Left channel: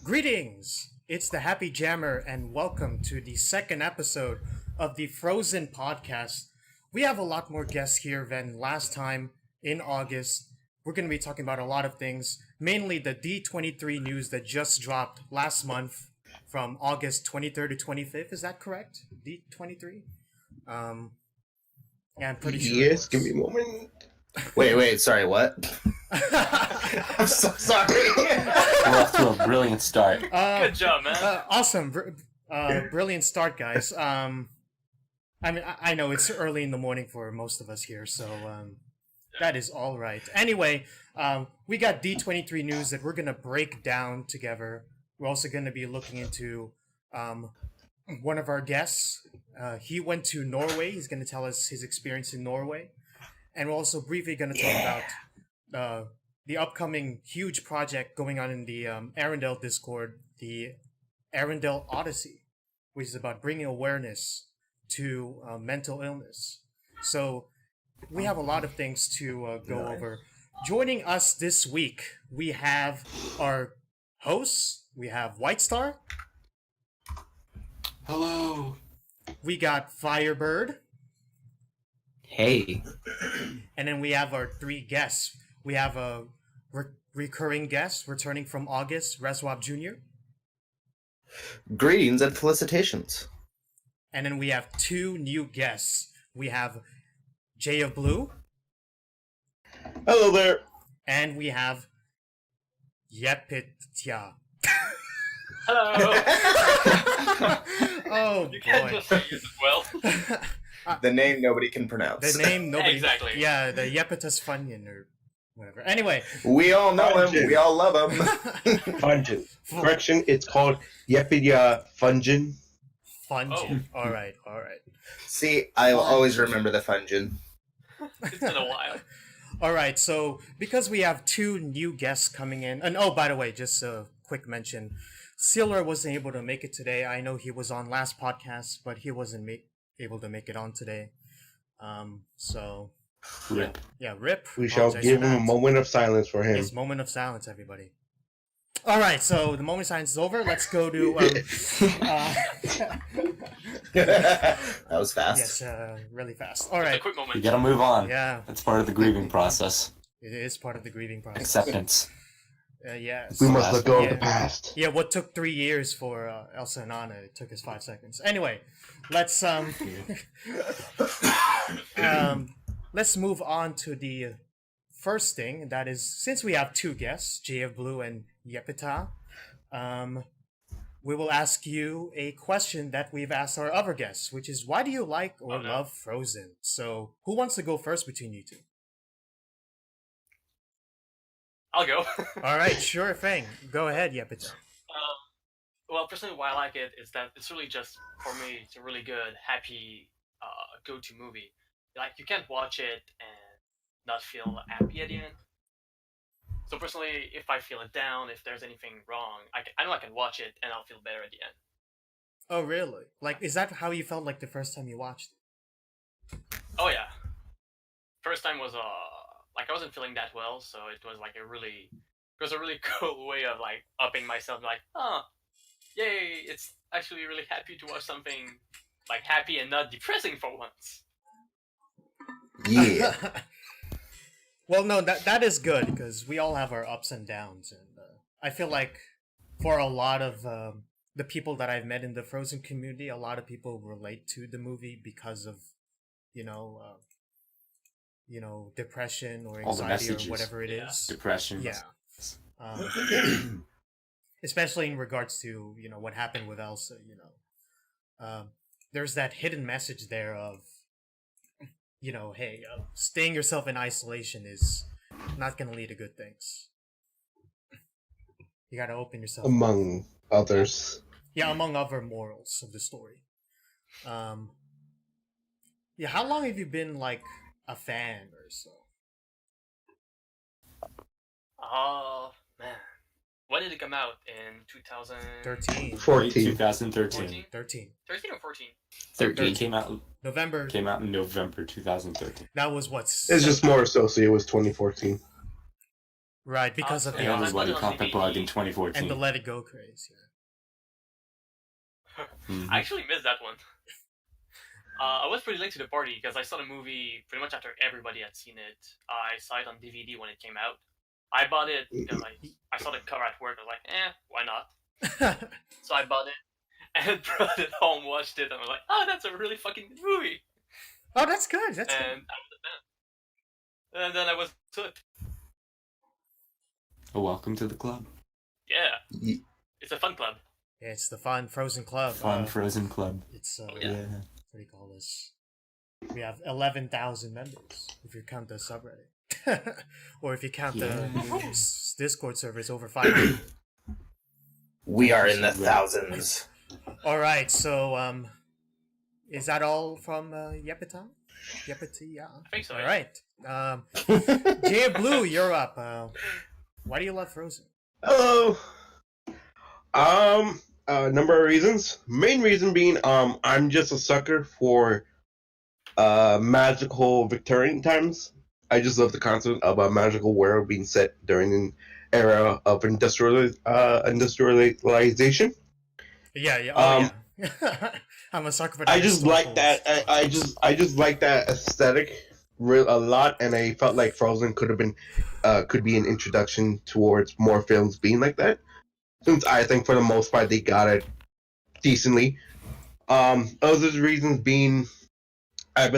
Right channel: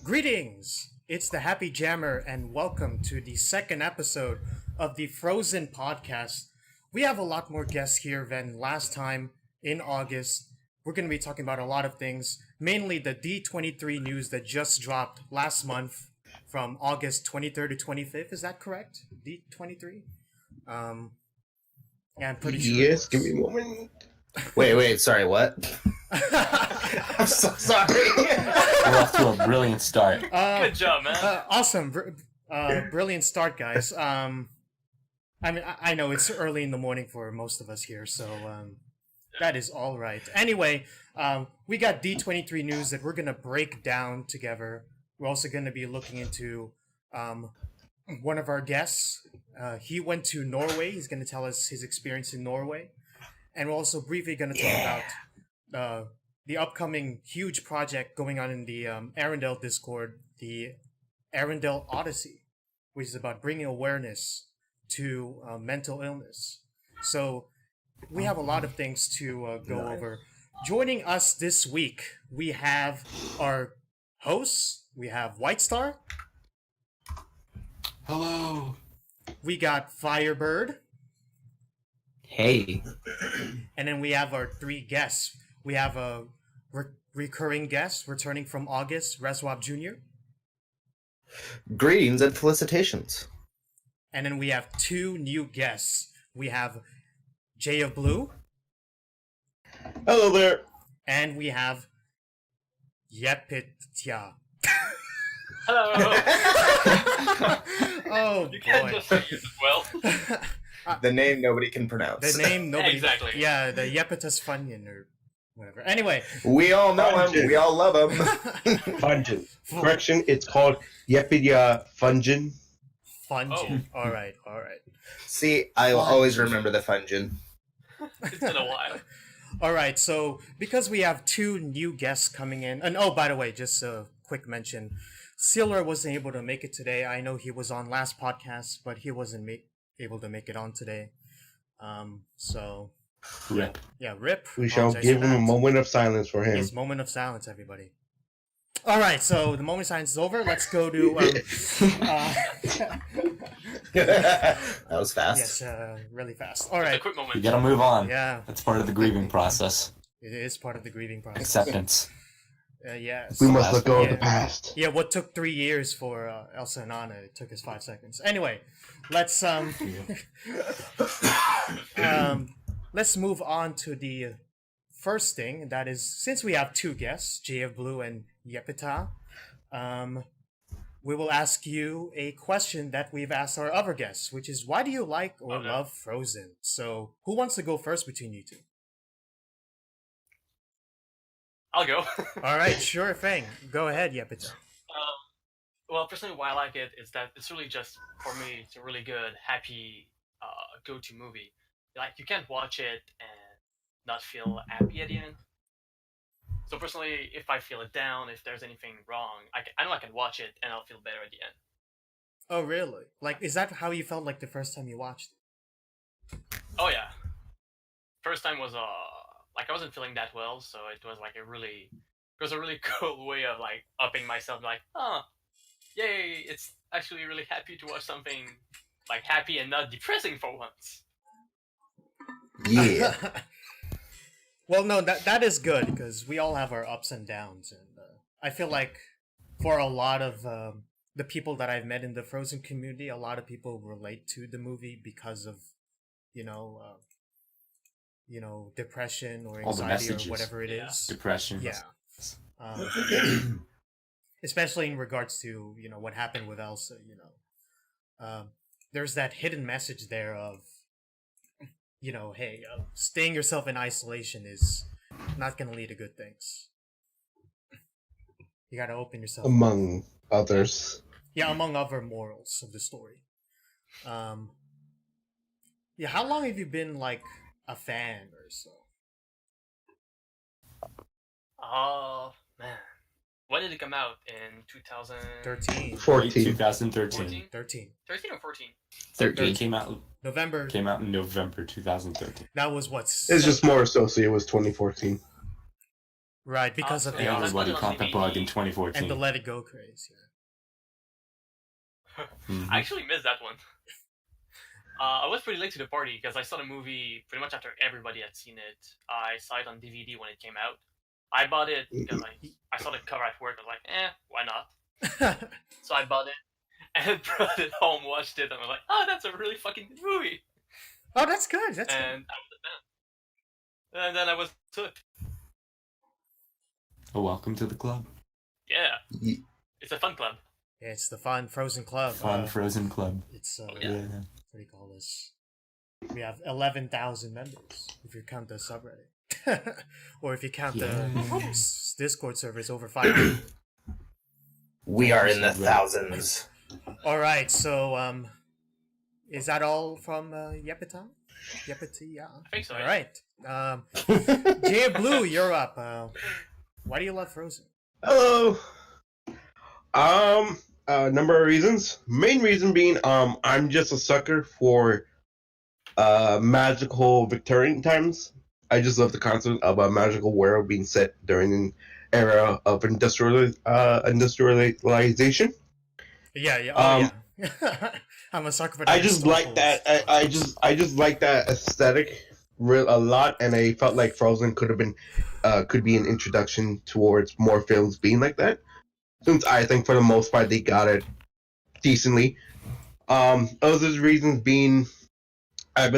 Greetings! It's the Happy Jammer, and welcome to the second episode of the Frozen podcast. We have a lot more guests here than last time in August. We're going to be talking about a lot of things, mainly the D23 news that just dropped last month from August 23rd to 25th. Is that correct? D23? Yeah, I'm pretty sure. Yes, give me a moment. Wait, sorry, what? I'm so sorry. We're off to a brilliant start. Good job, man. Awesome. Brilliant start, guys. I know it's early in the morning for most of us here, so that is all right. Anyway, we got D23 news that we're going to break down together. We're also going to be looking into one of our guests. He went to Norway. He's going to tell us his experience in Norway. And we're also briefly going to talk about the upcoming huge project going on in the Arendelle Discord, the Arendelle Odyssey, which is about bringing awareness to mental illness. So we have a lot of things to go over. Joining us this week, we have our hosts. We have White Star. Hello. We got Firebird. Hey. And then we have our three guests. We have a recurring guest returning from August, Reswap Jr. Greetings and felicitations. And then we have two new guests. We have Jay of Blue. Hello there. And we have Yepitya. Hello. Oh, You can't boy. just say it well. The name nobody can pronounce. The name nobody... Exactly. Yeah, the Yepitus Funyun or whatever. Anyway. We all know him. Fungin. We all love him. Fungin. Correction, it's called Yepidia Fungin. Fungin. All right. See, I'll always remember the Fungin. It's been a while. All right, so because we have two new guests coming in, and oh, by the way, just a quick mention, Sealer wasn't able to make it today. I know he was on last podcast, but he wasn't able to make it on today. So Rip. yeah, rip. We shall Apologize give for him a that. moment of silence for him. Yes, moment of silence, everybody. All right, so the moment of silence is over. Let's go to That was fast. yes, really fast. All A right, quick moment. You gotta move on. yeah, That's part of the grieving process. it is part of the grieving process. Acceptance. Yes. We must let go of Yeah. the past. Yeah, what took 3 years for Elsa and Anna, it took us 5 seconds. Anyway, let's let's move on to the first thing. That is, since we have two guests, Jay of Blue and Yepita, we will ask you a question that we've asked our other guests, which is, why do you like or love Frozen? So, who wants to go first between you two? I'll go. All right, sure thing. Go ahead, Yepita. Well, personally, why I like it is that it's really just, for me, it's a really good, happy go-to movie. Like, you can't watch it and not feel happy at the end. So personally, if I feel it down, if there's anything wrong, I know I can watch it and I'll feel better at the end. Oh, really? Like, is that how you felt like the first time you watched it? Oh yeah. First time was like I wasn't feeling that well, so it was like a really cool way of like upping myself. Like, oh, yay! It's actually really happy to watch something like happy and not depressing for once. Yeah. Well, no, that is good because we all have our ups and downs, and I feel like for a lot of the people that I've met in the Frozen community, a lot of people relate to the movie because of you know depression or All the anxiety or messages. whatever it Yeah. is. Depression. Yeah. Especially in regards to what happened with Elsa. There's that hidden message there of hey, staying yourself in isolation is not going to lead to good things. You got to open yourself up. Among others. Yeah, among other morals of the story. Yeah, how long have you been like a fan or so? Oh man, when did it come out? In 2013 13. 14. 2013. 13. or 14? 13 came out November. in November 2013. That was what? It's just more associated with 2014. Right, because of the Yeah, Oscar. Everybody caught the bug in And 2014. the Let It Go craze, yeah. I actually missed that one. I was pretty late to the party because I saw the movie pretty much after everybody had seen it. I saw it on DVD when it came out. I bought it because I saw the cover at work. I was like, why not? So I bought it and brought it home, watched it, and I was like, oh, that's a really fucking good movie. Oh, that's good. That's good. And I was a fan. And then I was hooked. Oh, welcome to the club. Yeah. It's a fun club. Yeah, it's the Fun Frozen Club. Fun Frozen Club. It's Yeah. what do you call this? We have 11,000 members if you count the subreddit, or if you count the Discord server, it's over 500. We are in the thousands. All right, so is that all from Yepitan? Yepity, yeah. I think so. All right, Jay Blue, you're up. Why do you love Frozen? Hello. A number of reasons. Main reason being, I'm just a sucker for magical Victorian times. I just love the concept of a magical world being set during an era of industrialization. Yeah. Oh yeah. I'm a sucker for that. I just like that. I just like that aesthetic a lot, and I felt like Frozen could be an introduction towards more films being like that. Since I think for the most part they got it decently. Other reasons being, I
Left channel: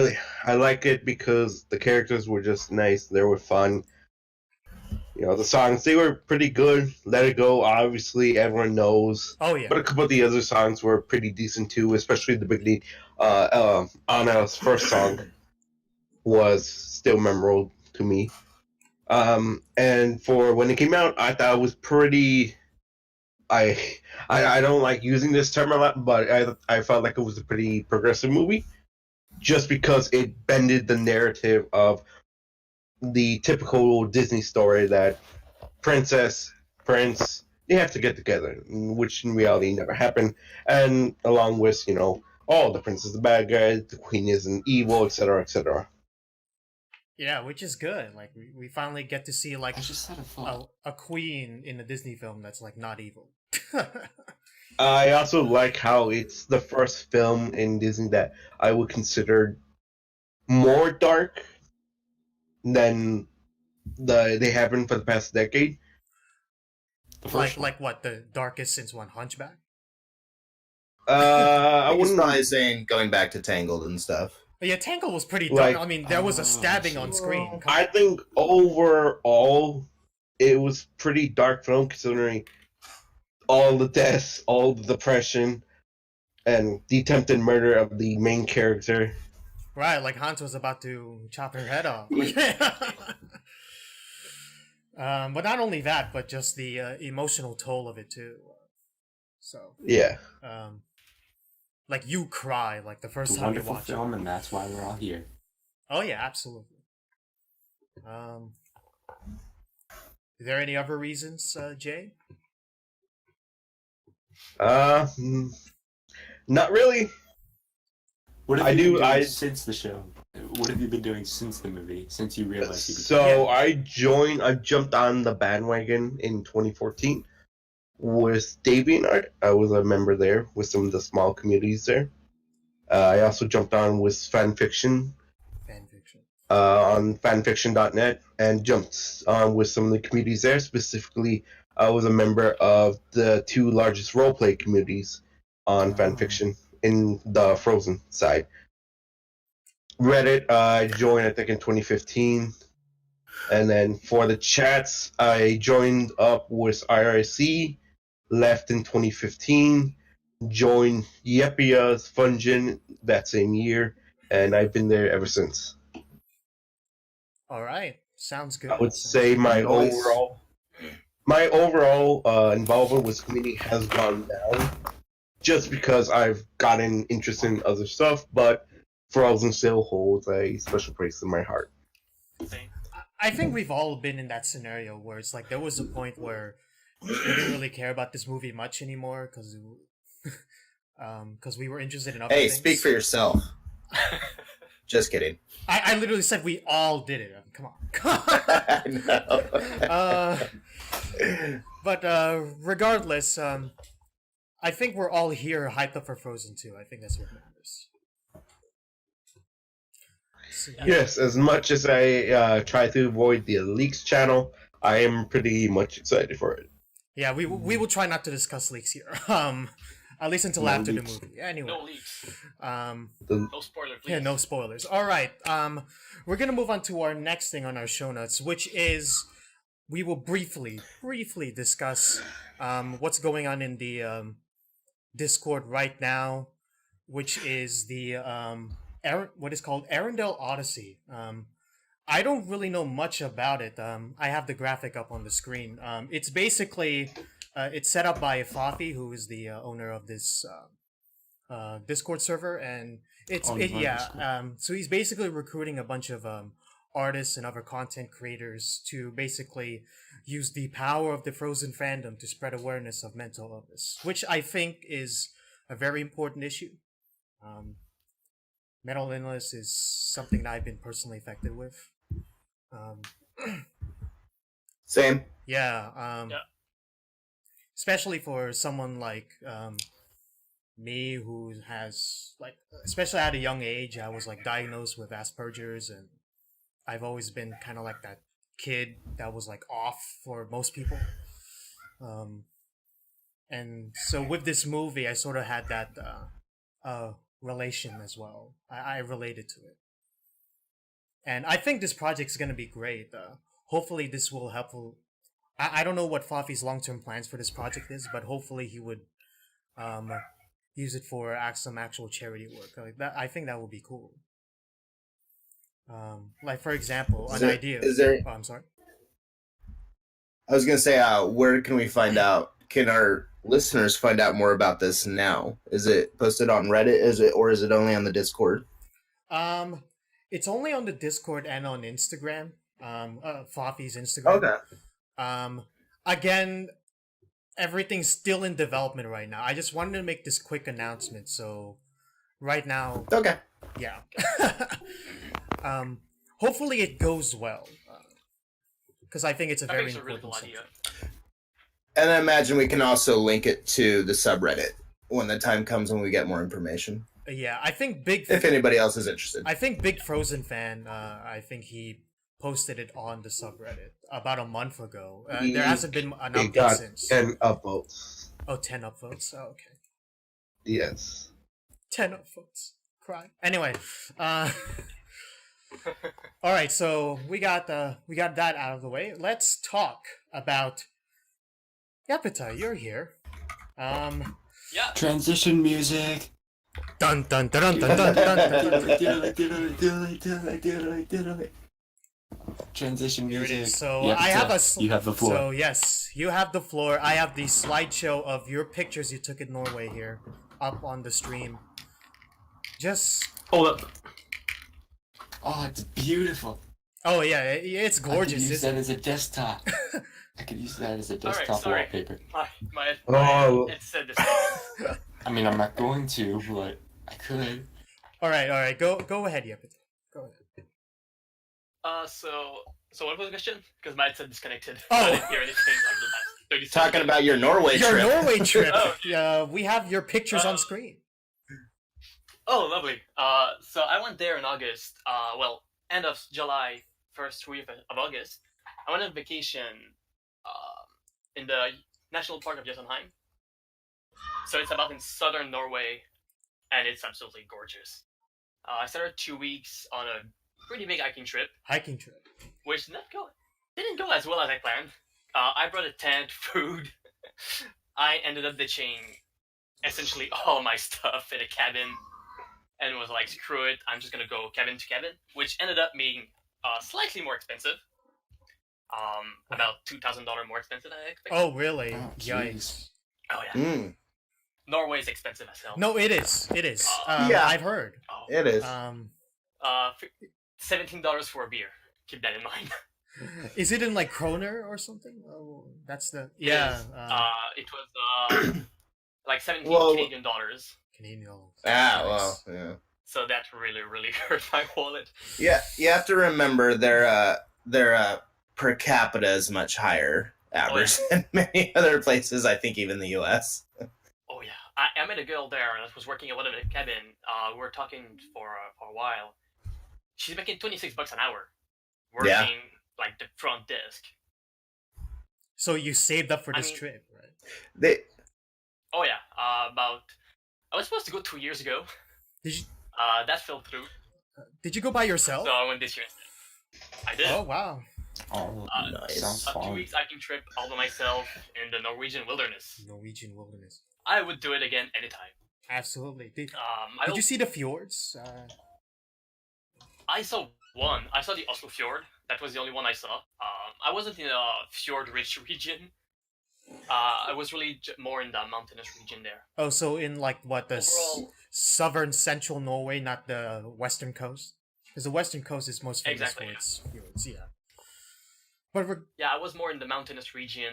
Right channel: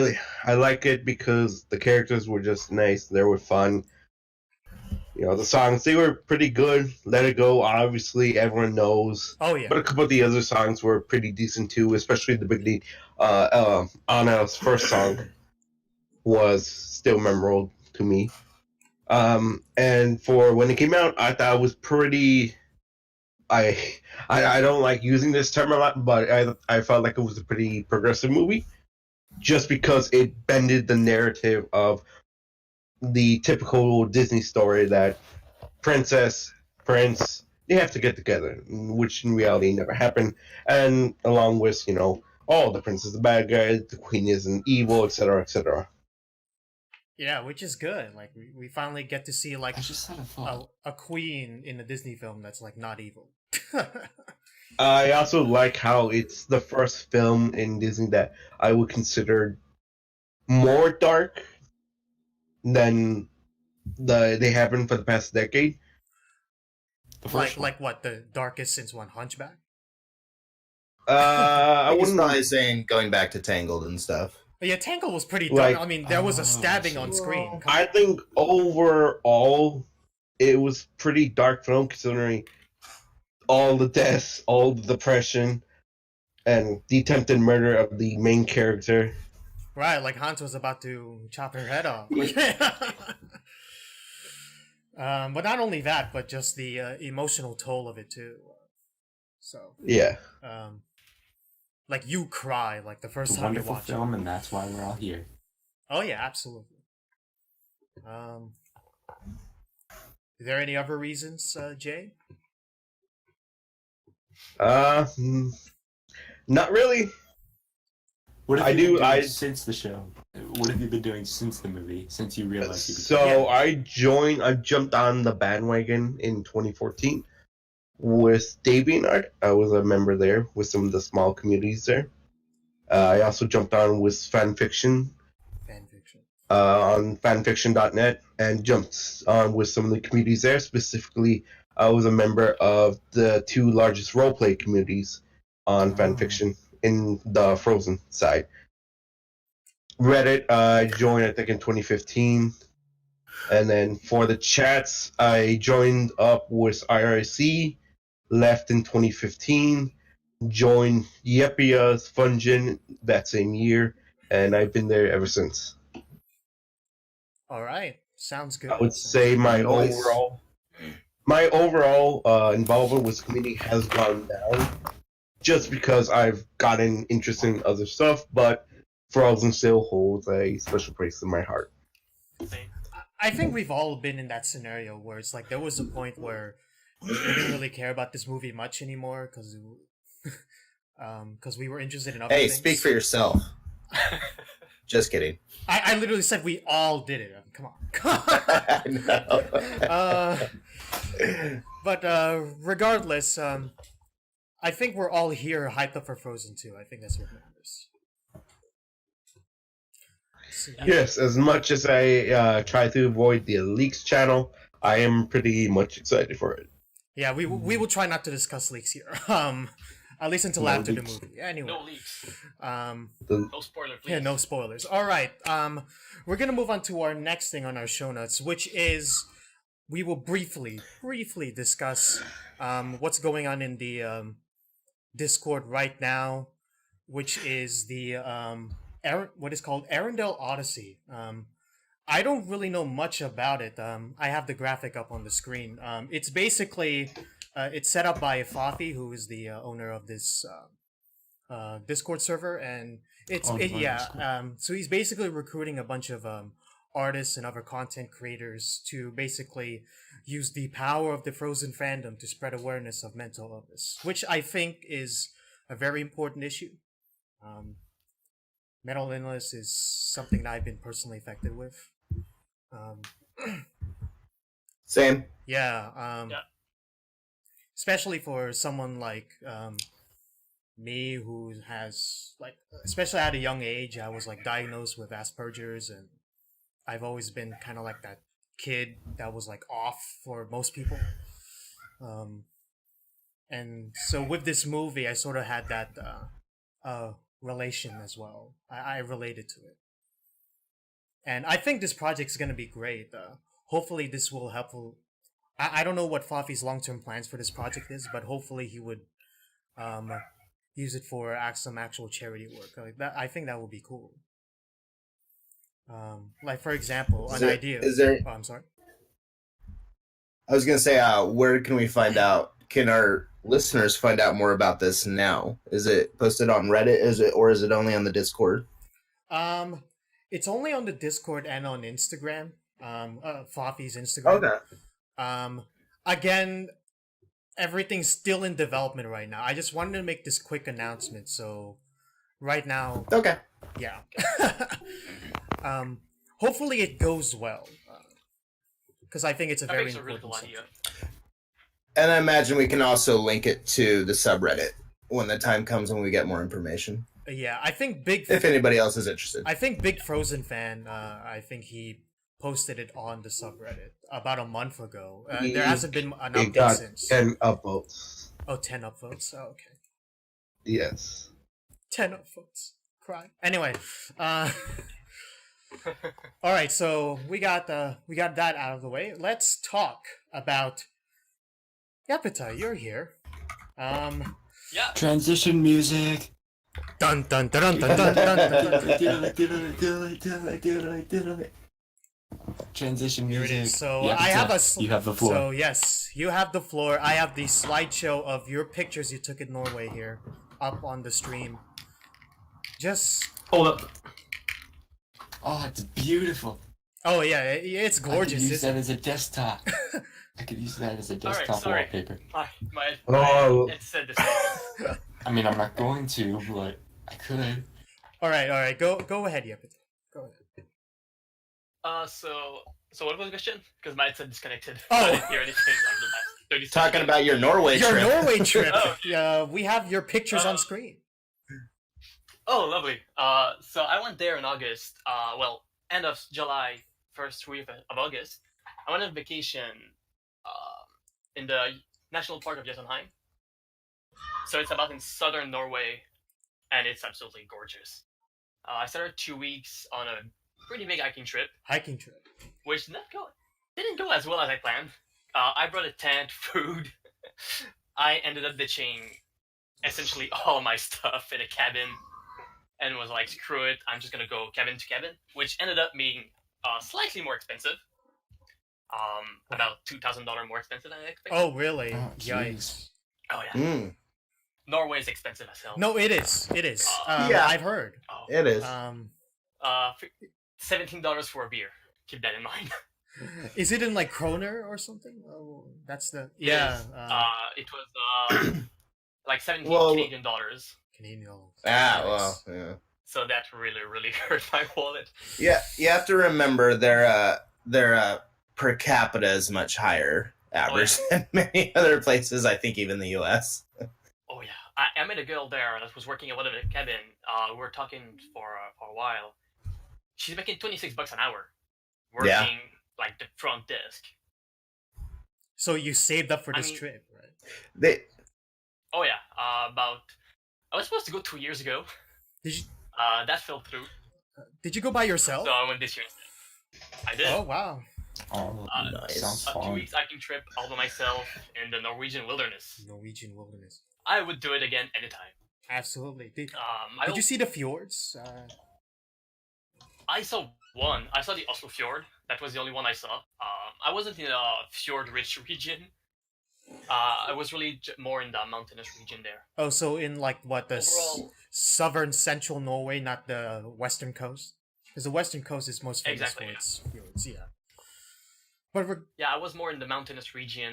like it because the characters were just nice. They were fun. You know, the songs, they were pretty good. Let It Go, obviously, everyone knows. Oh yeah. But a couple of the other songs were pretty decent too, especially the beginning. Anna's first song was still memorable to me. And for when it came out, I thought it was pretty. I don't like using this term a lot, but I felt like it was a pretty progressive movie, just because it bended the narrative of the typical Disney story that princess, prince, they have to get together, which in reality never happened. And along with, the prince is the bad guy, the queen isn't evil, etc., etc. Yeah, which is good. Like we finally get to see like I just had a thought. a queen in a Disney film that's like not evil. I also like how it's the first film in Disney that I would consider more dark than they have been for the past decade. Like what, the darkest since one Hunchback? I I was wouldn't. probably saying going back to Tangled and stuff. But yeah, Tangle was pretty dark. Like- I mean, there was a stabbing on screen. I think overall it was pretty dark film considering all the deaths, all the depression, and the attempted murder of the main character. Right, like Hans was about to chop her head off. But not only that, but just the emotional toll of it too. So, Yeah. like you cry like the first It's a time you wonderful watch film, it. and that's why we're all here. Oh yeah, absolutely. Is there any other reasons, Jay? Not really. What have I you do- been doing I- since the show? What have you been doing since the movie? Since you realized you So Yeah. I jumped on the bandwagon in 2014 with DeviantArt. I was a member there with some of the small communities there. I also jumped on with fanfiction Fanfiction. on fanfiction.net and jumped on with some of the communities there. Specifically, I was a member of the two largest roleplay communities on fanfiction in the Frozen side. Reddit, I joined I think in 2015, and then for the chats, I joined up with IRC, left in 2015, joined Yepia's Fungin that same year, and I've been there ever since. All right, sounds good. I would Sounds say good. my Nice. overall involvement with the community has gone down, just because I've gotten interested in other stuff, but Frozen still holds a special place in my heart. Same. I think we've all been in that scenario where it's like there was a point where we didn't really care about this movie much anymore because we were interested in other Hey, things. speak for yourself. Just kidding. I literally said we all did it. Come on. But regardless, I think we're all here hyped up for Frozen 2. I think that's what matters. So, yeah. Yes, as much as I try to avoid the leaks channel, I am pretty much excited for it. Yeah, we will try not to discuss leaks here. At least until No after leaks. the movie. Anyway. No leaks. No spoilers, please. Yeah, no spoilers. All right. We're gonna move on to our next thing on our show notes, which is we will briefly discuss what's going on in the Discord right now, which is the what is called Arendelle Odyssey. I don't really know much about it. I have the graphic up on the screen. It's basically it's set up by Fafi, who is the owner of this Discord server, and so he's basically recruiting a bunch of artists and other content creators to basically use the power of the Frozen fandom to spread awareness of mental illness, which I think is a very important issue. Mental illness is something that I've been personally affected with. Same. Yeah. Especially for someone like me, who has, like, especially at a young age, I was like diagnosed with Asperger's, and I've always been kind of like that kid that was like off for most people. And so with this movie, I sort of had that relation as well. I related to it. And I think this project's going to be great. Hopefully this will help. I don't know what Fafi's long-term plans for this project is, but hopefully he would use it for some actual charity work. Like that, I think that would be cool. Like, for example, idea. Is there? Oh, I'm sorry. I was gonna say, where can we find out? Can our listeners find out more about this now? Is it posted on Reddit? Is it only on the Discord? It's only on the Discord and on Instagram. Fafi's Instagram. Okay. Again, everything's still in development right now. I just wanted to make this quick announcement. So, right now, Okay. yeah. Hopefully it goes well, because I think it's a very important subject. And I imagine we can also link it to the subreddit when the time comes when we get more information. Yeah, I think if anybody else is interested. I think Big Frozen Fan, I think he posted it on the subreddit about a month ago. There hasn't been an update since. 10 upvotes. Oh, 10 upvotes. Oh, okay. Yes. 10 upvotes. Cry. Anyway, all right, so we got that out of the way. Let's talk about Yapita. You're here. Yeah. Transition music. Dun dun dun dun dun dun dun. Transition Here music. it is. So Yeah, I have you have the floor. So yes, you have the floor. I have the slideshow of your pictures you took in Norway here, up on the stream. Just hold up. Oh, it's beautiful. Oh yeah, it's gorgeous. I could use that as a desktop. I could use that as a desktop Alright, wallpaper. Oh. It said this. I mean, I'm not going to, but I could. All right. Go ahead, Yapita. Go ahead. So what was the question? Because mine said disconnected. Oh. I didn't hear anything on the last 30 seconds. Talking about your Norway trip. Your Norway trip. Oh. Yeah, we have your pictures on screen. Oh, lovely. So I went there in August. End of July, first week of August. I went on vacation in the National Park of Jotunheim. So it's about in southern Norway, and it's absolutely gorgeous. I started 2 weeks on a pretty big hiking trip, which didn't go as well as I planned. I brought a tent, food. I ended up ditching essentially all my stuff in a cabin, and was like, screw it, I'm just gonna go cabin to cabin, which ended up being slightly more expensive. About $2,000 more expensive than I expected. Oh really? Oh, Yikes. Oh yeah. Norway is expensive as hell. No, it is. Yeah. I've heard. It is. $17 for a beer. Keep that in mind. Is it in like kroner or something? Oh, that's the yeah. It was like 17 Canadian dollars. Canadian dollars. Well, yeah. So that really, really hurt my wallet. Yeah, you have to remember their per capita is much higher average than many other places. I think even the U.S. Oh yeah, I met a girl there that was working a little bit at the cabin. We were talking for a while. She's making $26 an hour, working Yeah. like the front desk. So you saved up for I this mean- trip, right? They Oh yeah, I was supposed to go 2 years ago. Did you That fell through, did you go by yourself? so I went this year instead. I did. Oh wow. Oh, Nice. sounds A 2 fun. weeks hiking trip all by myself in the Norwegian wilderness. Norwegian wilderness. I would do it again anytime. Absolutely. Did I you see the fjords? I saw one. I saw the Oslo Fjord. That was the only one I saw. I wasn't in a fjord-rich region. I was really more in the mountainous region there. Oh, so in like what the Overall, southern central Norway, not the western coast, because the western coast is most famous Exactly, for yeah. its fjords. Yeah. But yeah, I was more in the mountainous region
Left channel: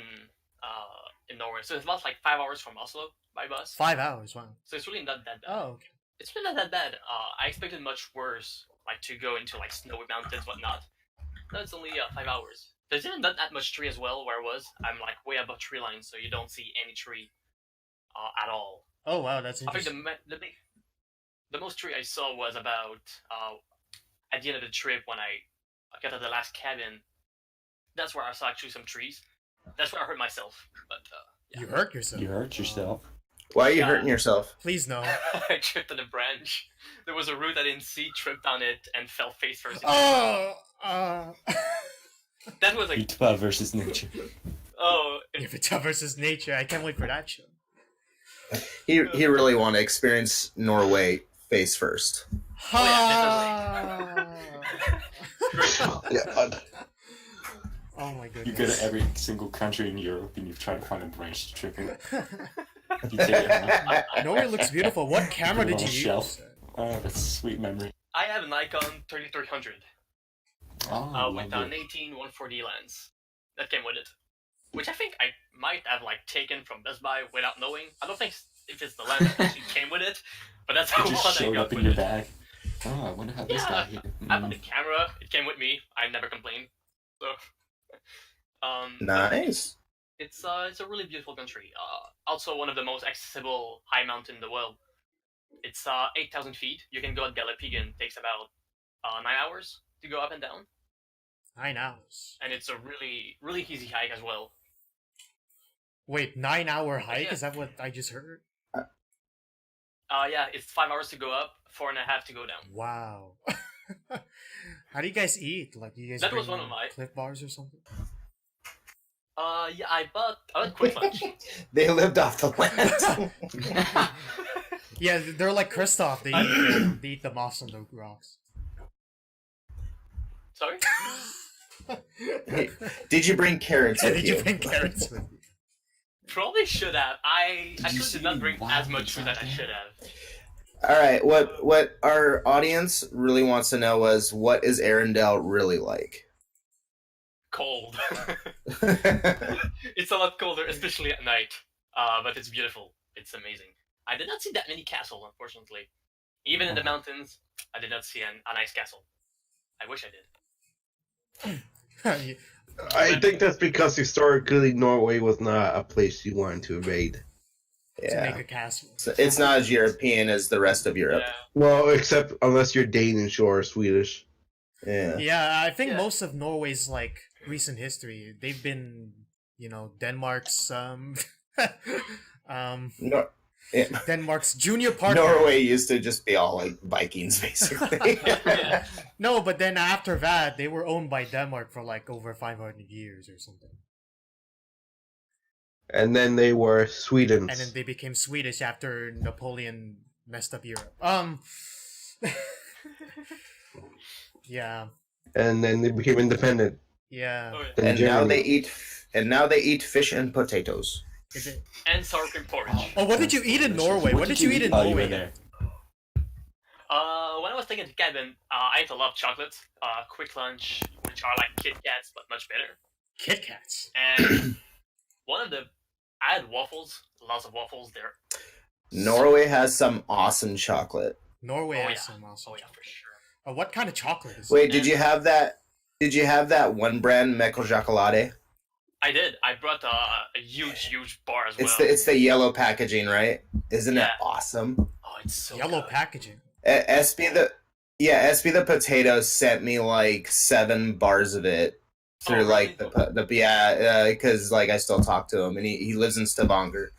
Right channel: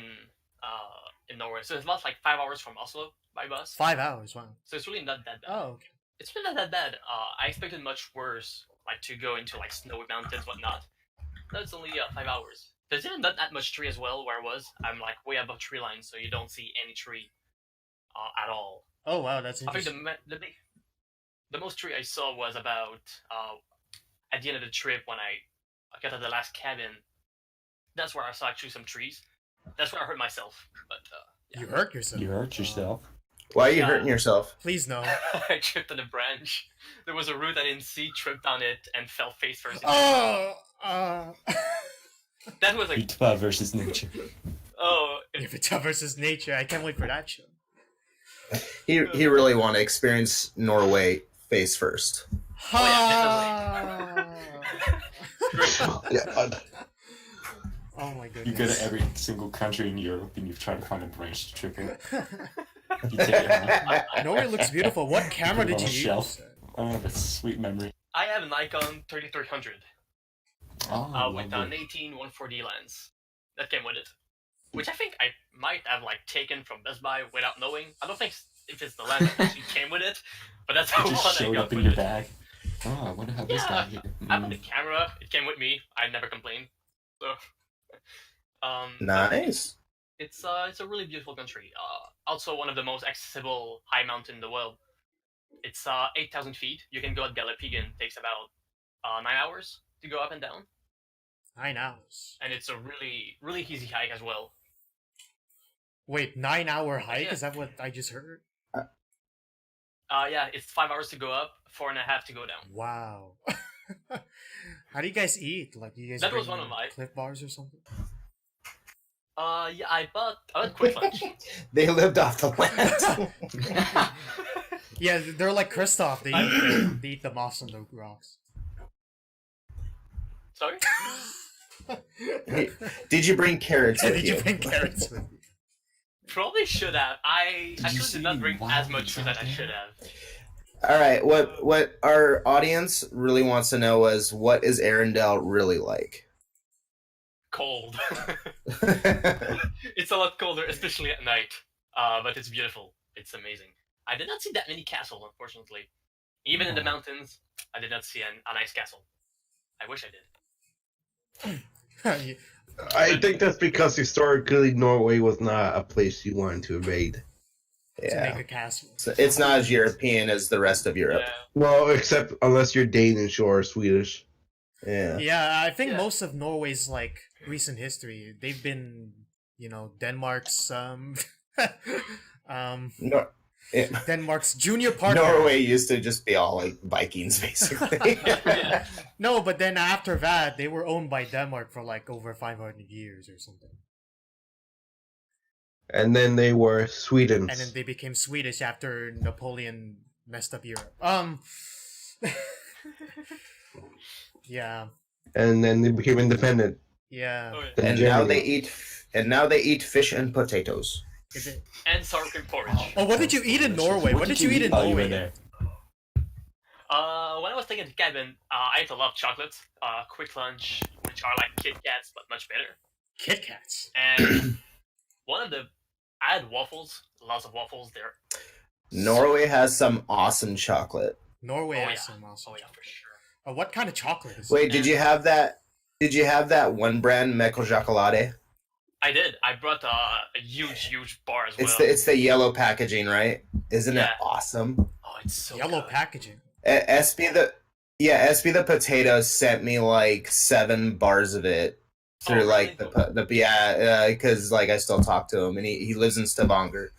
in Norway. So it's about like 5 hours from Oslo by bus. 5 hours. Wow. So it's really not that bad. Oh, okay. It's really not that bad. I expected much worse, like to go into like snowy mountains, whatnot. No, it's only 5 hours. There's even not that much tree as well where I was. I'm like way above tree line, so you don't see any tree at all. Oh wow, that's I think interesting. the most tree I saw was about at the end of the trip when I got to the last cabin. That's where I saw actually some trees. That's where I hurt myself. But You hurt yourself. You hurt yourself. Why are you Yeah. hurting yourself? Please no. I tripped on a branch. There was a root I didn't see, tripped on it, and fell face first. Oh. That was like, Ritva versus nature. oh, If it's versus nature, I can't wait for that show. He really want to experience Norway face first. Ha! Yeah, Oh my You go goodness. to every single country in Europe and you try to find a branch to trip in. You take it home. Norway looks beautiful. What camera did you Little shelf. use? Oh, that's a sweet memory. I have a Nikon 3300 Oh, with an lovely. 18-140 lens that came with it, which I think I might have like taken from Best Buy without knowing. I don't think if it's the lens that actually came with it, but that's the It one just I showed got up in with your it. bag. Oh, I wonder how this Yeah, got here. I have the camera. It came with me. I never complained. So, Nice. it's a really beautiful country. Also one of the most accessible high mountain in the world. It's 8,000 feet. You can go at Galipigan. Takes about 9 hours to go up and down, 9 hours. and it's a really really easy hike as well. Wait, 9 hour hike? Yeah. Is that what I just heard? Yeah, it's 5 hours to go up, 4.5 to go down. Wow. How do you guys eat? Like, do you guys That bring was one of my- Cliff Bars or something? Yeah, I went quick lunch. They lived off the land. Yeah, they're like Kristoff. They eat the moss on the rocks. Sorry. Did you bring carrots with Did you bring carrots with you? Probably should have. I Did you actually see did not bring wild as much food that I exotic? should have. All right. What our audience really wants to know is what is Arendelle really like? Cold. It's a lot colder, especially at night. But it's beautiful. It's amazing. I did not see that many castles, unfortunately. Even in the mountains, I did not see a nice castle. I wish I did. You- I think that's because historically Norway was not a place you wanted to invade. to make Yeah. a castle. So it's not as European as the rest of Europe. Yeah. Well, except unless you're Danish or Swedish. Yeah. Yeah, I think Yeah. most of Norway's like recent history, they've been, Denmark's No, Denmark's junior partner. Norway used to just be all like Vikings, basically. Yeah. No, but then after that, they were owned by Denmark for like over 500 years or something. And then they were Sweden's. And then they became Swedish after Napoleon messed up Europe. Yeah, And then they became independent. yeah. Oh, yeah. Then and now Germany. they eat fish and potatoes. Is it- And sour cream porridge. Oh, what did you eat in Norway? What did you eat in Oh, you were Norway? there. When I was taking the cabin, I ate a lot of chocolates. Quick lunch, which are like Kit Kats but much better. Kit Kats. And I had waffles, lots of waffles there. Norway has some awesome chocolate. Norway Oh, has yeah. some awesome Oh yeah, chocolate. for sure. What kind of chocolate is Wait, it? did you have that? Did you have that one brand Mecco Chocolate? I did. I brought a huge bar as well. It's the yellow packaging, right? Isn't it Yeah. awesome? Oh, it's so Yellow good. packaging. SB the potatoes sent me like 7 bars of it through Oh, like really? because like I still talk to him and he lives in Stavanger.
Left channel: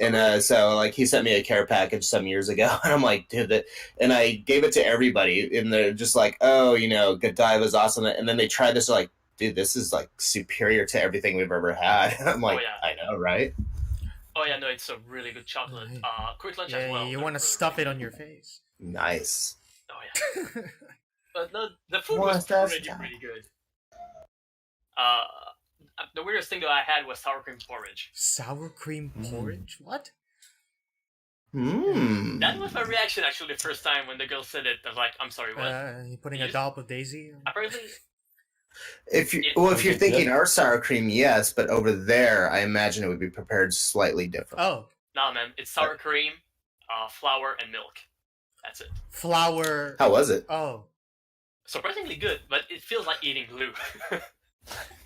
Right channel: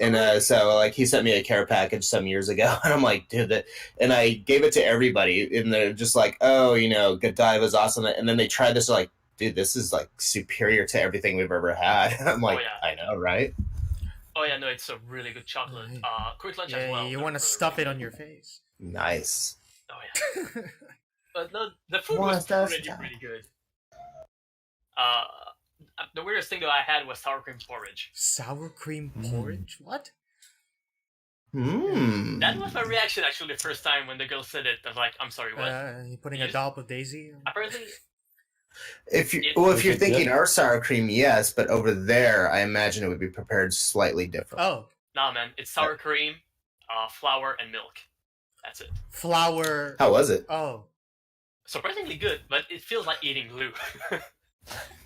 And really? so like he sent me a care package some years ago and I'm like, dude, and I gave it to everybody and they're just like, oh, Godiva's awesome. And then they tried this, like, dude, this is like superior to everything we've ever had. I'm like, yeah. I know, right? Oh yeah, no, it's a really good chocolate. Right. Quick lunch Yeah, as well. you They're want to really, stuff really it on good. your face. Nice. Oh yeah. But no, the food What's was that pretty stuff? good. Uh, the weirdest thing that I had was sour cream porridge. Sour cream porridge? What? That was my reaction actually the first time when the girl said it. I was like, I'm sorry, what? You putting a Yes. dollop of Daisy? Apparently, If It- you're Is it thinking good? our sour cream, yes, but over there, I imagine it would be prepared slightly different. Oh, nah, man, it's sour cream, flour, and milk. That's it. flour. How was it? Oh, Surprisingly good, but it feels like eating glue.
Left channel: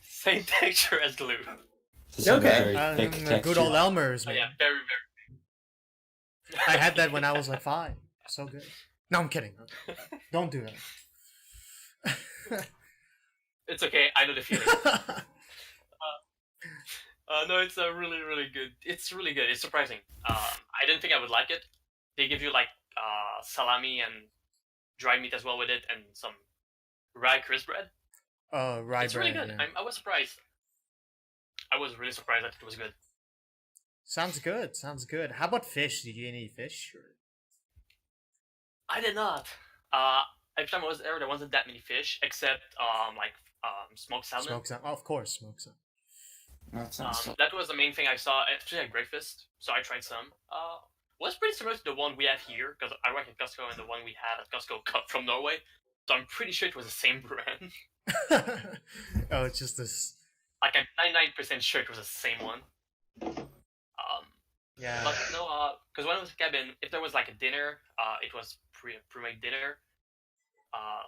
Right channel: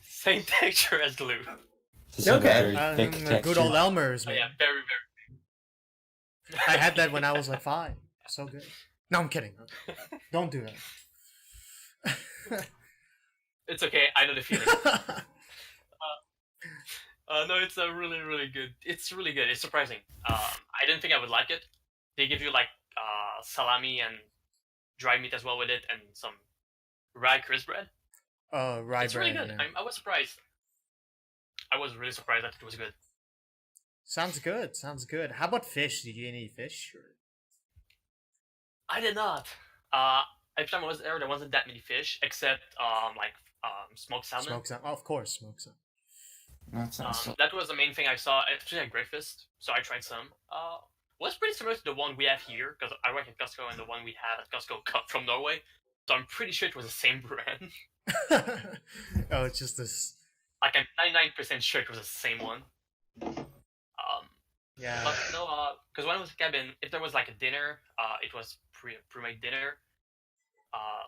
Same texture as glue. Does it have a Okay. very thick good texture? old Elmer's, Oh man. yeah, very. I had that when I was like 5. So good. No, I'm kidding. Don't do that. It's okay. I know the feeling. No, it's really good. It's really good. It's surprising. I didn't think I would like it. They give you like salami and dry meat as well with it, and some rye crisp bread. Rye It's really bread. good. Yeah. I was surprised. I was really surprised that it was good. Sounds good. Sounds good. How about fish? Did you eat any fish? Or... I did not. Every time I was there wasn't that many fish, except smoked salmon. Smoked salmon. Oh, of course, smoked salmon. That sounds so. That was the main thing I saw, especially at breakfast. So I tried some. Was pretty similar to the one we have here, because I work at Costco, and the one we had at Costco cut from Norway. So I'm pretty sure it was the same brand. Oh, it's just this. Like I'm 99% sure it was the same one. Yeah. But no, because when I was at cabin, if there was like a dinner, it was pre-made dinner.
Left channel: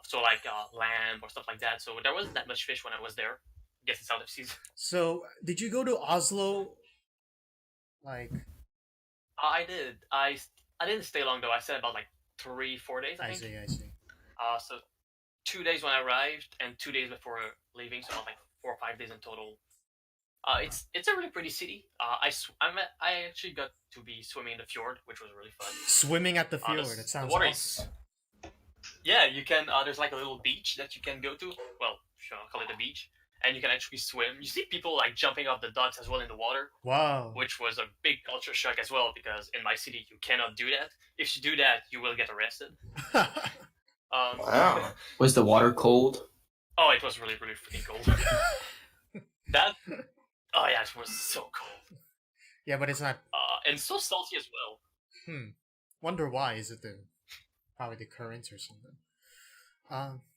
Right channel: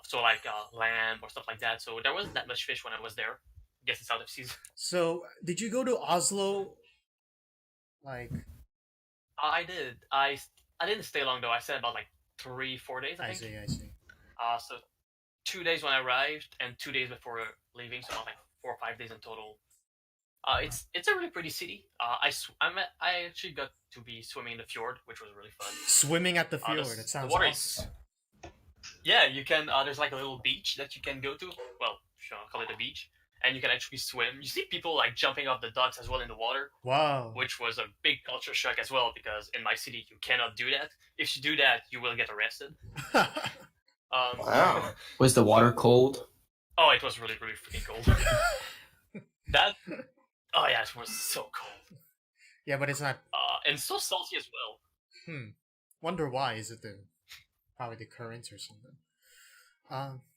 So like lamb or stuff like that. So there wasn't that much fish when I was there. Guess it's out of season. So, did you go to Oslo? Like, I did. I didn't stay long though. I stayed about like 3-4 days. I think. I see. So 2 days when I arrived and 2 days before leaving. So about like 4 or 5 days in total. It's a really pretty city. I actually got to be swimming in the fjord, which was really fun. Swimming at the fjord. The It sounds water awesome. Yeah, you can. There's like a little beach that you can go to. Well, sure, I'll call it a beach, and you can actually swim. You see people like jumping off the docks as well in the water, Wow. which was a big culture shock as well because in my city you cannot do that. If you do that, you will get arrested. Wow. Was the water cold? Oh, it was really freaking cold. That. Oh yeah, it was so cold. Yeah, but it's not. And so salty as well. Wonder why? Is it probably the currents or something?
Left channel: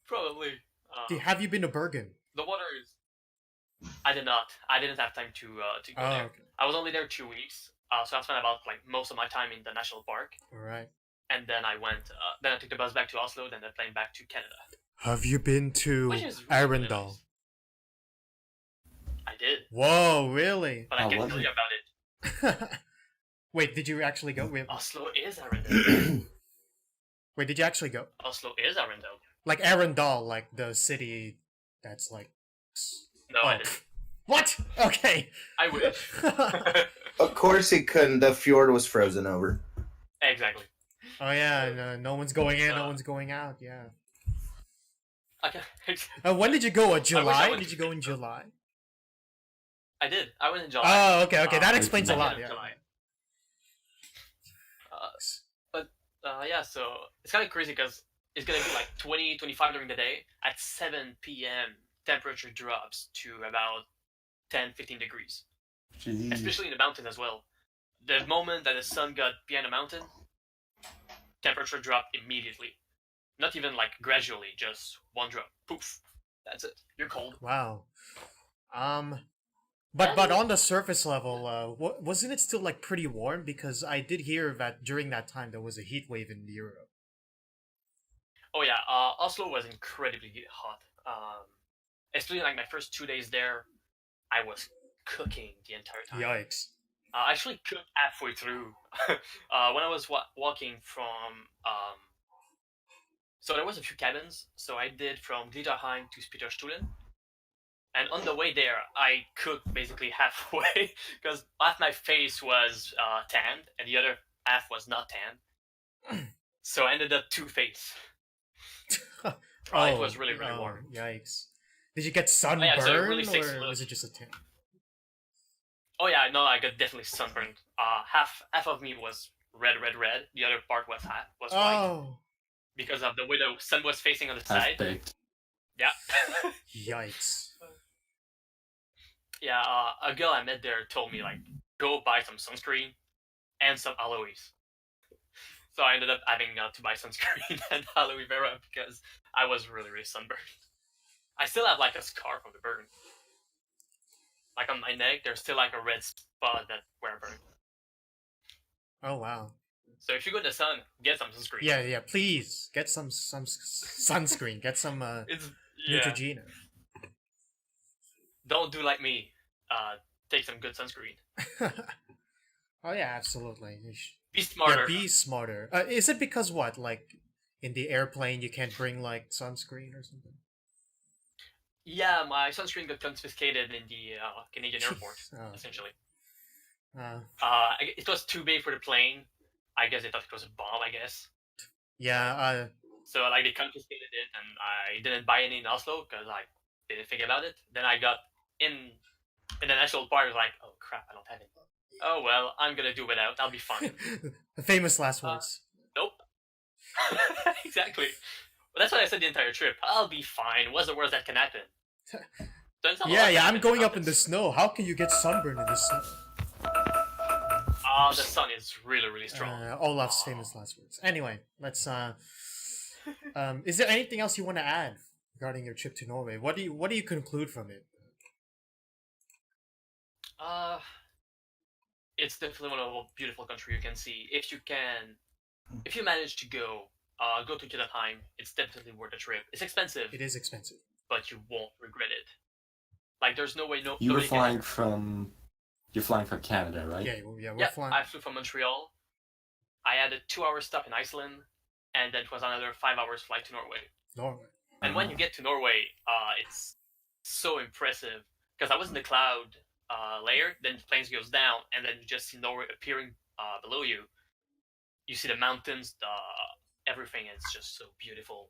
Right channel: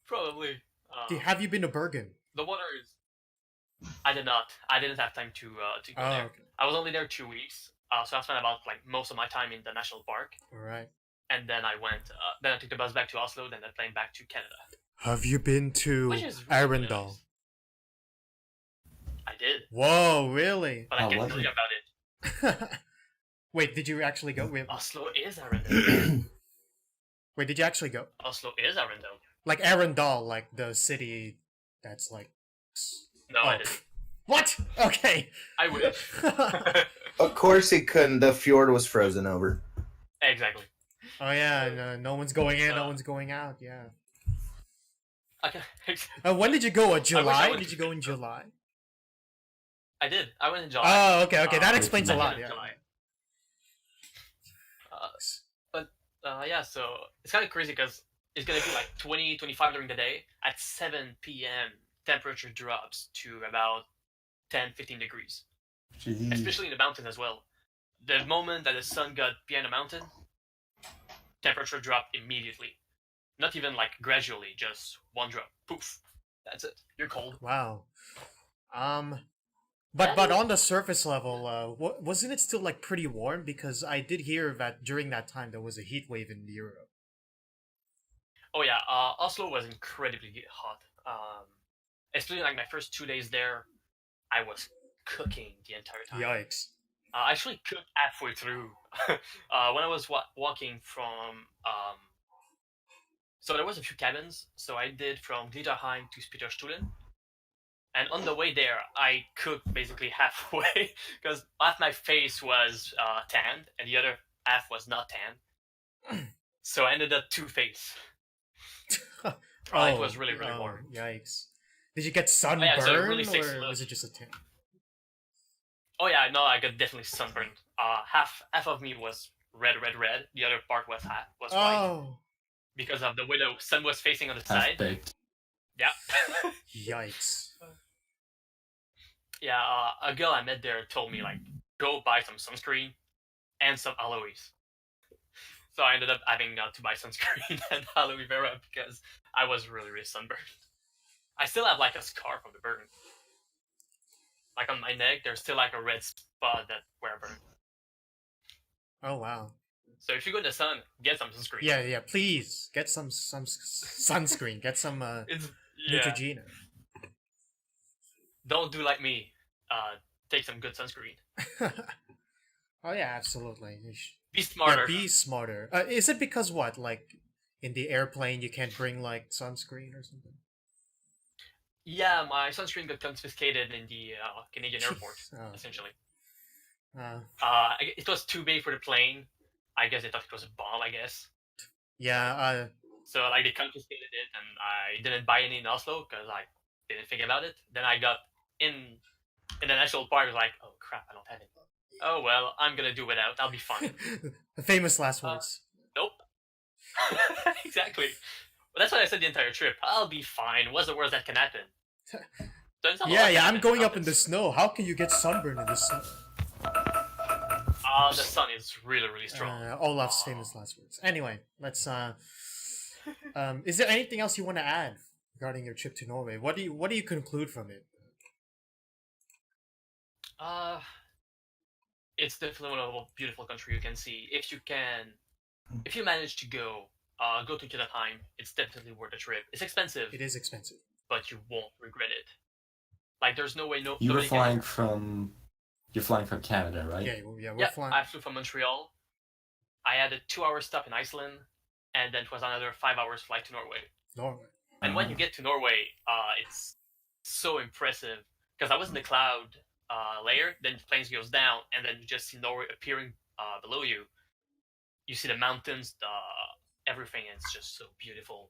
Probably. Have you been to Bergen? The water is. I did not. I didn't have time to go there. Okay. I was only there 2 weeks, so I spent about like most of my time in the national park, All right. and then I went. Then I took the bus back to Oslo, then the plane back to Canada. Have you been to Which is really Arendelle? nice. I did, Whoa, really? but I How can't was tell it? you about it. Wait, did you actually go? Oslo is Arendelle. Wait, did you actually go? Oslo is Arendelle. Like Arendelle, like the city that's like. No, I didn't. What? Okay. I wish. Of course he couldn't. The fjord was frozen over. Exactly. Oh yeah, no one's going in, no one's going out. Yeah. Okay. When did you go? July? went- Did you go in July? I did. I went in July. Oh, okay. That Uh, explains a I lot. went in Yeah. July. Yeah, so it's kind of crazy because it's going to be like 20, 25 during the day. At 7 p.m., temperature drops to about 10, 15 degrees, Jeez. especially in the mountains as well. The moment that the sun got behind the mountain, temperature dropped immediately. Not even like gradually, just one drop. Poof. That's it. You're cold. Wow. But on the surface level, wasn't it still like pretty warm? Because I did hear that during that time there was a heat wave in Europe. Oh yeah, Oslo was incredibly hot. Especially like my first 2 days there, I was cooking the entire time. Yikes. I actually cooked halfway through. When I was walking from, so there was a few cabins. So I did from Glitterheim to Spitterstuhlen, and on the way there, I cooked basically halfway because half my face was tanned and the other half was not tanned. So I ended up two-faced. It was really warm. Yikes. Did you get yeah, sunburned, so it really takes a or look. was it just a tan? Oh yeah, no, I got definitely sunburned. Half of me was red. The other part was white Oh, because of the way the sun was facing on the Half side. baked. Yeah. yikes. Yeah, a girl I met there told me like go buy some sunscreen and some aloes. So I ended up having to buy sunscreen and aloe vera because I was really sunburned. I still have like a scar from the burn. Like on my neck, there's still like a red spot that where I burned. Oh wow. So if you go in the sun, get some sunscreen. Yeah. Please get some sunscreen. Get some It's Neutrogena. Don't do like me. Take some good sunscreen. Oh yeah, absolutely. Be smarter. Yeah, be smarter. Is it because what? Like in the airplane, you can't bring like sunscreen or something? Yeah, my sunscreen got confiscated in the Canadian airport, Oh. essentially. Uh, It was too big for the plane. I guess they thought it was a bomb, I guess. yeah. So, like, they confiscated it, and I didn't buy any in Oslo, because I didn't think about it. Then I got in the national park, I was like, oh crap, I don't have it. Oh well, I'm gonna do without, I'll be fine. The famous last words. Nope. Exactly. Well, that's what I said the entire trip. I'll be fine. What's the worst that can happen? Turns out a lot Yeah, can I'm happen. going up in the snow. How can you get sunburned in the snow? The sun is really strong. Olaf's famous last words. Anyway, let's. Is there anything else you want to add regarding your trip to Norway? What do you conclude from it? It's definitely one of the most beautiful country you can see. If you manage to go to Jotunheim, it's definitely worth the trip. It's expensive, It is expensive. but you won't regret it. Like, there's no way You were nobody flying from. You're flying from Canada, right? Yeah, we're Yeah, flying. I flew from Montreal. I had a 2-hour stop in Iceland, and then it was another 5 hours flight to Norway. Norway. And when you get to Norway, it's so impressive because I was in the cloud layer, then the planes goes down, and then you just see Norway appearing below you. You see the mountains, everything is just so beautiful.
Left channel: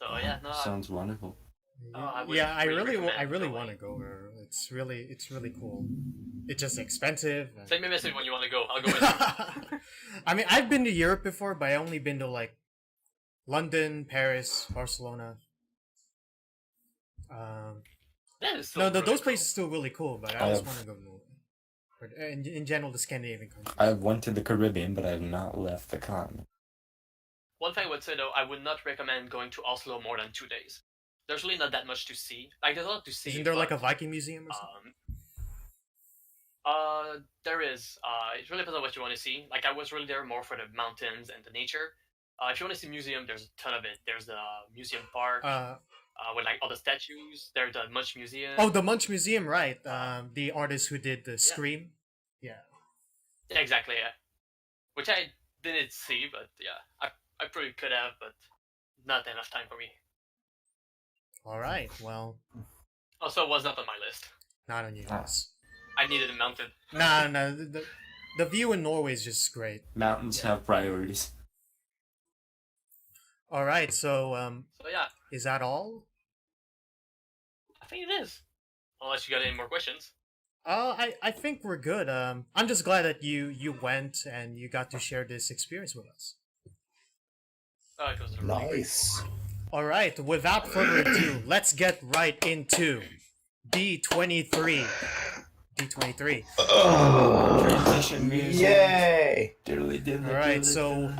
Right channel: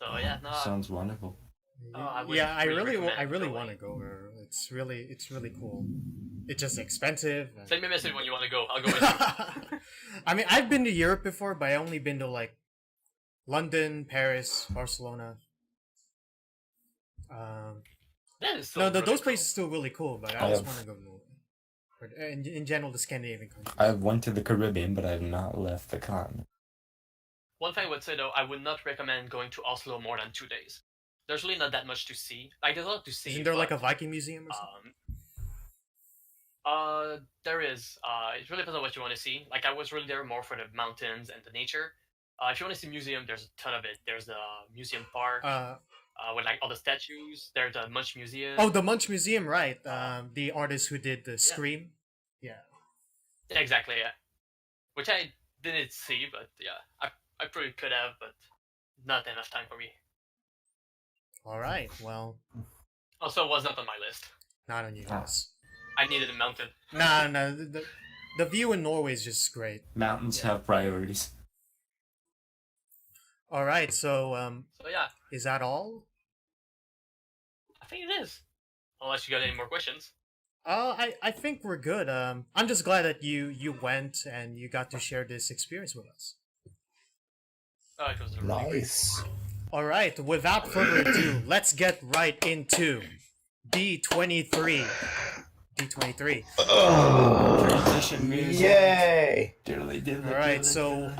So yeah, no, Sounds wonderful. I would Yeah, I really really recommend want to going. go. It's really cool. It's just expensive. and- send me a message when you want to go. I'll go with you. I mean, I've been to Europe before, but I only been to like London, Paris, Barcelona. That is so No, really those cool. places are still really cool, but I I just have- want to go to Norway. But in general, the Scandinavian countries. I went to the Caribbean, but I have not left the continent. One thing I would say though, I would not recommend going to Oslo more than 2 days. There's really not that much to see. Like, there's a lot to see. Isn't there like a but, Viking museum or something? There is. It really depends on what you want to see. Like, I was really there more for the mountains and the nature. If you want to see museum, there's a ton of it. There's the museum park with like all the statues. There's the Munch Museum. Oh, the Munch Museum, right? The artist who did the Scream. Yeah. Yeah, exactly. Yeah, which I didn't see, but yeah, I probably could have, but not enough time for me. All right. Well, Also, it was not on my list. not on you guys. I needed a mountain. No. The view in Norway is just great. Mountains have priorities. All right. So, So yeah, is that all? I think it is. Unless you got any more questions. I think we're good. I'm just glad that you went and you got to share this experience with us. It was really great. Nice. All right. Without further ado, let's get right into D23. D23. Transition music. Yay! All right. So,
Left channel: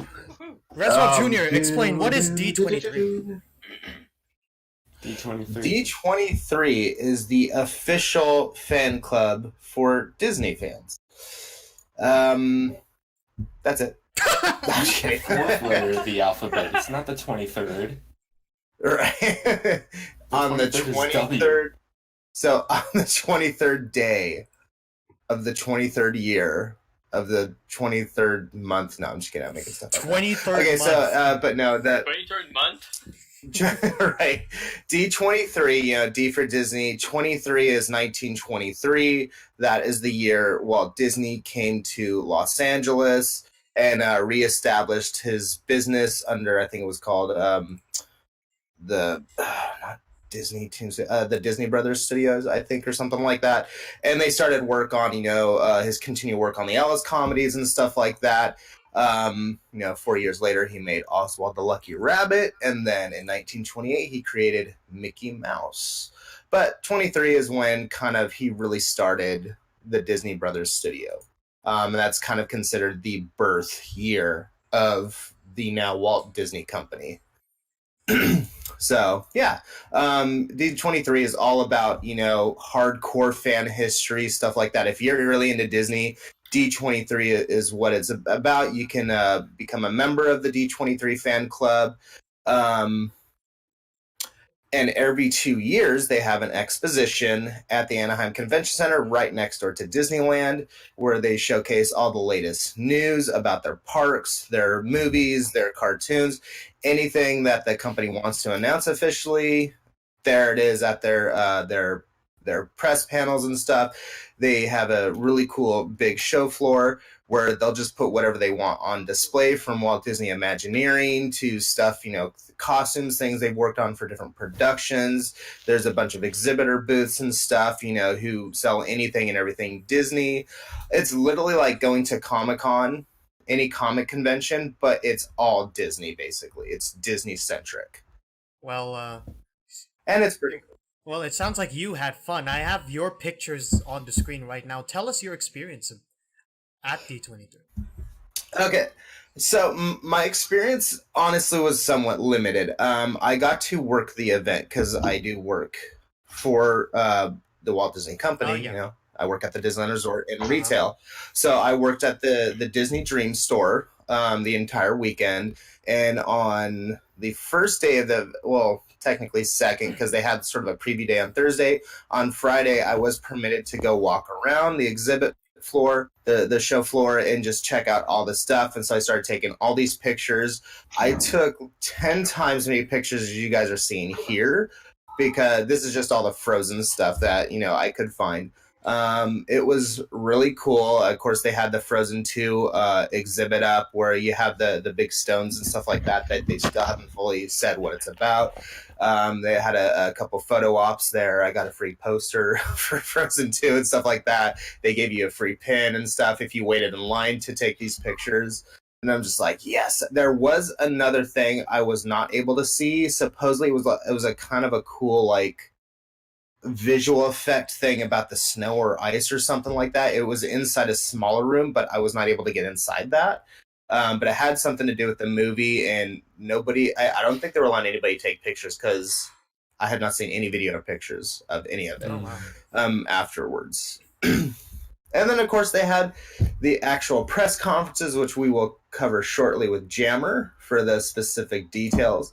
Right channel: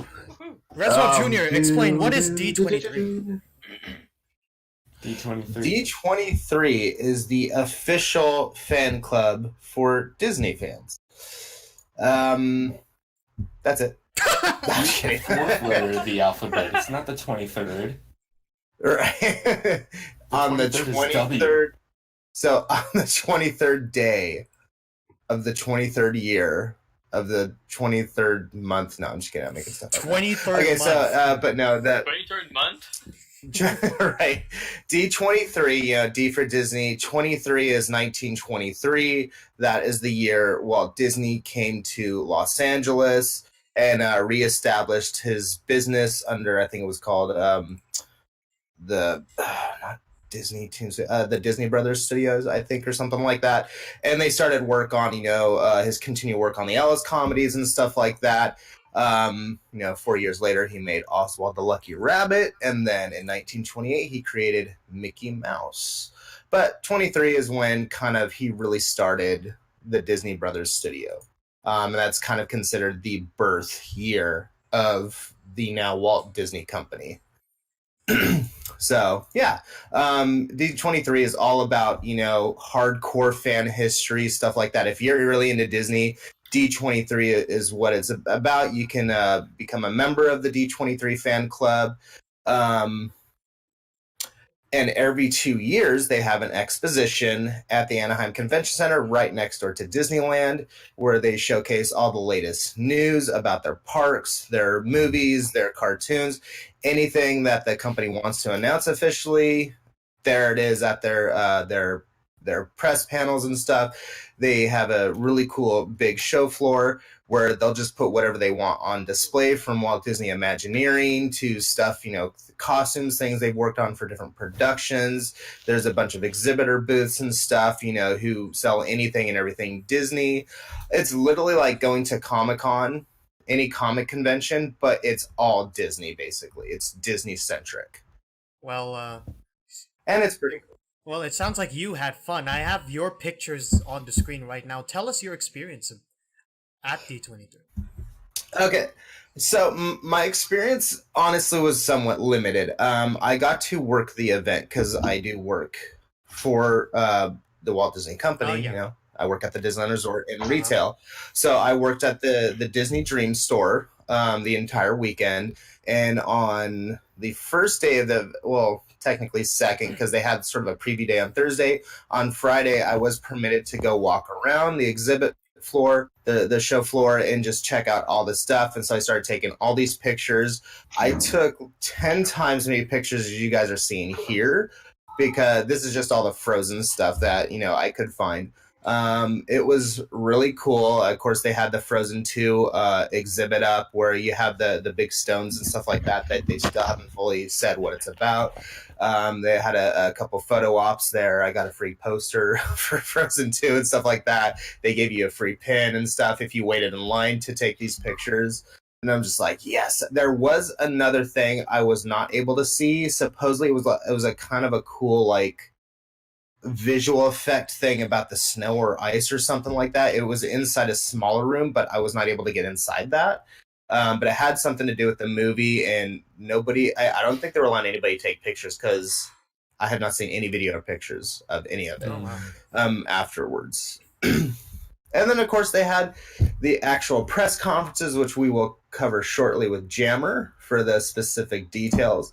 Reswell Jr., explain what is D23. D23. D23 is the official fan club for Disney fans. That's it. I'm kidding. Fourth letter of the alphabet. It's not the 23rd. Right. On the 23rd is W. 23rd. So on the 23rd day of the 23rd year of the 23rd month. No, I'm just kidding. I'm making stuff up. 23rd Okay, month. so but no, that 23rd month. right. D23, you know, D for Disney. 23 is 1923. That is the year Walt Disney came to Los Angeles and reestablished his business under, I think it was called the not Disney Tunes, the Disney Brothers Studios, I think, or something like that. And they started work on, you know, his continued work on the Ellis comedies and stuff like that. You know, 4 years later, he made Oswald the Lucky Rabbit, and then in 1928, he created Mickey Mouse. But 23 is when kind of he really started the Disney Brothers Studio. And that's kind of considered the birth year of the now Walt Disney Company. So yeah, D23 is all about, you know, hardcore fan history, stuff like that. If you're really into Disney, D23 is what it's about. You can become a member of the D23 fan club. And every 2 years, they have an exposition at the Anaheim Convention Center right next door to Disneyland, where they showcase all the latest news about their parks, their movies, their cartoons, anything that the company wants to announce officially. There it is at their press panels and stuff. They have a really cool big show floor where they'll just put whatever they want on display, from Walt Disney Imagineering to stuff, you know, costumes, things they've worked on for different productions. There's a bunch of exhibitor booths and stuff, you know, who sell anything and everything Disney. It's literally like going to Comic-Con, any comic convention, but it's all Disney, basically. It's Disney-centric. Well, And it's pretty cool. well, it sounds like you had fun. I have your pictures on the screen right now. Tell us your experience at D23. Okay. So my experience honestly was somewhat limited. I got to work the event because I do work for the Walt Disney Company. Oh, yeah. You know, I work at the Disneyland Resort in retail. So I worked at the Disney Dream store the entire weekend. And on the first day of technically second, because they had sort of a preview day on Thursday. On Friday, I was permitted to go walk around the exhibit floor, the show floor, and just check out all the stuff. And so I started taking all these pictures. I took 10 times as many pictures as you guys are seeing here, because this is just all the Frozen stuff that, you know, I could find. It was really cool. Of course, they had the Frozen 2 exhibit up where you have the big stones and stuff like that they still haven't fully said what it's about. They had a couple photo ops there. I got a free poster for Frozen 2 and stuff like that. They gave you a free pin and stuff if you waited in line to take these pictures. And I'm just like, yes. There was another thing I was not able to see. Supposedly it was a kind of a cool, like, visual effect thing about the snow or ice or something like that. It was inside a smaller room, but I was not able to get inside that. But it had something to do with the movie, and I don't think they were allowing anybody to take pictures because I had not seen any video or pictures of any of it afterwards. And then, of course, they had the actual press conferences, which we will cover shortly with Jammer for the specific details.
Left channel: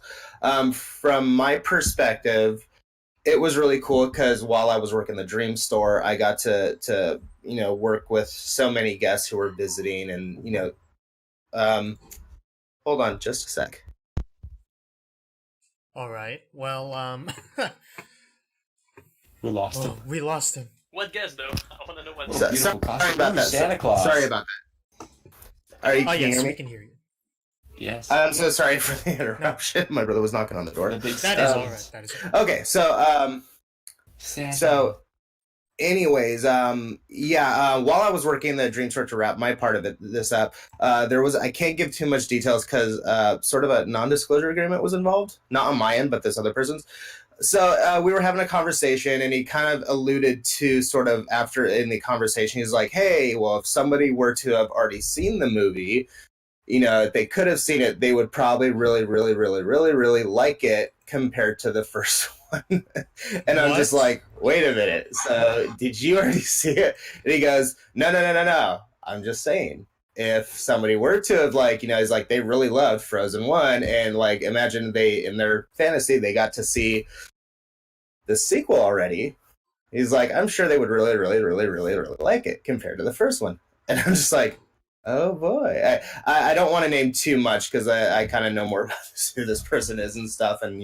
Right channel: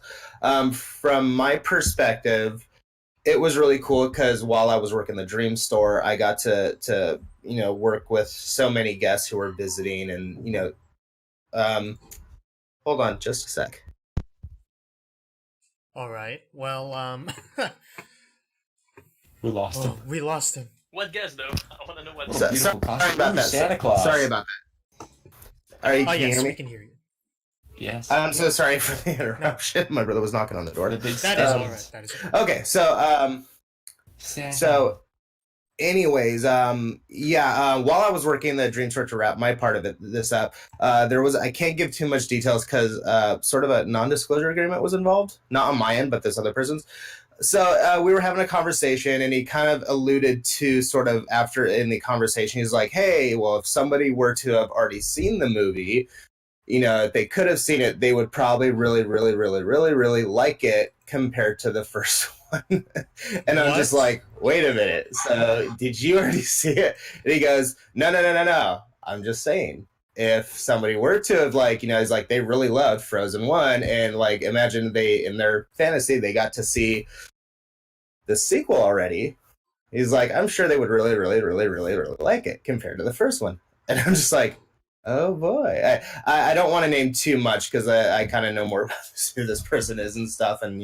From my perspective, it was really cool because while I was working the Dream store, I got to you know, work with so many guests who were visiting, and, you know, hold on just a sec. All right. Well, We lost him. we lost him. What guess though? I want to know what. So- beautiful Sorry costume. about that. Santa Claus. Sorry about that. Can you yes, hear me? we can hear you. Yes. I'm so sorry for the interruption. My brother was knocking on the door. The big That is stones. all right. That is all right. Okay, so Santa. So, anyways, while I was working the Dream Store to wrap my part of this up, I can't give too much details because sort of a non-disclosure agreement was involved, not on my end, but this other person's. So we were having a conversation, and he kind of alluded to sort of after in the conversation, he's like, "Hey, well, if somebody were to have already seen the movie, you know, if they could have seen it, they would probably really, really, really, really, really like it compared to the first one." And I'm just like, wait a minute. So did you already see it? And he goes, no. I'm just saying. if somebody were to have like, he's like, they really loved Frozen 1, and like imagine they in their fantasy they got to see the sequel already. He's like, I'm sure they would really, really, really, really, really like it compared to the first one. And I'm just like, oh boy. I don't want to name too much because I kind of know more about who this person is and stuff, and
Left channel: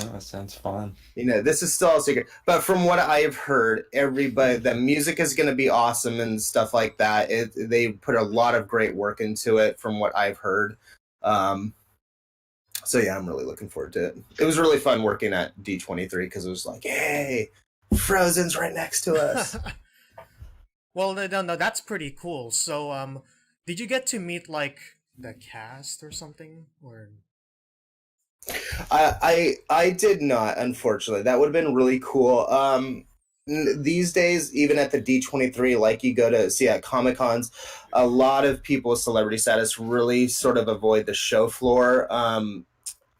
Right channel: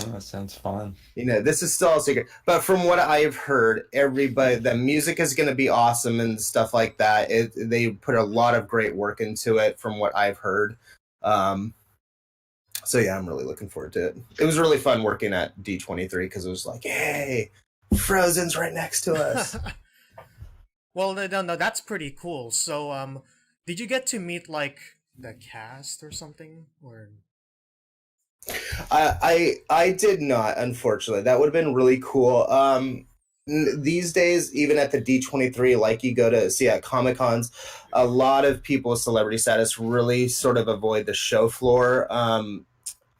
Oh, that sounds fun. this is still a secret. But from what I've heard, everybody, the music is going to be awesome and stuff like that. They put a lot of great work into it from what I've heard. So yeah, I'm really looking forward to it. It was really fun working at D23 because it was like, hey, Frozen's right next to us. Well, no, that's pretty cool. So, did you get to meet like the cast or something, or? I did not, unfortunately. That would have been really cool. These days, even at the D23, like you go to see at Comic Cons, a lot of people with celebrity status really sort of avoid the show floor.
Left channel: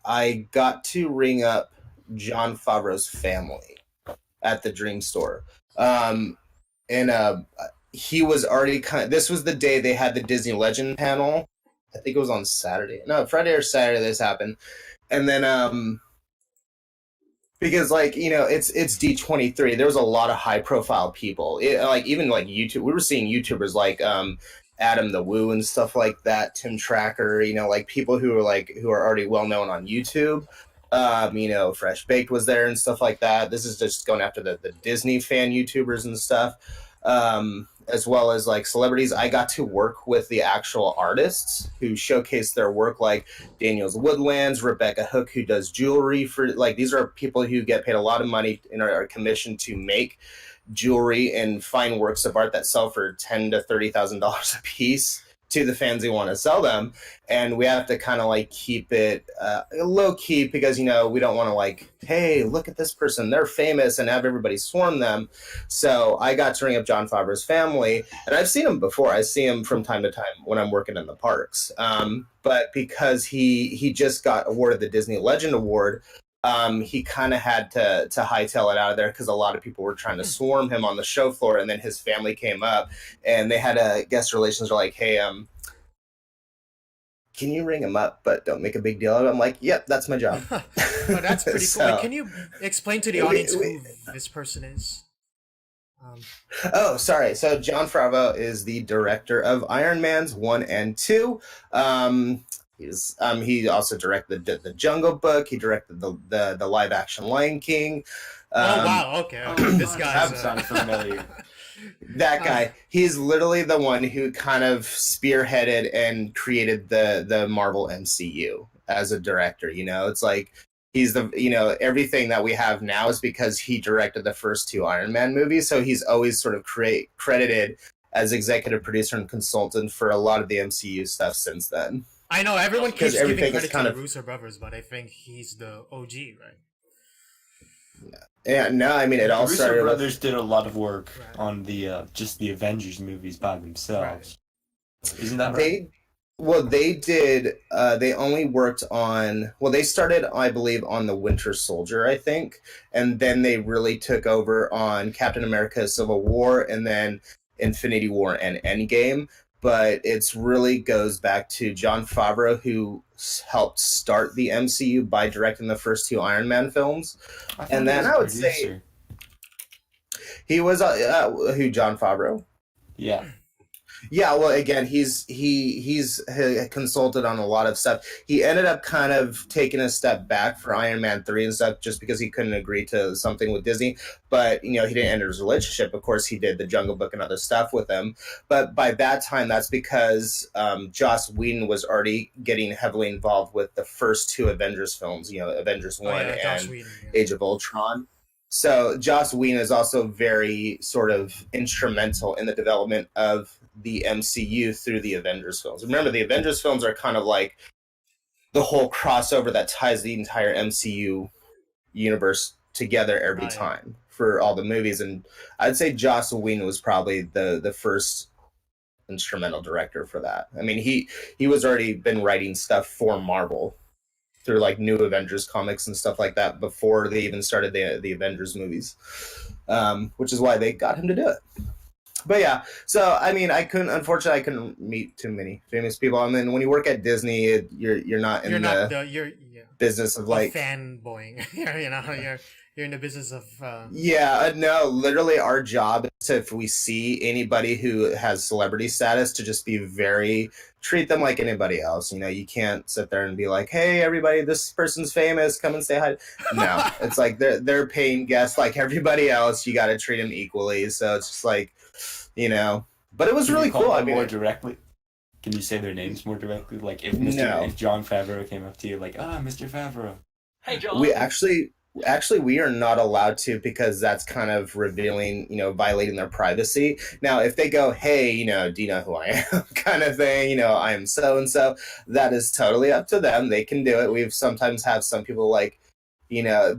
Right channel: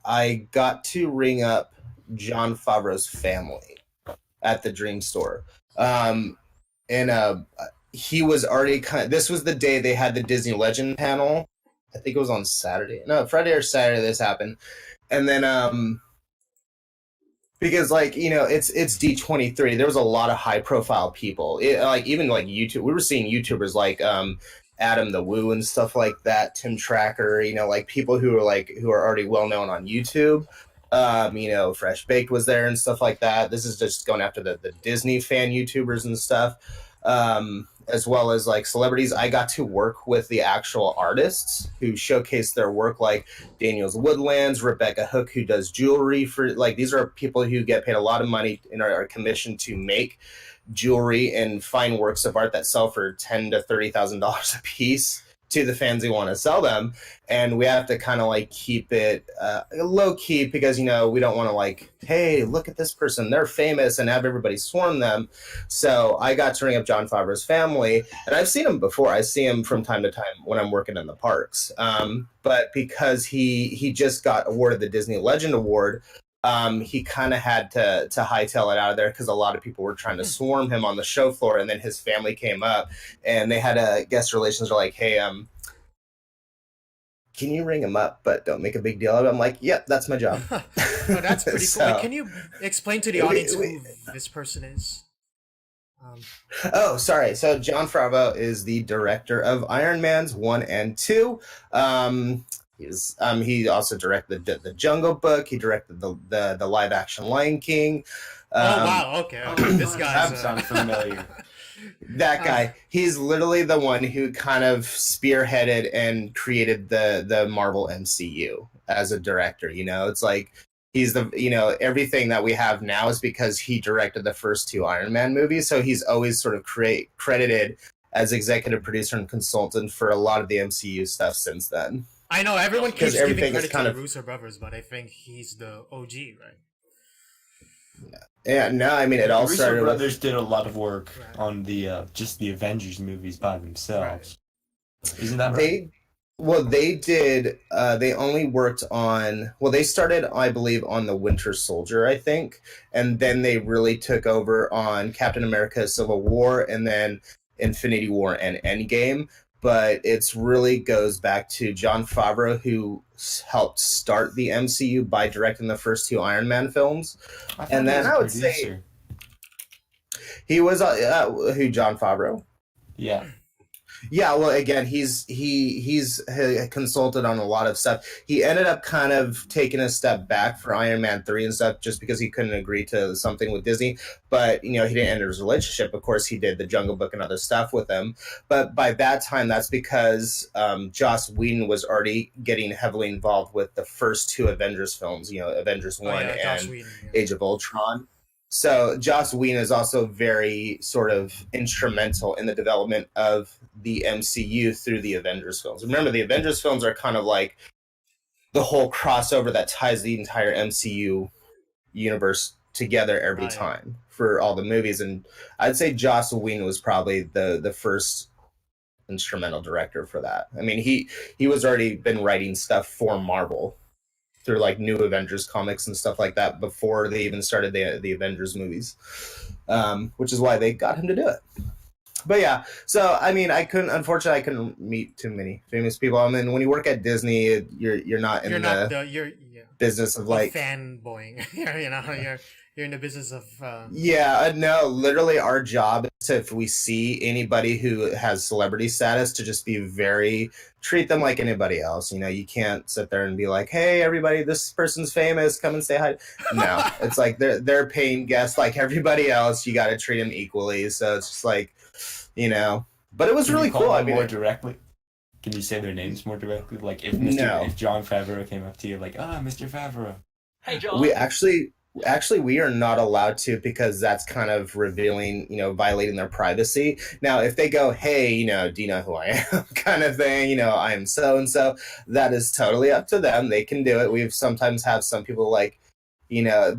I got to ring up Jon Favreau's family at the Dream Store. And he was already this was the day they had the Disney Legend panel. I think it was on Saturday. No, Friday or Saturday this happened. And then because like, it's D23, there was a lot of high profile people. Even like YouTube, we were seeing YouTubers like Adam the Woo and stuff like that, Tim Tracker, like people who are already well known on YouTube. Fresh Baked was there and stuff like that. This is just going after the Disney fan YouTubers and stuff, as well as like celebrities. I got to work with the actual artists who showcase their work, like Daniel's Woodlands, Rebecca Hook, who does jewelry for like, these are people who get paid a lot of money and are commissioned to make jewelry and fine works of art that sell for $10,000 to $30,000 a piece to the fans who want to sell them. And we have to kind of like keep it low key because, we don't want to like, hey, look at this person, they're famous, and have everybody swarm them. So I got to ring up Jon Favreau's family, and I've seen him before. I see him from time to time when I'm working in the parks. But because he just got awarded the Disney Legend Award, he kind of had to hightail it out of there because a lot of people were trying to swarm him on the show floor, and then his family came up and they had a guest relations were like, hey, can you ring him up but don't make a big deal of it? I'm like, yep, that's my job. Oh, that's pretty So- cool. Wait, can you explain to the audience who this person is? Oh, sorry. So Jon Favreau is the director of Iron Man's 1 and 2. He also directed the Jungle Book. He directed the live action Lion King. Oh wow, okay. This guy's That sounds familiar. That guy. He's literally the one who kind of spearheaded and created the Marvel MCU as a director. It's like he's the everything that we have now is because he directed the first 2 Iron Man movies. So he's always sort of credited as executive producer and consultant for a lot of the MCU stuff since then. I know everyone keeps giving everything is credit to kind the of- Russo brothers, but I think he's the OG, right? Yeah, no, I mean it The all Russo started with brothers did a lot of work Right. on the just the Avengers movies by themselves. Isn't that right? They did. They only worked on. Well, they started, I believe, on the Winter Soldier, I think, and then they really took over on Captain America: Civil War, and then Infinity War and Endgame. But it's really goes back to Jon Favreau, who helped start the MCU by directing the first 2 Iron Man films. I And then I would say producer. he was who Jon Favreau. Yeah. Yeah, well, again, he's consulted on a lot of stuff. He ended up kind of taking a step back for Iron Man 3 and stuff just because he couldn't agree to something with Disney. But, he didn't end his relationship. Of course, he did the Jungle Book and other stuff with them. But by that time, that's because Joss Whedon was already getting heavily involved with the first 2 Avengers films, Avengers 1 Joss and Whedon, yeah. Age of Ultron. So Joss Whedon is also very sort of instrumental in the development of the MCU through the Avengers films. Remember, the Avengers films are kind of like the whole crossover that ties the entire MCU universe together every Right. time for all the movies. And I'd say Joss Whedon was probably the first instrumental director for that. I mean, he was already been writing stuff for Marvel through like New Avengers comics and stuff like that before they even started the Avengers movies, which is why they got him to do it. But yeah, so I mean, unfortunately, I couldn't meet too many famous people. I mean, when you work at Disney, you're not in You're not the the you're yeah, business of like fanboying. You're in the business of yeah, no, literally our job is to, if we see anybody who has celebrity status, to just be treat them like anybody else. You know, you can't sit there and be like, hey, everybody, this person's famous, come and say hi. No, it's like they're paying guests like everybody else. You got to treat them equally. So it's just like, you know, but it was Can really you call cool. them I mean, more directly? Can you say their names more directly? Like if No. if John Favreau came up to you, like, Mr. Favreau. Hey, John. we actually we are not allowed to, because that's kind of revealing, you know, violating their privacy. Now if they go, hey, you know, do you know who I am, kind of thing, you know, I am so and so, that is totally up to them. They can do it. We've sometimes have some people like, you know,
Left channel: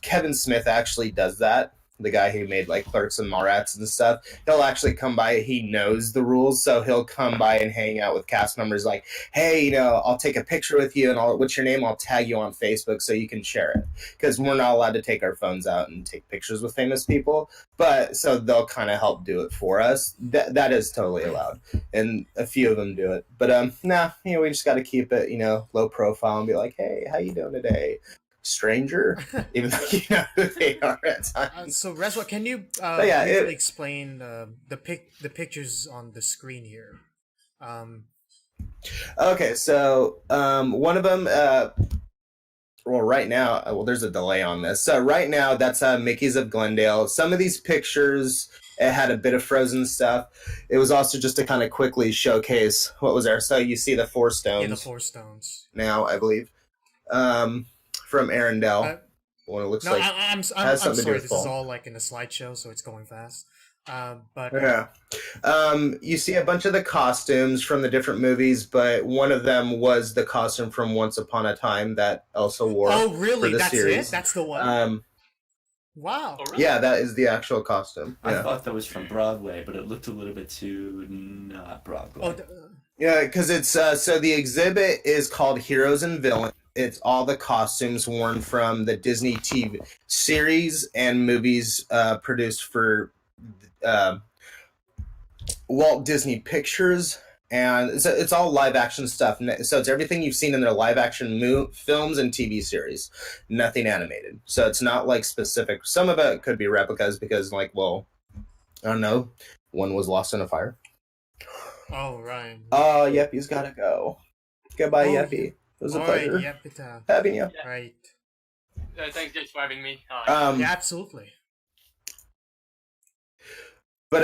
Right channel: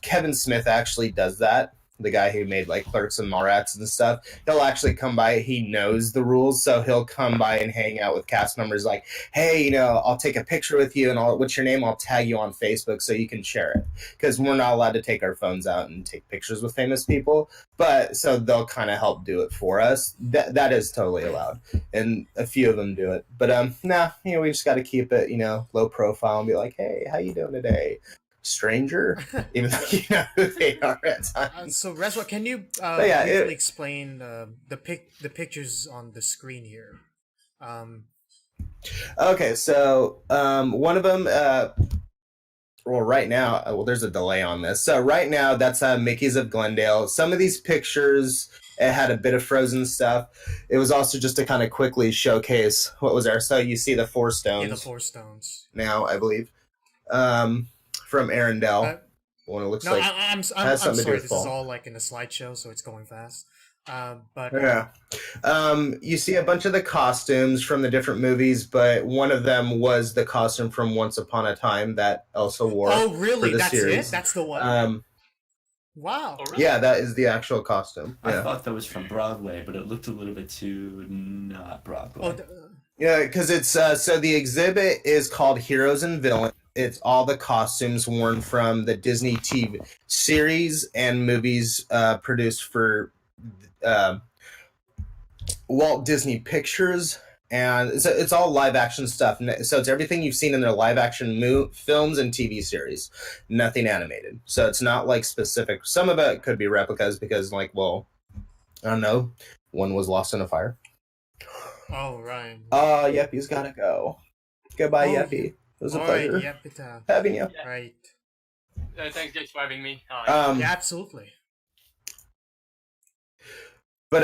Kevin Smith actually does that, the guy who made like Clerks and Mallrats and stuff. He'll actually come by, he knows the rules, so he'll come by and hang out with cast members like, hey, you know, I'll take a picture with you and what's your name, I'll tag you on Facebook so you can share it, because we're not allowed to take our phones out and take pictures with famous people, but so they'll kind of help do it for us. That is totally allowed, and a few of them do it, but nah, you know, we just got to keep it, you know, low profile and be like, hey, how you doing today, stranger, even though you know who they are at times. So Reswa, can you yeah, briefly explain the pictures on the screen here? Okay, so one of them, well, right now, well, there's a delay on this. So right now, that's Mickey's of Glendale. Some of these pictures, it had a bit of Frozen stuff. It was also just to kind of quickly showcase what was there. So you see the Four Stones. Yeah, the Four Stones. Now, I believe, from Arendelle. What it looks No, like. I'm has something to do sorry. with This fall. is all like in a slideshow, so it's going fast. But Yeah. You see a bunch of the costumes from the different movies, but one of them was the costume from Once Upon a Time that Elsa wore. oh, really? for the That's series. it? That's the one? Wow. Oh, really? Yeah, that is the actual costume. I Yeah, thought that was from Broadway, but it looked a little bit too not Broadway. Oh, yeah, because it's so the exhibit is called Heroes and Villains. It's all the costumes worn from the Disney TV series and movies produced for Walt Disney Pictures, and it's all live action stuff. So it's everything you've seen in their live action films and TV series, nothing animated. So it's not like specific. Some of it could be replicas because, like, well, I don't know, one was lost in a fire. oh, right. Yeppy's gotta go. Goodbye, Oh, Yeppy. It was a All right. pleasure Yep. It, having you. right. Thanks, James, for having me. Yeah, absolutely. But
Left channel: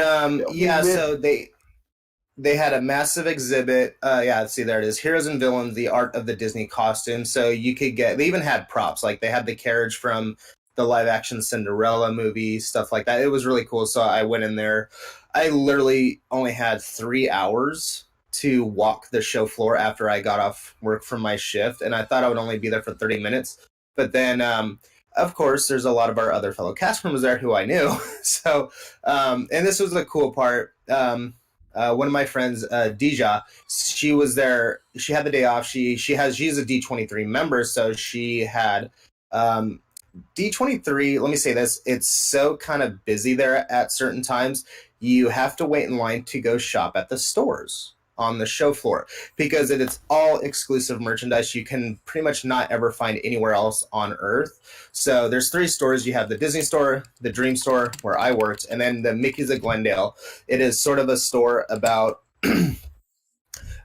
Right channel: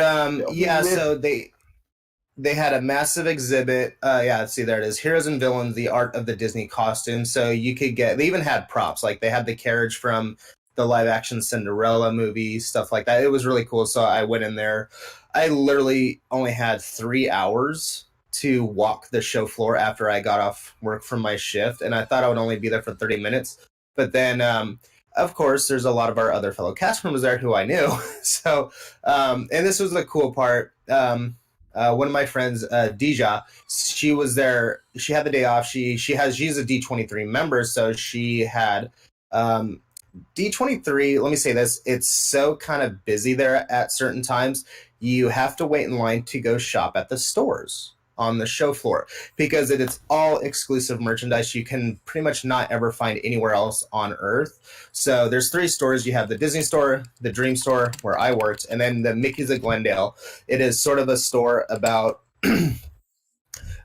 Yeah. so they had a massive exhibit. See, there it is. Heroes and Villains, the art of the Disney costume. So you could they even had props. Like they had the carriage from the live action Cinderella movie, stuff like that. It was really cool. So I went in there. I literally only had 3 hours to walk the show floor after I got off work from my shift. And I thought I would only be there for 30 minutes. But then, of course, there's a lot of our other fellow cast members there who I knew. So, and this was the cool part. One of my friends, Dija, she was there. She had the day off. She's a D23 member, so she had D23. Let me say this: it's so kind of busy there at certain times. You have to wait in line to go shop at the stores on the show floor because it's all exclusive merchandise you can pretty much not ever find anywhere else on Earth. So there's 3 stores. You have the Disney store, the Dream store where I worked, and then the Mickey's of Glendale. It is sort of a store about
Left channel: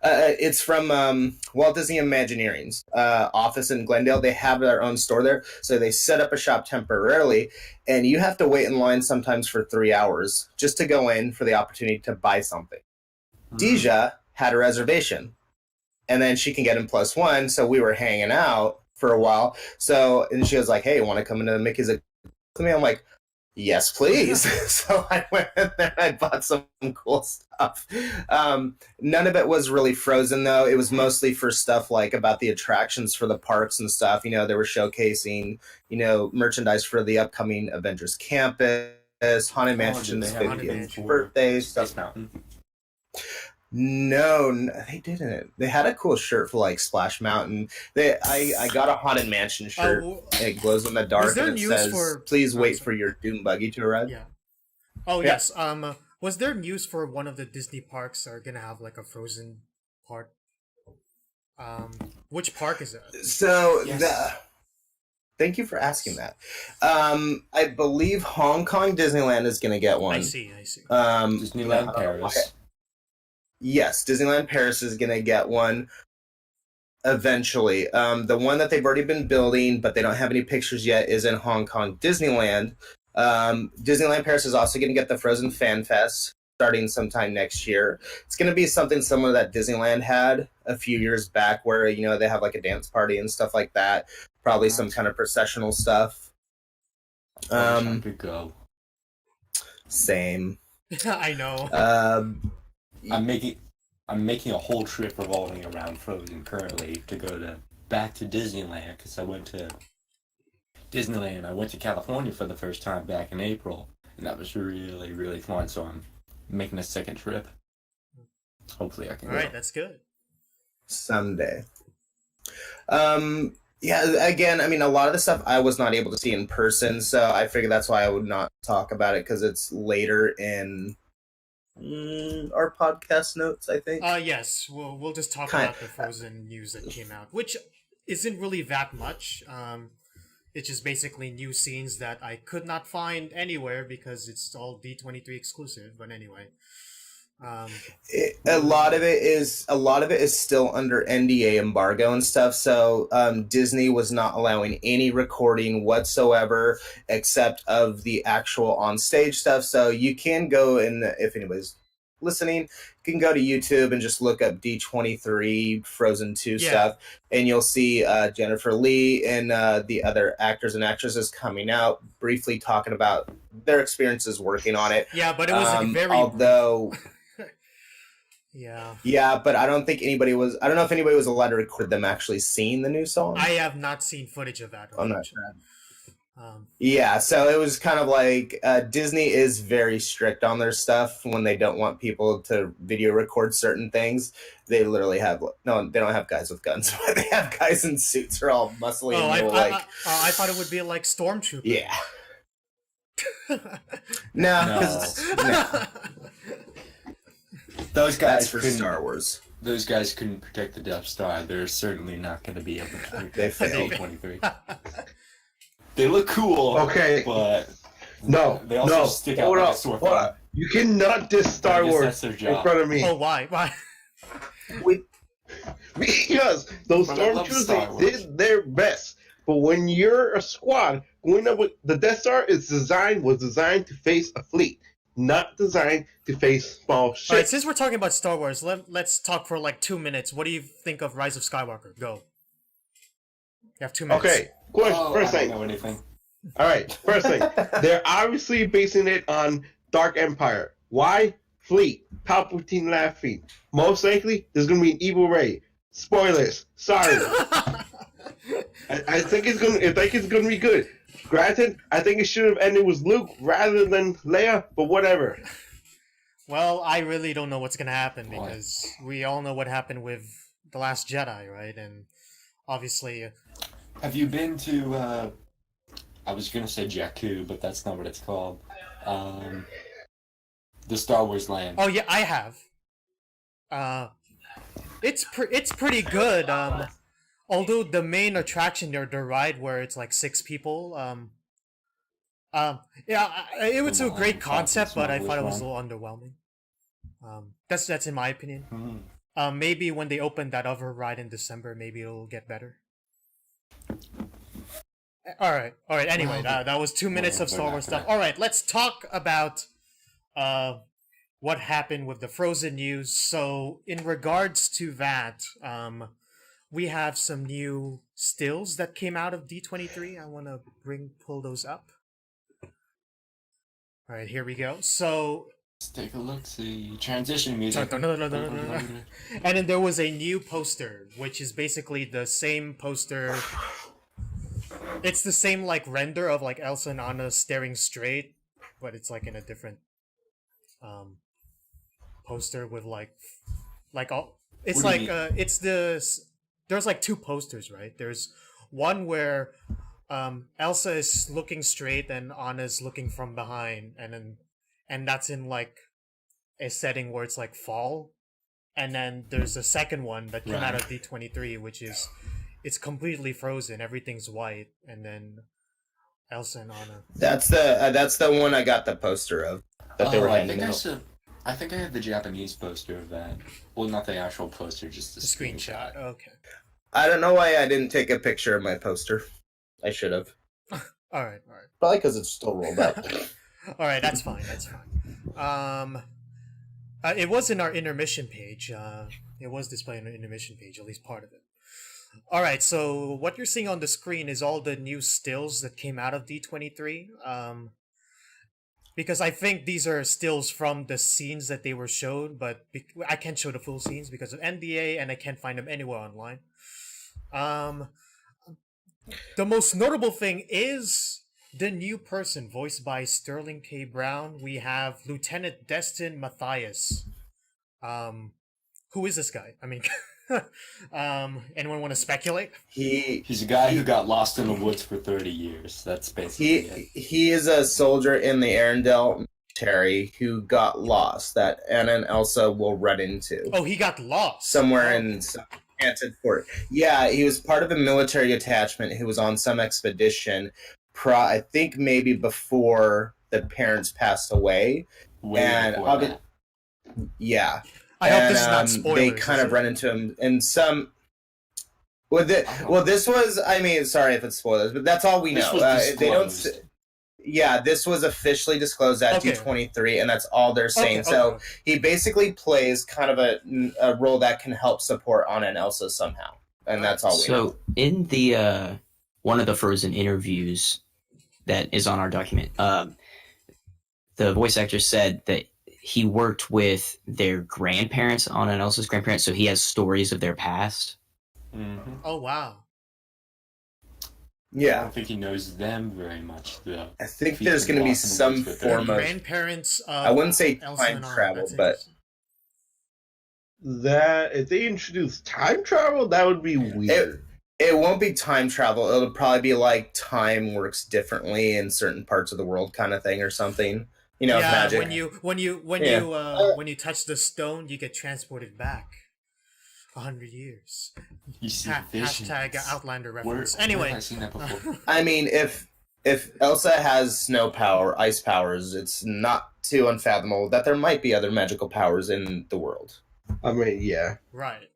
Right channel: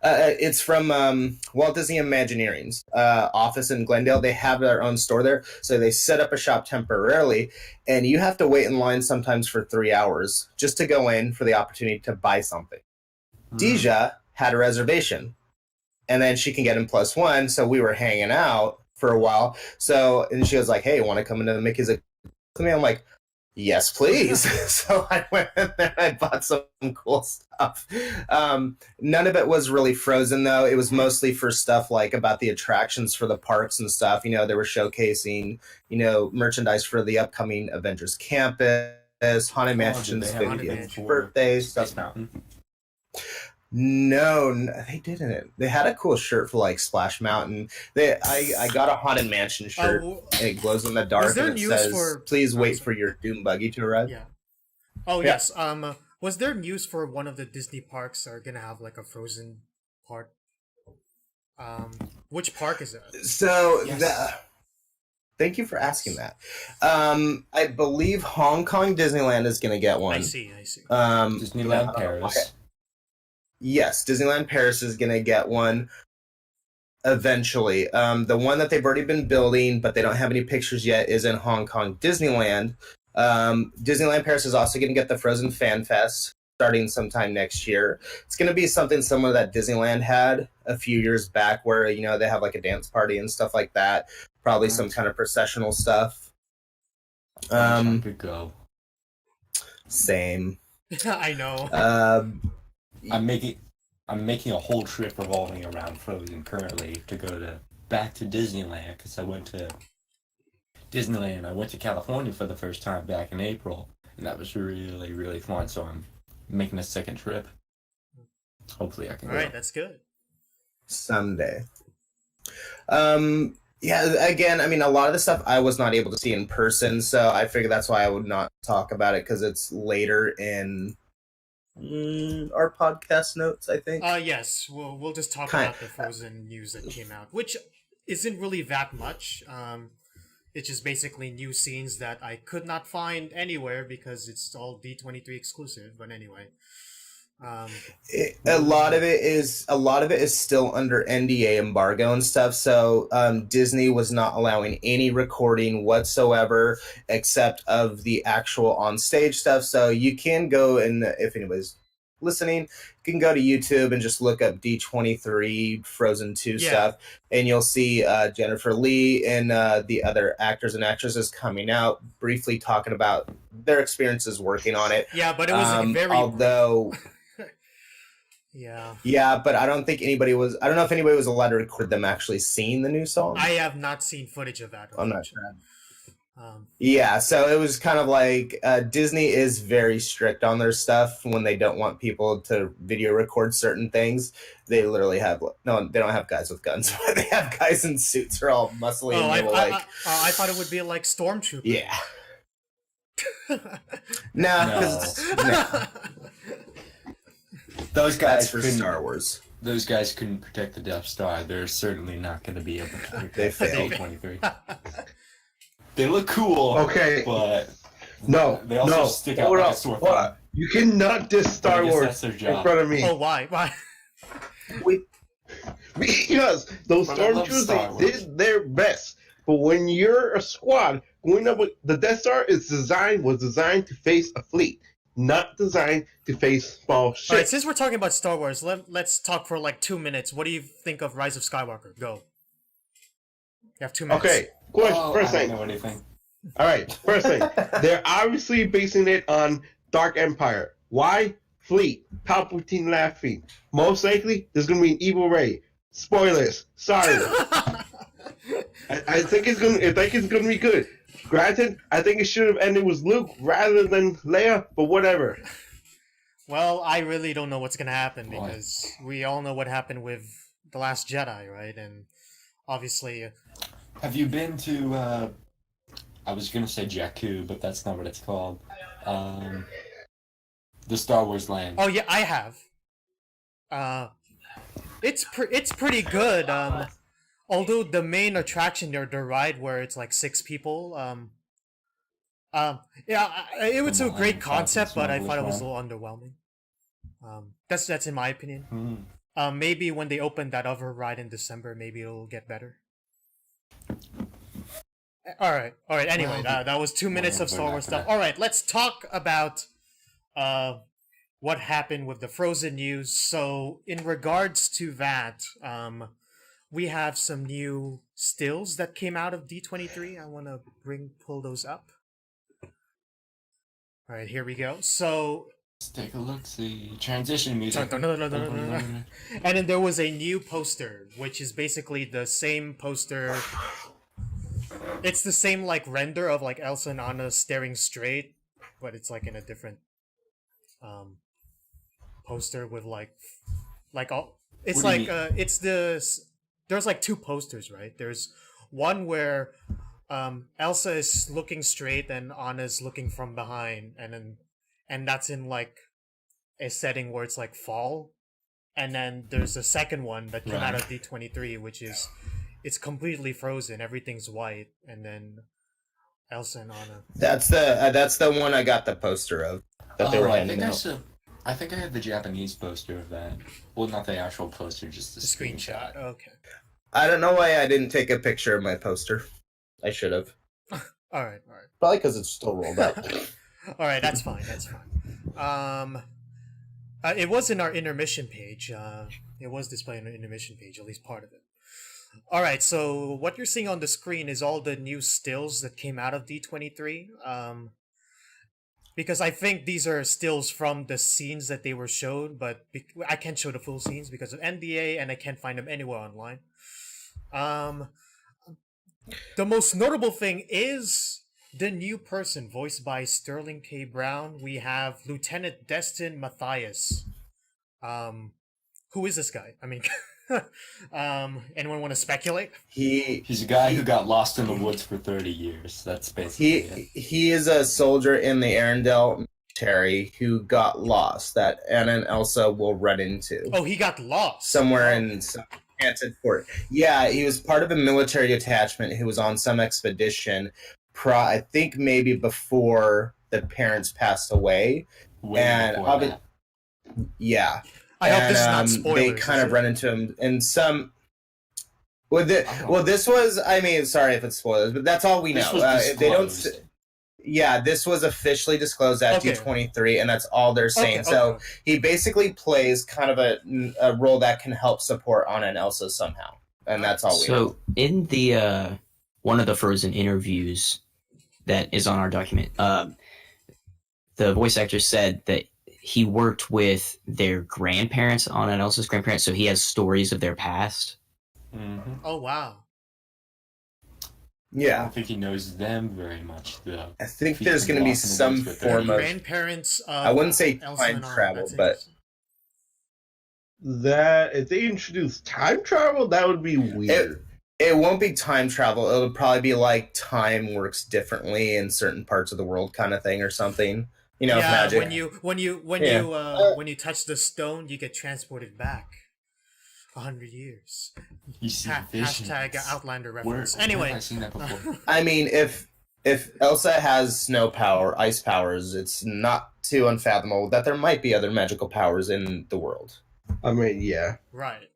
it's from Walt Disney Imagineering's office in Glendale. They have their own store there, so they set up a shop temporarily, and you have to wait in line sometimes for 3 hours just to go in for the opportunity to buy something. Deja had a reservation, and then she can get in +1, so we were hanging out for a while. So, and she was like, hey, want to come into Mickey's with me? I'm like, yes, please. So I went in there and I bought some cool stuff. None of it was really Frozen, though. It was mostly for stuff like about the attractions for the parks and stuff. You know, they were showcasing, you know, merchandise for the upcoming Avengers Campus, Haunted Mansion's They have 50th anything for birthday, Space stuff. Mountain. No, they didn't. They had a cool shirt for like Splash Mountain. I got a Haunted Mansion shirt. And it glows in the dark. Was there and it news says, for? Please Oh, wait sorry. for your Doom buggy to arrive. Yeah. Oh Yeah. yes. Was there news for one of the Disney parks are gonna have like a Frozen part? Which park is it? So Yes. thank you for asking that. I believe Hong Kong Disneyland is going to get one. I see. Disneyland no, Paris. Yes, Disneyland Paris is going to get one eventually. The one that they've already been building, but they don't have any pictures yet, is in Hong Kong Disneyland. Disneyland Paris is also going to get the Frozen Fan Fest starting sometime next year. It's going to be something similar that Disneyland had a few years back, where they have like a dance party and stuff like that. Probably some kind of processional stuff. I wish I could go. Same. I know. I'm making a whole trip revolving around Frozen currently to go back to Disneyland, because I went to Disneyland. I went to California for the first time back in April, and that was really, really fun. So I'm making a second trip. Hopefully I can All go. right, that's good. Someday. Yeah, again, I mean, a lot of the stuff I was not able to see in person, so I figured that's why I would not talk about it, because it's later in our podcast notes, I think. Yes, we'll just talk about the Frozen news that came out, which isn't really that much. It's just basically new scenes that I could not find anywhere because it's all D23 exclusive. But anyway, a lot of it is still under NDA embargo and stuff. So Disney was not allowing any recording whatsoever except of the actual on stage stuff. So you can go, and if anybody's listening, you can go to YouTube and just look up D23 Frozen 2 stuff, and you'll see Jennifer Lee and the other actors and actresses coming out briefly talking about their experiences working on it. Yeah, but it was very although. Yeah. Yeah, but I don't know if anybody was allowed to record them actually seeing the new song. I have not seen footage of that. I'm not sure. Yeah, so it was kind of like Disney is very strict on their stuff when they don't want people to video record certain things. They literally have they don't have guys with guns, but they have guys in suits who are all muscly. Oh, I thought it would be like Stormtrooper. Yeah. No. Those guys for Star Wars. Those guys couldn't protect the Death Star. They're certainly not going to be able to protect They failed. D23. They look cool. Okay. But they also stick out like a sore thumb. You cannot diss Star Wars in front of me. Oh, why? Why? Because those stormtroopers, they did their best. But when you're a squad going up with the Death Star, was designed to face a fleet, not designed to face small ships. All right, since we're talking about Star Wars, let's talk for like 2 minutes. What do you think of Rise of Skywalker? Go. You have 2 minutes. Okay. Question, first I thing. don't know anything. All right, first thing. They're obviously basing it on Dark Empire. Why? Fleet. Palpatine laughing. Most likely, there's going to be an evil Rey. Spoilers. Sorry. I think it's going to be good. Granted, I think it should have ended with Luke rather than Leia, but whatever. Well, I really don't know what's going to happen because we all know what happened with The Last Jedi, right? And obviously... Have you been to, I was going to say Jakku, but that's not what it's called. The Star Wars land. Oh, yeah, I have. It's pretty good. Although the main attraction, the ride where it's like 6 people, it was a great concept, but I thought it was a little underwhelming. That's in my opinion. Maybe when they open that other ride in December, maybe it'll get better. All right. Anyway, that was 2 minutes of Star Wars stuff. All right, let's talk about what happened with the Frozen news. So, in regards to that, we have some new stills that came out of D23. I want to pull those up. All right, here we go. So, let's take a look. See transition music. and then there was a new poster, which is basically the same poster. It's the same like render of like Elsa and Anna staring straight, but it's like in a different poster with like all. It's like it's this. There's like 2 posters, right? There's one where Elsa is looking straight and Anna's looking from behind, and that's in like a setting where it's like fall, and then there's a second one that came out of D23, which is it's completely frozen, everything's white, and then Elsa and Anna. That's the one I got the poster of that they were handing out. I think I have the Japanese poster of that. Well, not the actual poster, just the screenshot. Okay. I don't know why I didn't take a picture of my poster. I should have. All right. Probably because it's still rolled up. All right, that's fine. It was in our intermission page. It was displayed on the intermission page, at least part of it. All right, so what you're seeing on the screen is all the new stills that came out of D23. Because I think these are stills from the scenes that they were showed, but I can't show the full scenes because of NDA, and I can't find them anywhere online. The most notable thing is the new person voiced by Sterling K. Brown. We have Lieutenant Destin Matthias. Who is this guy? I mean, anyone want to speculate? He's a guy who got lost in the woods for 30 years. That's basically it. He is a soldier in the Arendelle military who got lost that Anna and Elsa will run into. Oh, he got lost somewhere in some enchanted fort. Yeah, he was part of a military detachment who was on some expedition. I think maybe before the parents passed away. Yeah. I hope this is not spoilers. They kind of run into him in some. This was. I mean, sorry if it's spoilers, but that's all we know. They don't. Yeah, this was officially disclosed at D23, and that's all they're saying. So he basically plays kind of a role that can help support Anna and Elsa somehow, and that's all we know. So in the one of the Frozen interviews that is on our document, the voice actor said that he worked with their grandparents, Anna and Elsa's grandparents, so he has stories of their past. Mm-hmm. Oh, wow. Yeah. I don't think he knows them very much, though. I think there's going to be some form of... grandparents of I wouldn't say Elsa time travel, but... That, if they introduce time travel, that would be weird. It won't be time travel. It'll probably be like time works differently in certain parts of the world kind of thing or something. You know, yeah, magic. when you touch the stone, you get transported back 100 years. You see hashtag Outlander reference. Anyway, I've seen that before. I mean, if Elsa has snow power, ice powers, it's not too unfathomable that there might be other magical powers in the world. I mean, yeah. Right.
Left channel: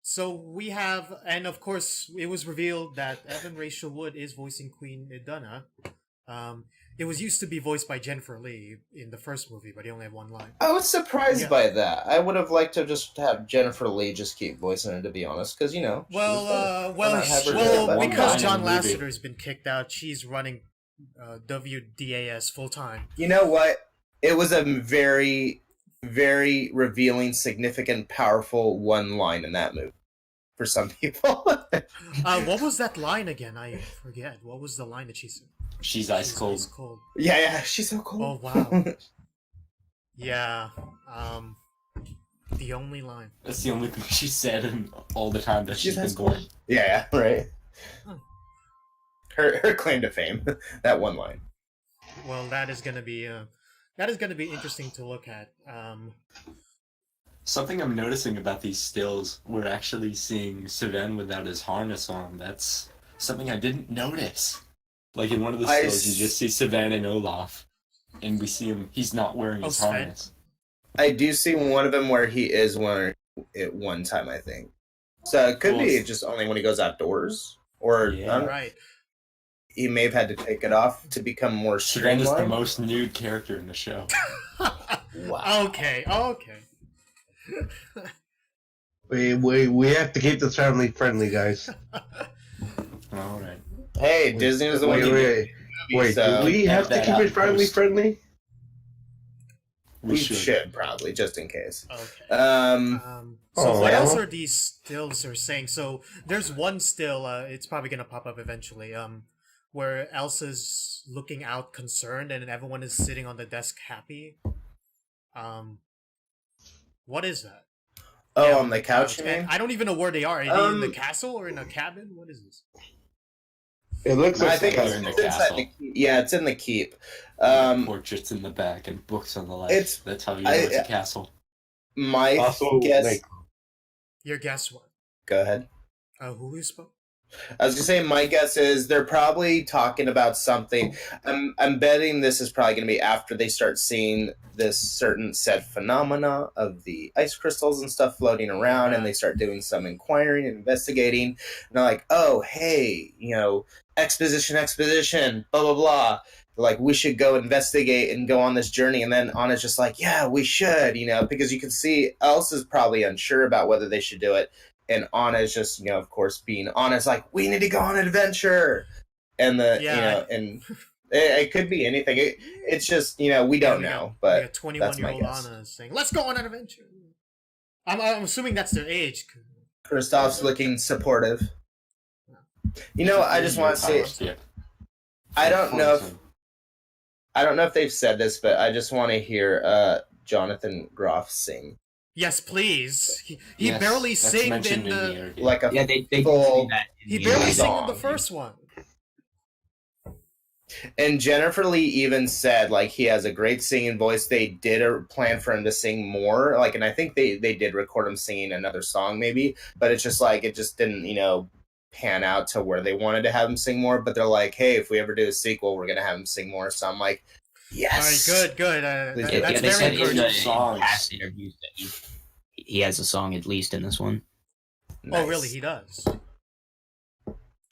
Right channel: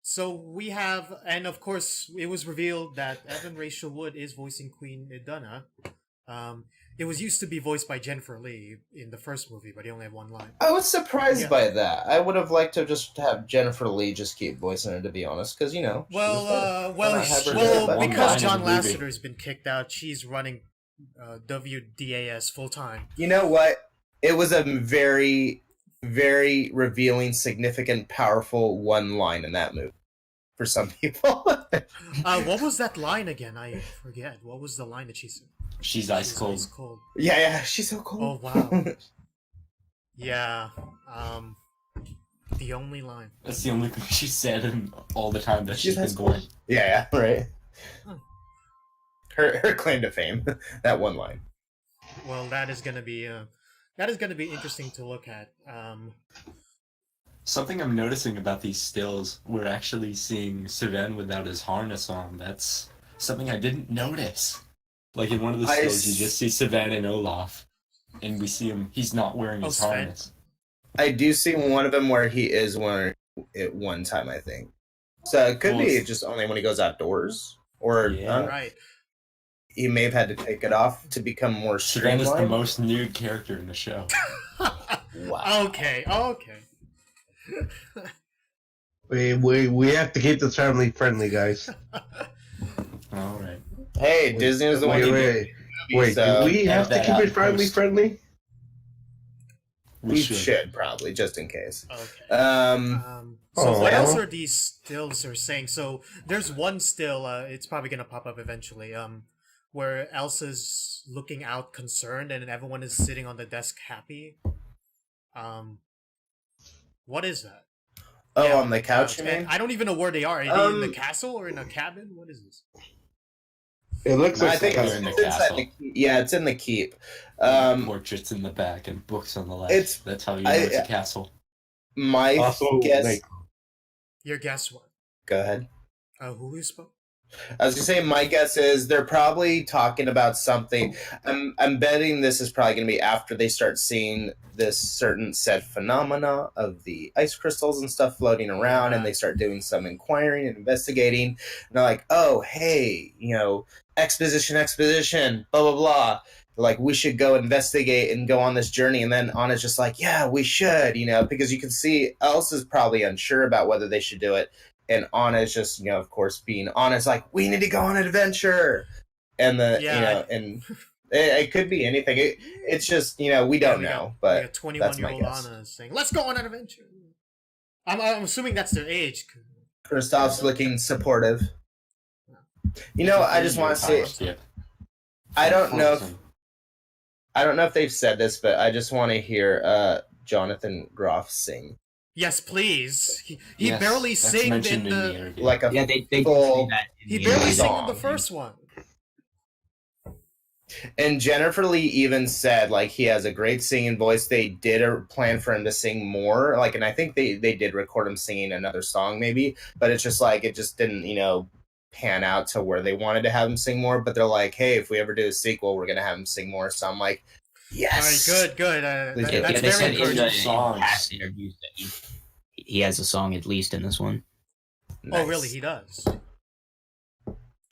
So we have, and of course, it was revealed that Evan Rachel Wood is voicing Queen Iduna. It was used to be voiced by Jennifer Lee in the first movie, but he only had one line. I was surprised by that. I would have liked to just have Jennifer Lee just keep voicing her, to be honest, because, you know... because John Lasseter's been kicked out, she's running WDAS full-time. You know what? It was a very, very revealing, significant, powerful one line in that movie for some people. What was that line again? I forget. What was the line that she said? She's ice cold. Ice cold. Yeah, she's so cold. Oh, wow. Yeah, the only line. That's the only thing she said in all the time that she's been born. Yeah, right. Huh. Her claim to fame, that one line. Well, that is gonna be interesting to look at. Something I'm noticing about these stills, we're actually seeing Sven without his harness on. That's something I didn't notice. Like in one of the stills, you just see Sven and Olaf, and we see him. He's not wearing his harness. I do see one of them where he is wearing it one time, I think. So it could be just only when he goes outdoors, or right. He may have had to take it off to become more streamlined. Sven is the most nude character in the show. Wow. Okay. We have to keep this family friendly, guys. All right. Hey, Disney is the one. Wait, do we have to keep it family friendly? We should probably, just in case. Okay. So what else are these stills are saying? So there's one still. It's probably gonna pop up eventually. Where Elsa's looking out concerned, and everyone is sitting on the desk happy. What is that? Oh, on the couch. And I don't even know where they are. Are they in the castle or in a cabin? What is this? It looks I like think they're it's, in the it's inside castle. the keep. Yeah, it's in the keep. Portraits in the back and books on the left. It's- That's how you know it's a castle. My also guess. like Your guess what? Go ahead. Who is spoke? I was gonna say my guess is they're probably talking about something. I'm betting this is probably gonna be after they start seeing this certain said phenomena of the ice crystals and stuff floating around, and they start doing some inquiring and investigating. And they're like, oh hey, exposition, blah blah blah. They're like, we should go investigate and go on this journey. And then Anna's just like, yeah, we should, because you can see Elsa's probably unsure about whether they should do it. And Anna's just, of course, being honest, like, we need to go on an adventure. And and it could be anything. It's just, we don't know. But a 21-year-old Anna saying, let's go on an adventure. I'm assuming that's their age. Kristoff's looking supportive. I just want to say, I don't know if they've said this, but I just want to hear Jonathan Groff sing. Yes, please. He Yes, barely that's sang mentioned in the. interview. Like a Yeah, they full- say that. He barely sang in song. the first one. And Jennifer Lee even said, like, he has a great singing voice. They did a plan for him to sing more. Like, and I think they did record him singing another song maybe, but it's just like, it just didn't, pan out to where they wanted to have him sing more. But they're like, hey, if we ever do a sequel, we're going to have him sing more. So I'm like, yes. All right, good. That's they very said encouraging. in Songs. past interviews that he has a song at least in this one. Oh, Nice. really? He does.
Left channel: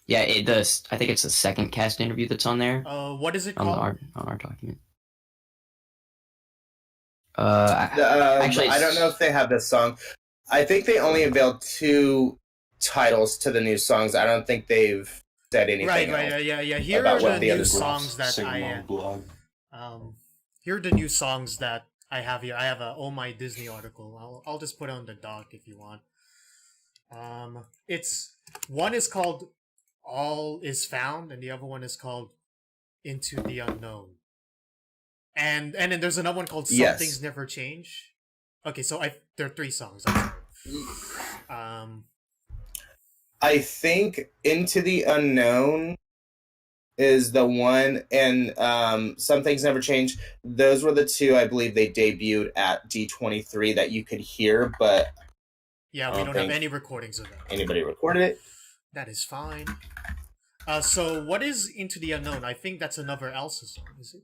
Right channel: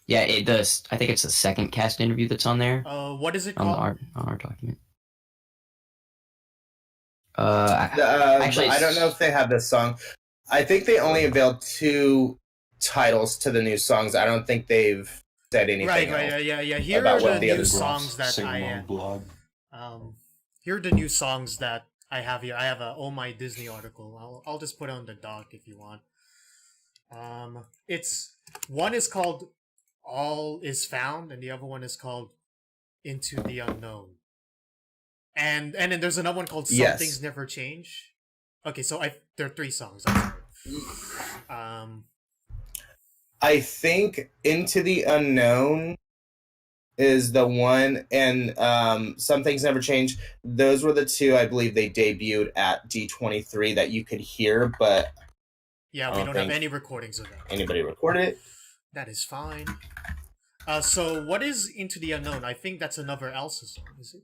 Yeah, it does. I think it's the second cast interview that's on there What is it on called? our document. Actually, I don't know if they have this song. I think they only unveiled 2 titles to the new songs. I don't think they've said anything. Right. else. Yeah. Here about are what the the new other songs that Sing I. along blog. Here are the new songs that I have here. I have a Oh My Disney article. I'll just put it on the doc if you want. It's one is called All Is Found, and the other one is called Into the Unknown. And then there's another one called Some Yes. Things Never Change. Okay, so there are 3 songs. I'm sorry. I think Into the Unknown is the one, and Some Things Never Change. Those were the 2 I believe they debuted at D23 that you could hear, but Yeah, we I don't don't have think any recordings of that. anybody recorded it. That is fine. So what is Into the Unknown? I think that's another Elsa song, is it?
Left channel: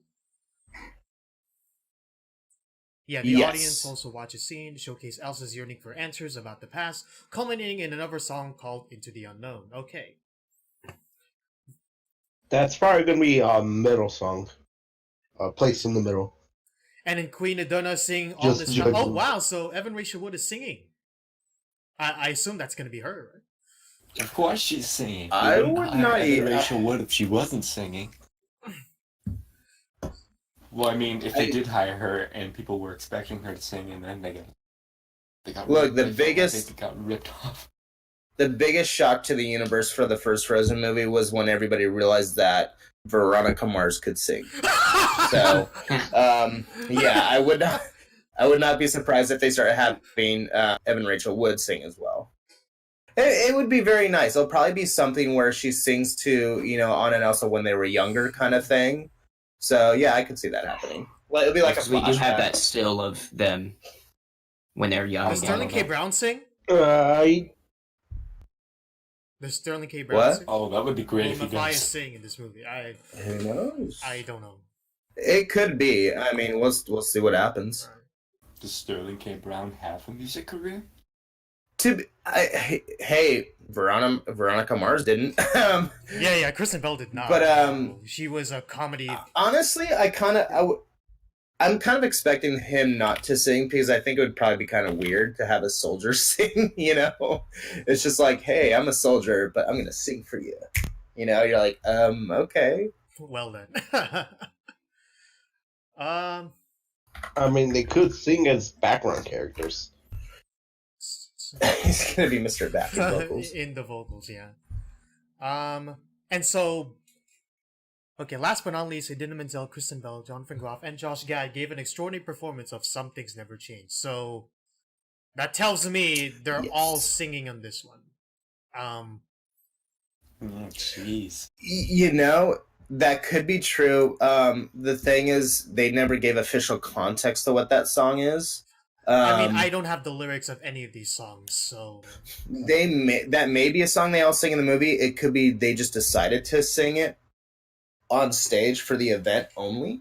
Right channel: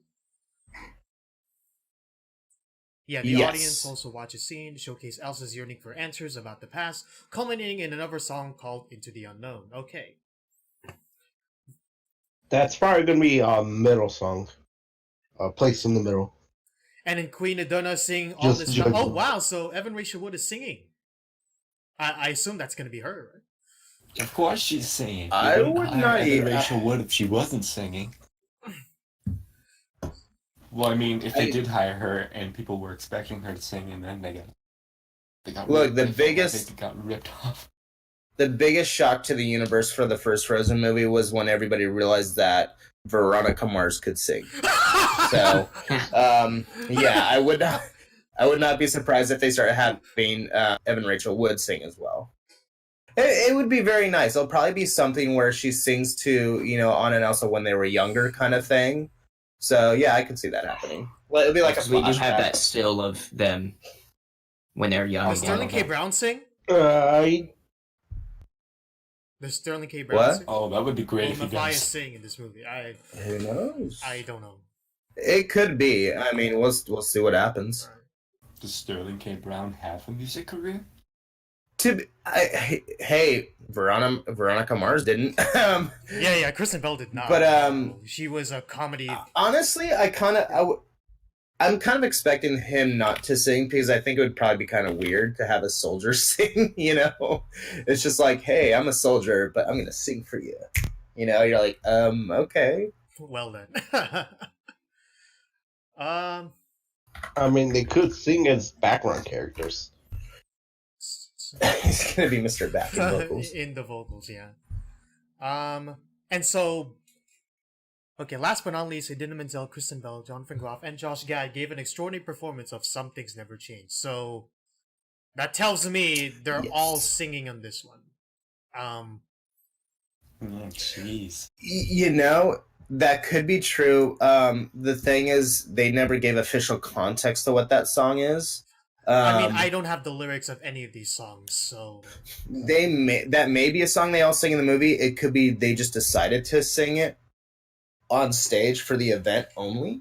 Yeah, the Yes. audience also watches scene to showcase Elsa's yearning for answers about the past, culminating in another song called Into the Unknown. Okay. that's probably gonna be a middle song, placed in the middle. And then Queen Adonna sing All Just This judging. Oh, wow, so Evan Rachel Wood is singing. I assume that's going to be her, right? Of course she's singing. I You wouldn't would hire not Evan eat- Rachel Wood if she wasn't singing. Well, I mean, if they did hire her and people were expecting her to sing, and then they got Look, the ripped- biggest- they got ripped off. The biggest shock to the universe for the first Frozen movie was when everybody realized that Veronica Mars could sing. So, yeah, I would not be surprised if they started having Evan Rachel Wood sing as well. It would be very nice. It'll probably be something where she sings to, Anna and Elsa when they were younger kind of thing. So, yeah, I could see that happening. Well, it'll be like a Because we do have flashback. that still of them when they're young. Does Sterling K. Brown sing? I Does Sterling K. Brown What? sing? Oh, that would be great Will if he Matthias does. sing in this movie? Who knows? I don't know. It could be. I mean, we'll see what happens. Does Sterling K. Brown have a music career? Hey, Veronica Mars didn't. Yeah, Kristen Bell did not. But, No, she was a comedy. Honestly, I'm kind of expecting him not to sing because I think it would probably be kind of weird to have a soldier sing. It's just like, hey, I'm a soldier, but I'm gonna sing for you. You're like, okay. Well then. I mean, they could sing as background characters. He's gonna be Mr. Back in vocals. In the vocals, yeah. And so, okay, last but not least, Idina Menzel, Kristen Bell, Jonathan Groff, and Josh Gad gave an extraordinary performance of Some Things Never Change. So, that tells me they're Yes. all singing on this one. Jeez. You know, that could be true. The thing is, they never gave official context to what that song is. I mean, I don't have the lyrics of any of these songs, so That may be a song they all sing in the movie. It could be they just decided to sing it on stage for the event only.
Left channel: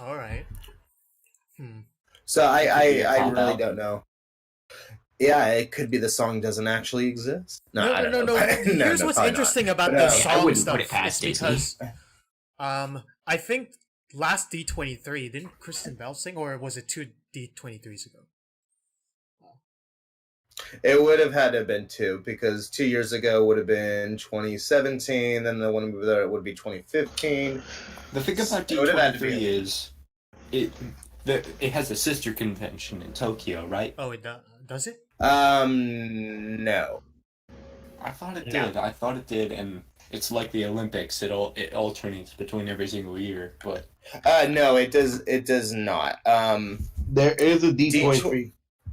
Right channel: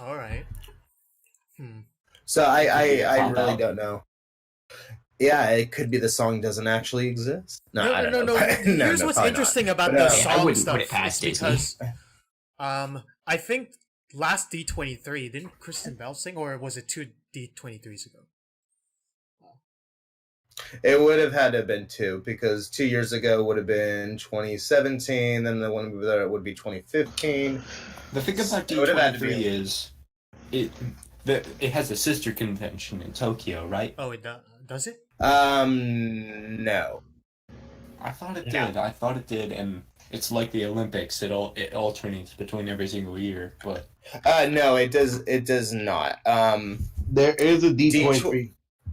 all right. So I pop really out. don't know. Yeah, it could be the song doesn't actually exist. I don't No. know. Here's what's probably interesting not. about But, the I song wouldn't stuff. put it past It's Disney. because I think last D23 didn't Kristen Bell sing, or was it two D23s ago? It would have had to have been 2 because 2 years ago would have been 2017. Then the one that would be 2015. The thing about It would have had to D23 be. is it has a sister convention in Tokyo, right? Oh, does it? No. I thought it No. did. I thought it did, and it's like the Olympics. It alternates between every single year, but No, it does. It does not. There is a D23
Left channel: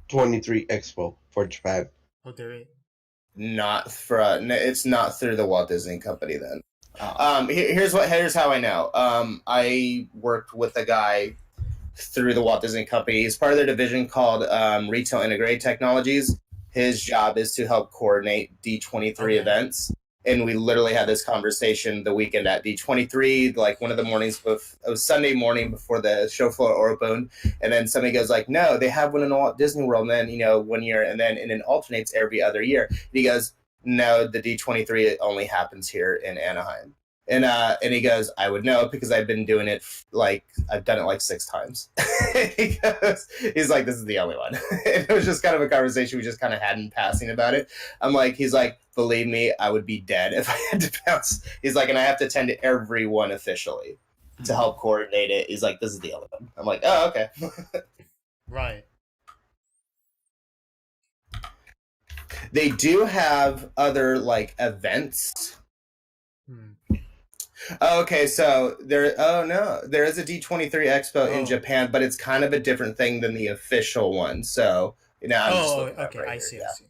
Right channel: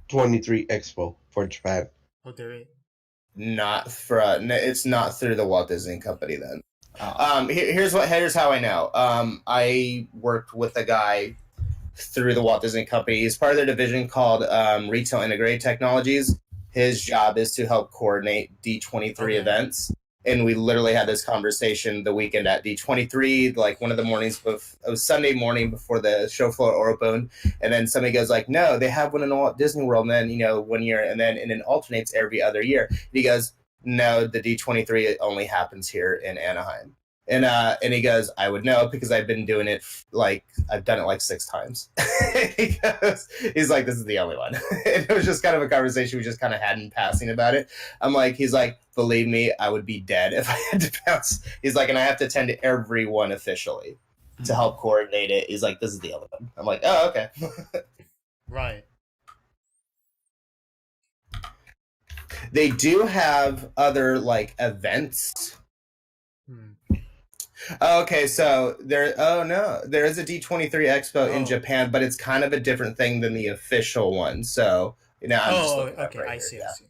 D23 Expo for Japan. Oh, there is. not for. No, it's not through the Walt Disney Company then. uh, Here's how I know. I worked with a guy through the Walt Disney Company. He's part of their division called Retail Integrated Technologies. His job is to help coordinate D23 Okay. events. And we literally had this conversation the weekend at D23, like one of the mornings, it was Sunday morning before the show floor opened. And then somebody goes like, no, they have one in Walt Disney World. And then, 1 year, and it alternates every other year. And he goes, no, the D23 it only happens here in Anaheim. And he goes, I would know because I've been doing it I've done it like 6 times. He's like, this is the only one. And it was just kind of a conversation we just kind of had in passing about it. He's like, believe me, I would be dead if I had to bounce. He's like, and I have to attend to every one officially to help coordinate it. He's like, this is the only one. I'm like, oh, okay. Right. They do have other like events. Okay, so there is a D23 Expo in Oh. Japan, but it's kind of a different thing than the official one. So I'm just looking at it Okay. right I here, see. yeah. I see.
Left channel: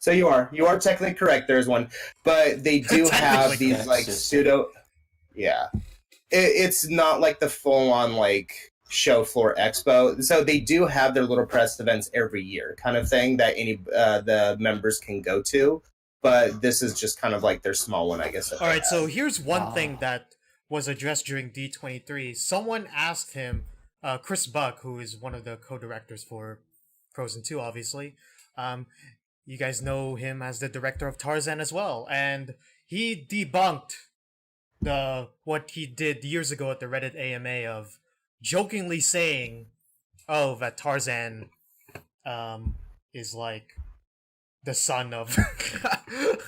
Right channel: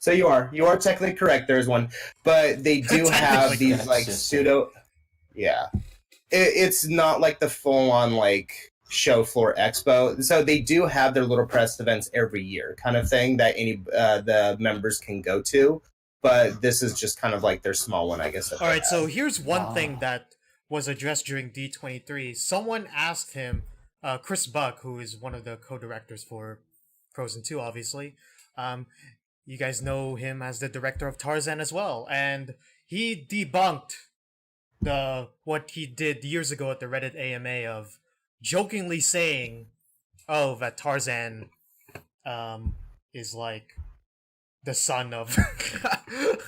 So you are technically correct. There's one, but they do have Technically these correct. like pseudo. Yeah, it's not like the full on like show floor expo. So they do have their little press events every year, kind of thing that any the members can go to. But this is just kind of like their small one, I guess. All right. So here's one Ah. thing that was addressed during D23. Someone asked him, Chris Buck, who is one of the co-directors for Frozen 2, obviously. You guys know him as the director of Tarzan as well, and he debunked what he did years ago at the Reddit AMA of jokingly saying, "Oh, that Tarzan is like the son of."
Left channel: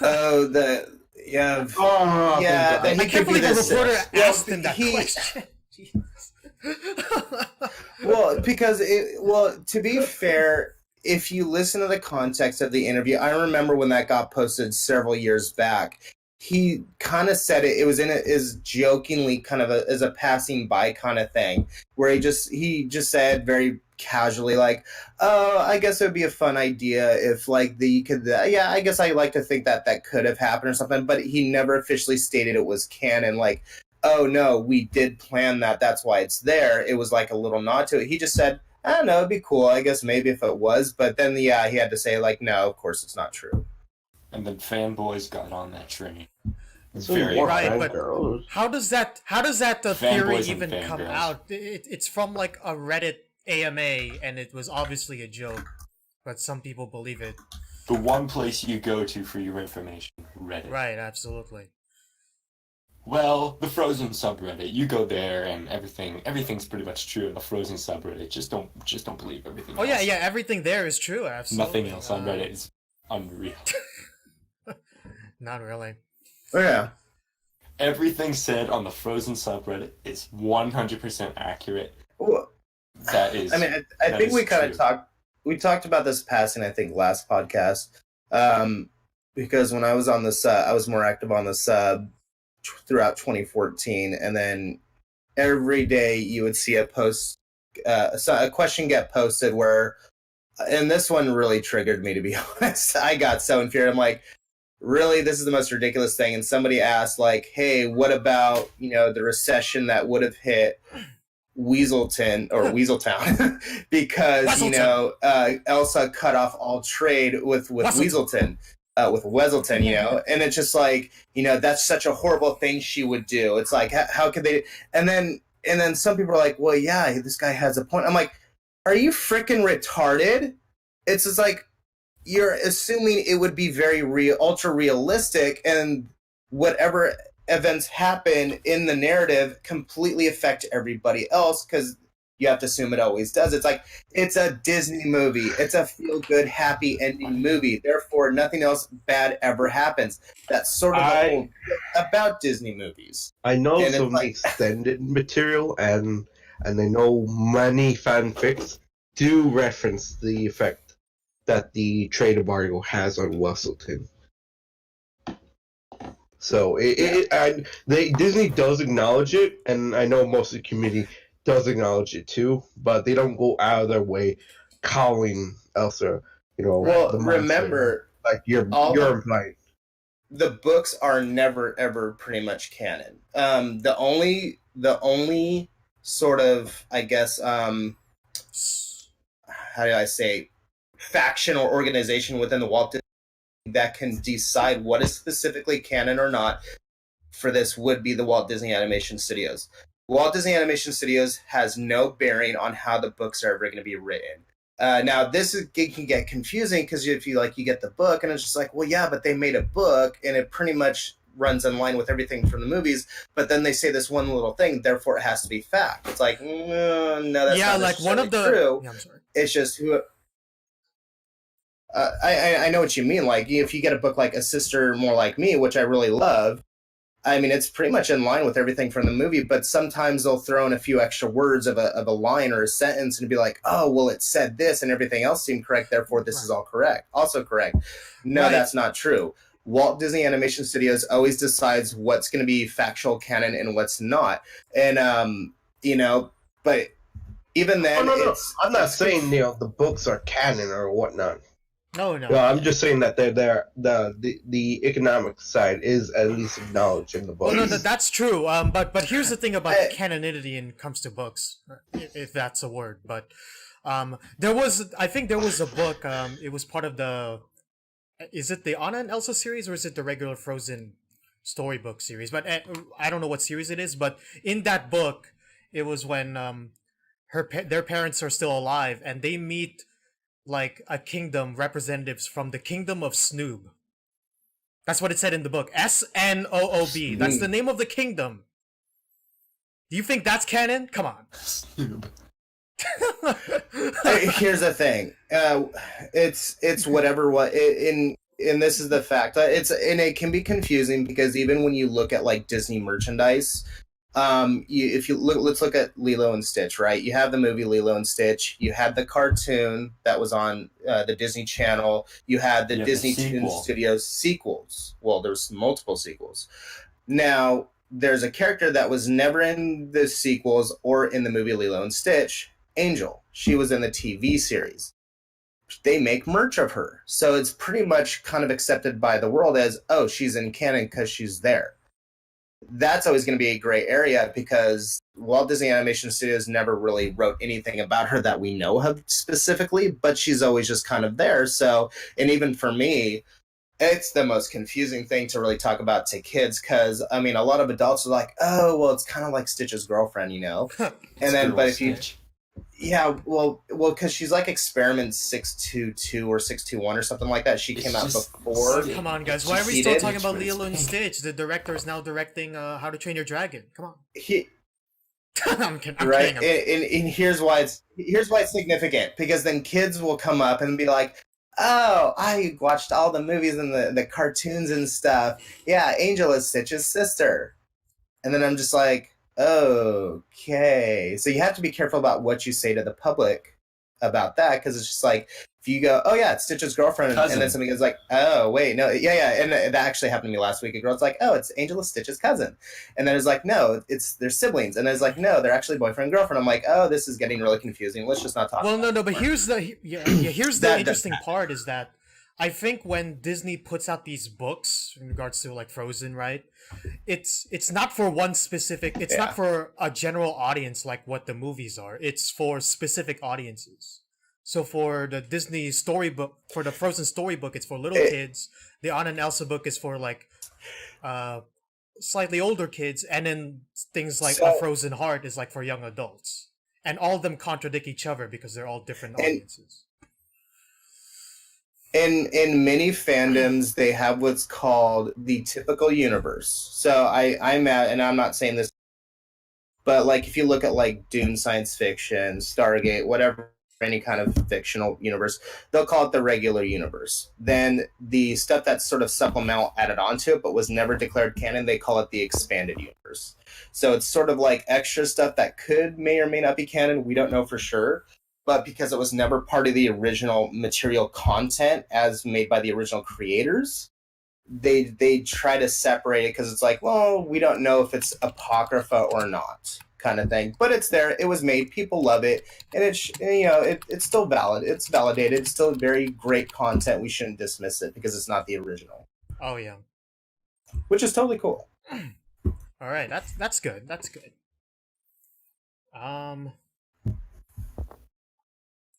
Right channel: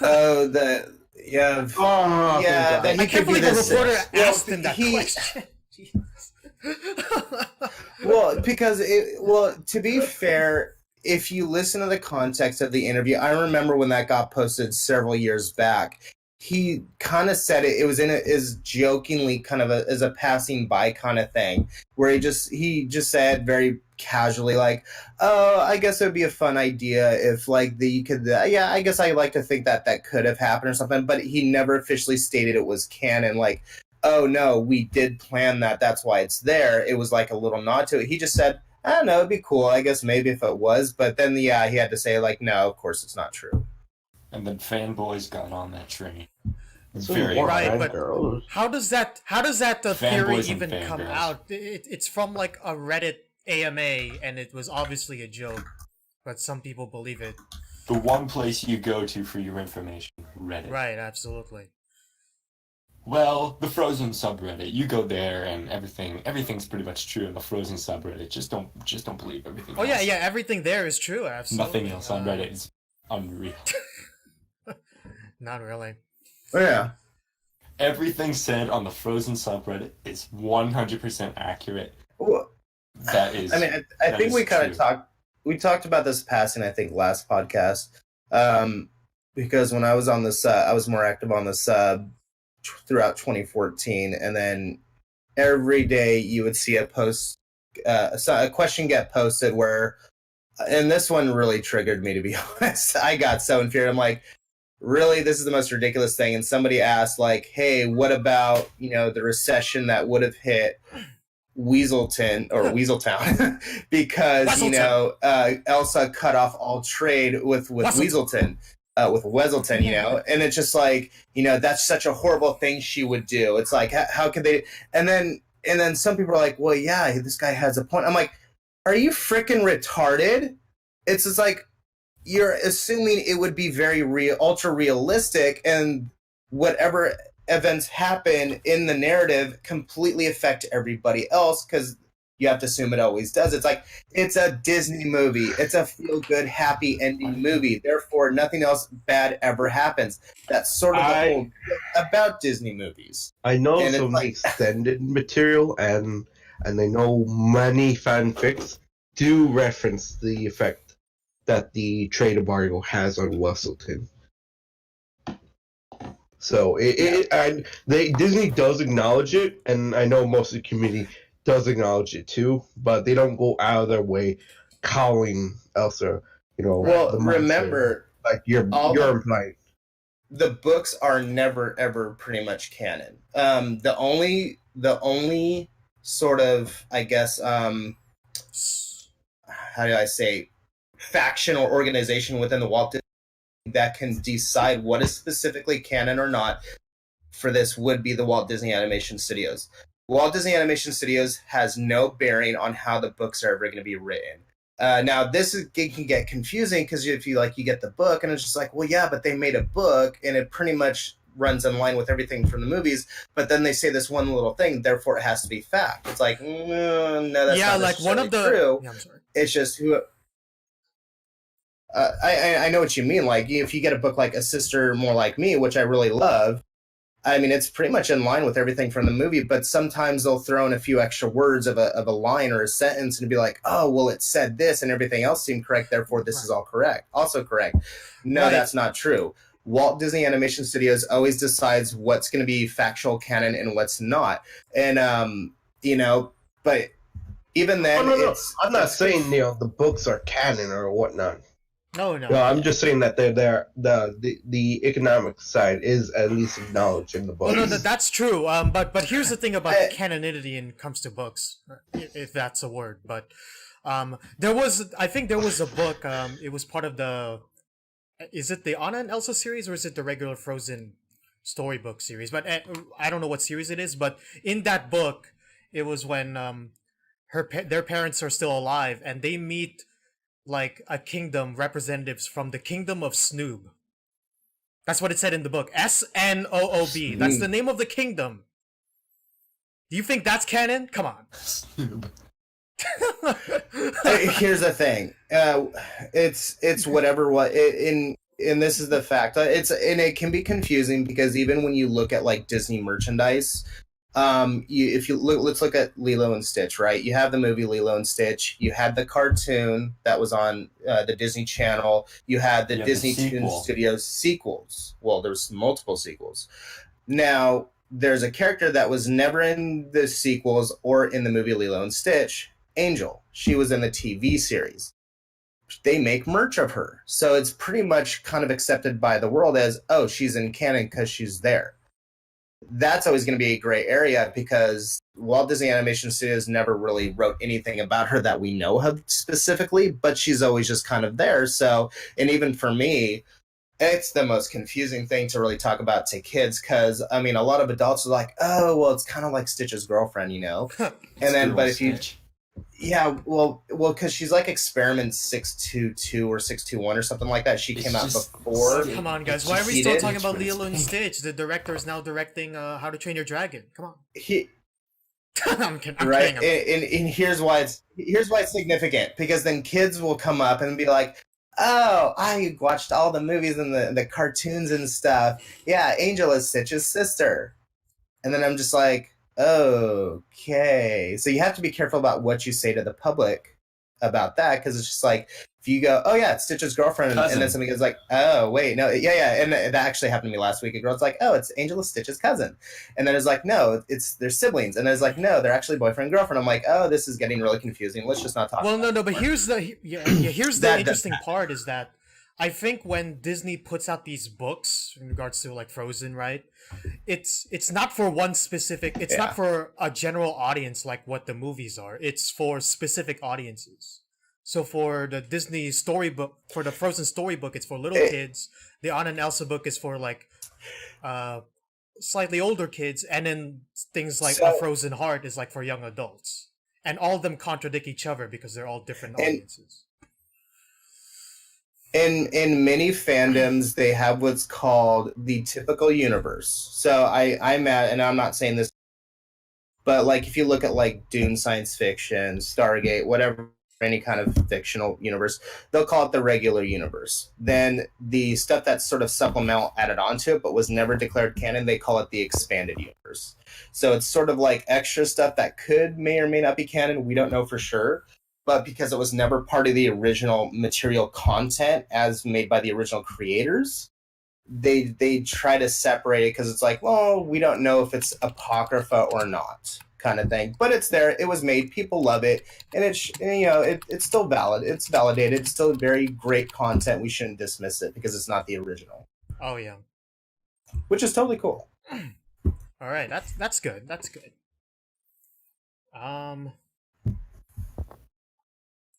Oh, that I can't believe a reporter asked him that question. Well, because to be fair, if you listen to the context of the interview, I remember when that got posted several years back. He kind of said it was is jokingly kind of as a passing by kind of thing, where he just said very casually like, oh, I guess it would be a fun idea if like you could I guess I like to think that could have happened or something, but he never officially stated it was canon like, oh no, we did plan that, that's why it's there. It was like a little nod to it. He just said, I don't know, it'd be cool, I guess maybe if it was, but then he had to say like, no, of course it's not true. and then fanboys got on that train. So Very what, Right, guys, but girls? how does that the theory Fanboys and even come fangirls. out? It's from like a Reddit AMA, and it was obviously a joke, but some people believe it. The one place you go to for your information, Reddit. Right, absolutely. Well, the Frozen subreddit, you go there and everything's pretty much true in the Frozen subreddit. Just don't believe everything. Oh yeah, else. yeah, everything there is true. Absolutely. Nothing else on Reddit is unreal. Not really. Oh, yeah. Everything said on the Frozen subreddit is 100% accurate. Well, That is. I mean, I that think is we kind true. of talked about this passing, I think, last podcast. Because when I was on this, I was more active on the sub throughout 2014, and then every day you would see a post, a question get posted where, and this one really triggered me, to be honest. I got so infuriated. I'm like, really, this is the most ridiculous thing. And somebody asked, like, hey, what about, the recession that would have hit Weaselton or Weaseltown because, Elsa cut off all trade with Weaselton. With Weselton, and it's just like, that's such a horrible thing she would do. It's like, how could they? And then some people are like, well, yeah, this guy has a point. I'm like, are you freaking retarded? It's just like, you're assuming it would be very ultra realistic, and whatever events happen in the narrative completely affect everybody else because you have to assume it always does. It's like, it's a Disney movie. It's a feel-good, happy ending movie. Therefore, nothing else bad ever happens. That's sort of the whole about Disney movies. I know some extended material, and I know many fanfics do reference the effect that the trade embargo has on Weselton. So Disney does acknowledge it, and I know most of the community does acknowledge it too, but they don't go out of their way calling Elsa, Well, remember, like you're implying. The books are never ever pretty much canon. The only sort of, I guess, how do I say, faction or organization within the Walt Disney that can decide what is specifically canon or not for this would be the Walt Disney Animation Studios. Walt Disney Animation Studios has no bearing on how the books are ever going to be written. Now, can get confusing because if you get the book and it's just like, well, yeah, but they made a book and it pretty much runs in line with everything from the movies. But then they say this one little thing, therefore it has to be fact. It's like, no, that's not like one of the true. Yeah, I'm sorry. It's just who. I know what you mean. Like, if you get a book like A Sister More Like Me, which I really love, I mean, it's pretty much in line with everything from the movie, but sometimes they'll throw in a few extra words of a line or a sentence and be like, oh, well, it said this and everything else seemed correct, therefore this is all correct. Also correct. No, that's not true. Walt Disney Animation Studios always decides what's going to be factual canon and what's not. And, but even then... No. I'm not saying, the books are canon or whatnot. No. I'm just saying that the economic side is at least acknowledged in the book. Well, no, that's true. But here's the thing about canonity when it comes to books, if that's a word. But I think there was a book. It was part of is it the Anna and Elsa series or is it the regular Frozen storybook series? But I don't know what series it is. But in that book, it was when their parents are still alive and they meet like a kingdom, representatives from the kingdom of Snoob. That's what it said in the book. Snoob. That's the name of the kingdom. Do you think that's canon? Come on. Snoob. Here's the thing. It's whatever and this is the fact. It can be confusing because even when you look at like Disney merchandise, let's look at Lilo and Stitch, right? You have the movie Lilo and Stitch. You had the cartoon that was on the Disney Channel. You had the Disney Toon Studios sequels. Well, there's multiple sequels. Now, there's a character that was never in the sequels or in the movie Lilo and Stitch, Angel. She was in the TV series. They make merch of her. So it's pretty much kind of accepted by the world as, oh, she's in canon because she's there. That's always going to be a gray area because Walt Disney Animation Studios never really wrote anything about her that we know of specifically, but she's always just kind of there. So, and even for me, it's the most confusing thing to really talk about to kids because, I mean, a lot of adults are like, oh, well, it's kind of like Stitch's girlfriend, And then, but if you... Yeah, well, because she's like Experiment 622 or 621 or something like that. She came out before. Come on, guys. Why are we still talking about Lilo and Stitch? The director is now directing How to Train Your Dragon. Come on. I'm kidding. And here's why it's significant. Because then kids will come up and be like, oh, I watched all the movies and the cartoons and stuff. Yeah, Angel is Stitch's sister. And then I'm just like... Okay, so you have to be careful about what you say to the public about that because it's just like if you go, oh yeah, it's Stitch's girlfriend, and then somebody goes like, oh wait, no, yeah, and that actually happened to me last week. A girl's like, oh, it's Angela Stitch's cousin, and then it's like, no, they're siblings, and it's like, no, they're actually boyfriend and girlfriend. I'm like, oh, this is getting really confusing. Let's just not talk. Well, no, but here's the here's the interesting part is that I think when Disney puts out these books in regards to like Frozen, right? It's not for one specific. It's not for a general audience like what the movies are. It's for specific audiences. So for the Disney storybook, for the Frozen storybook, it's for little kids. The Anna and Elsa book is for like slightly older kids, and then things like A Frozen Heart is like for young adults. And all of them contradict each other because they're all different audiences. In many fandoms, they have what's called the typical universe. So I'm at, and I'm not saying this, but like if you look at like Dune science fiction, Stargate, whatever, any kind of fictional universe, they'll call it the regular universe. Then the stuff that's sort of supplemental added onto it, but was never declared canon, they call it the expanded universe. So it's sort of like extra stuff that may or may not be canon. We don't know for sure. But because it was never part of the original material content as made by the original creators, they try to separate it because it's like, well, we don't know if it's apocrypha or not, kind of thing. But it's there. It was made. People love it, and it's still valid. It's validated. It's still very great content. We shouldn't dismiss it because it's not the original. Oh yeah, which is totally cool. All right, that's good. That's good.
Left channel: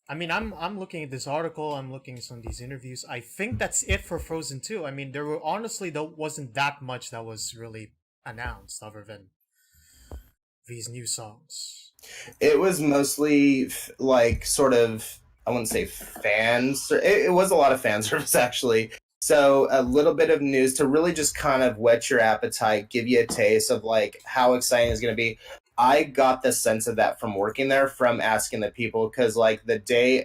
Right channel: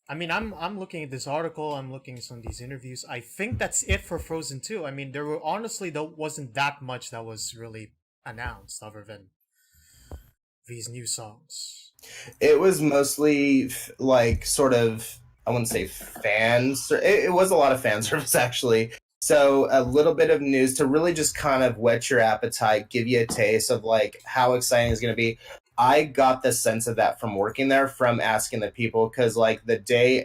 I mean, I'm looking at this article. I'm looking at some of these interviews. I think that's it for Frozen 2. I mean, there wasn't that much that was really announced other than these new songs. It was mostly like sort of, I wouldn't say fans. It was a lot of fan service actually. So a little bit of news to really just kind of whet your appetite, give you a taste of like how exciting it's going to be. I got the sense of that from working there, from asking the people, because like the day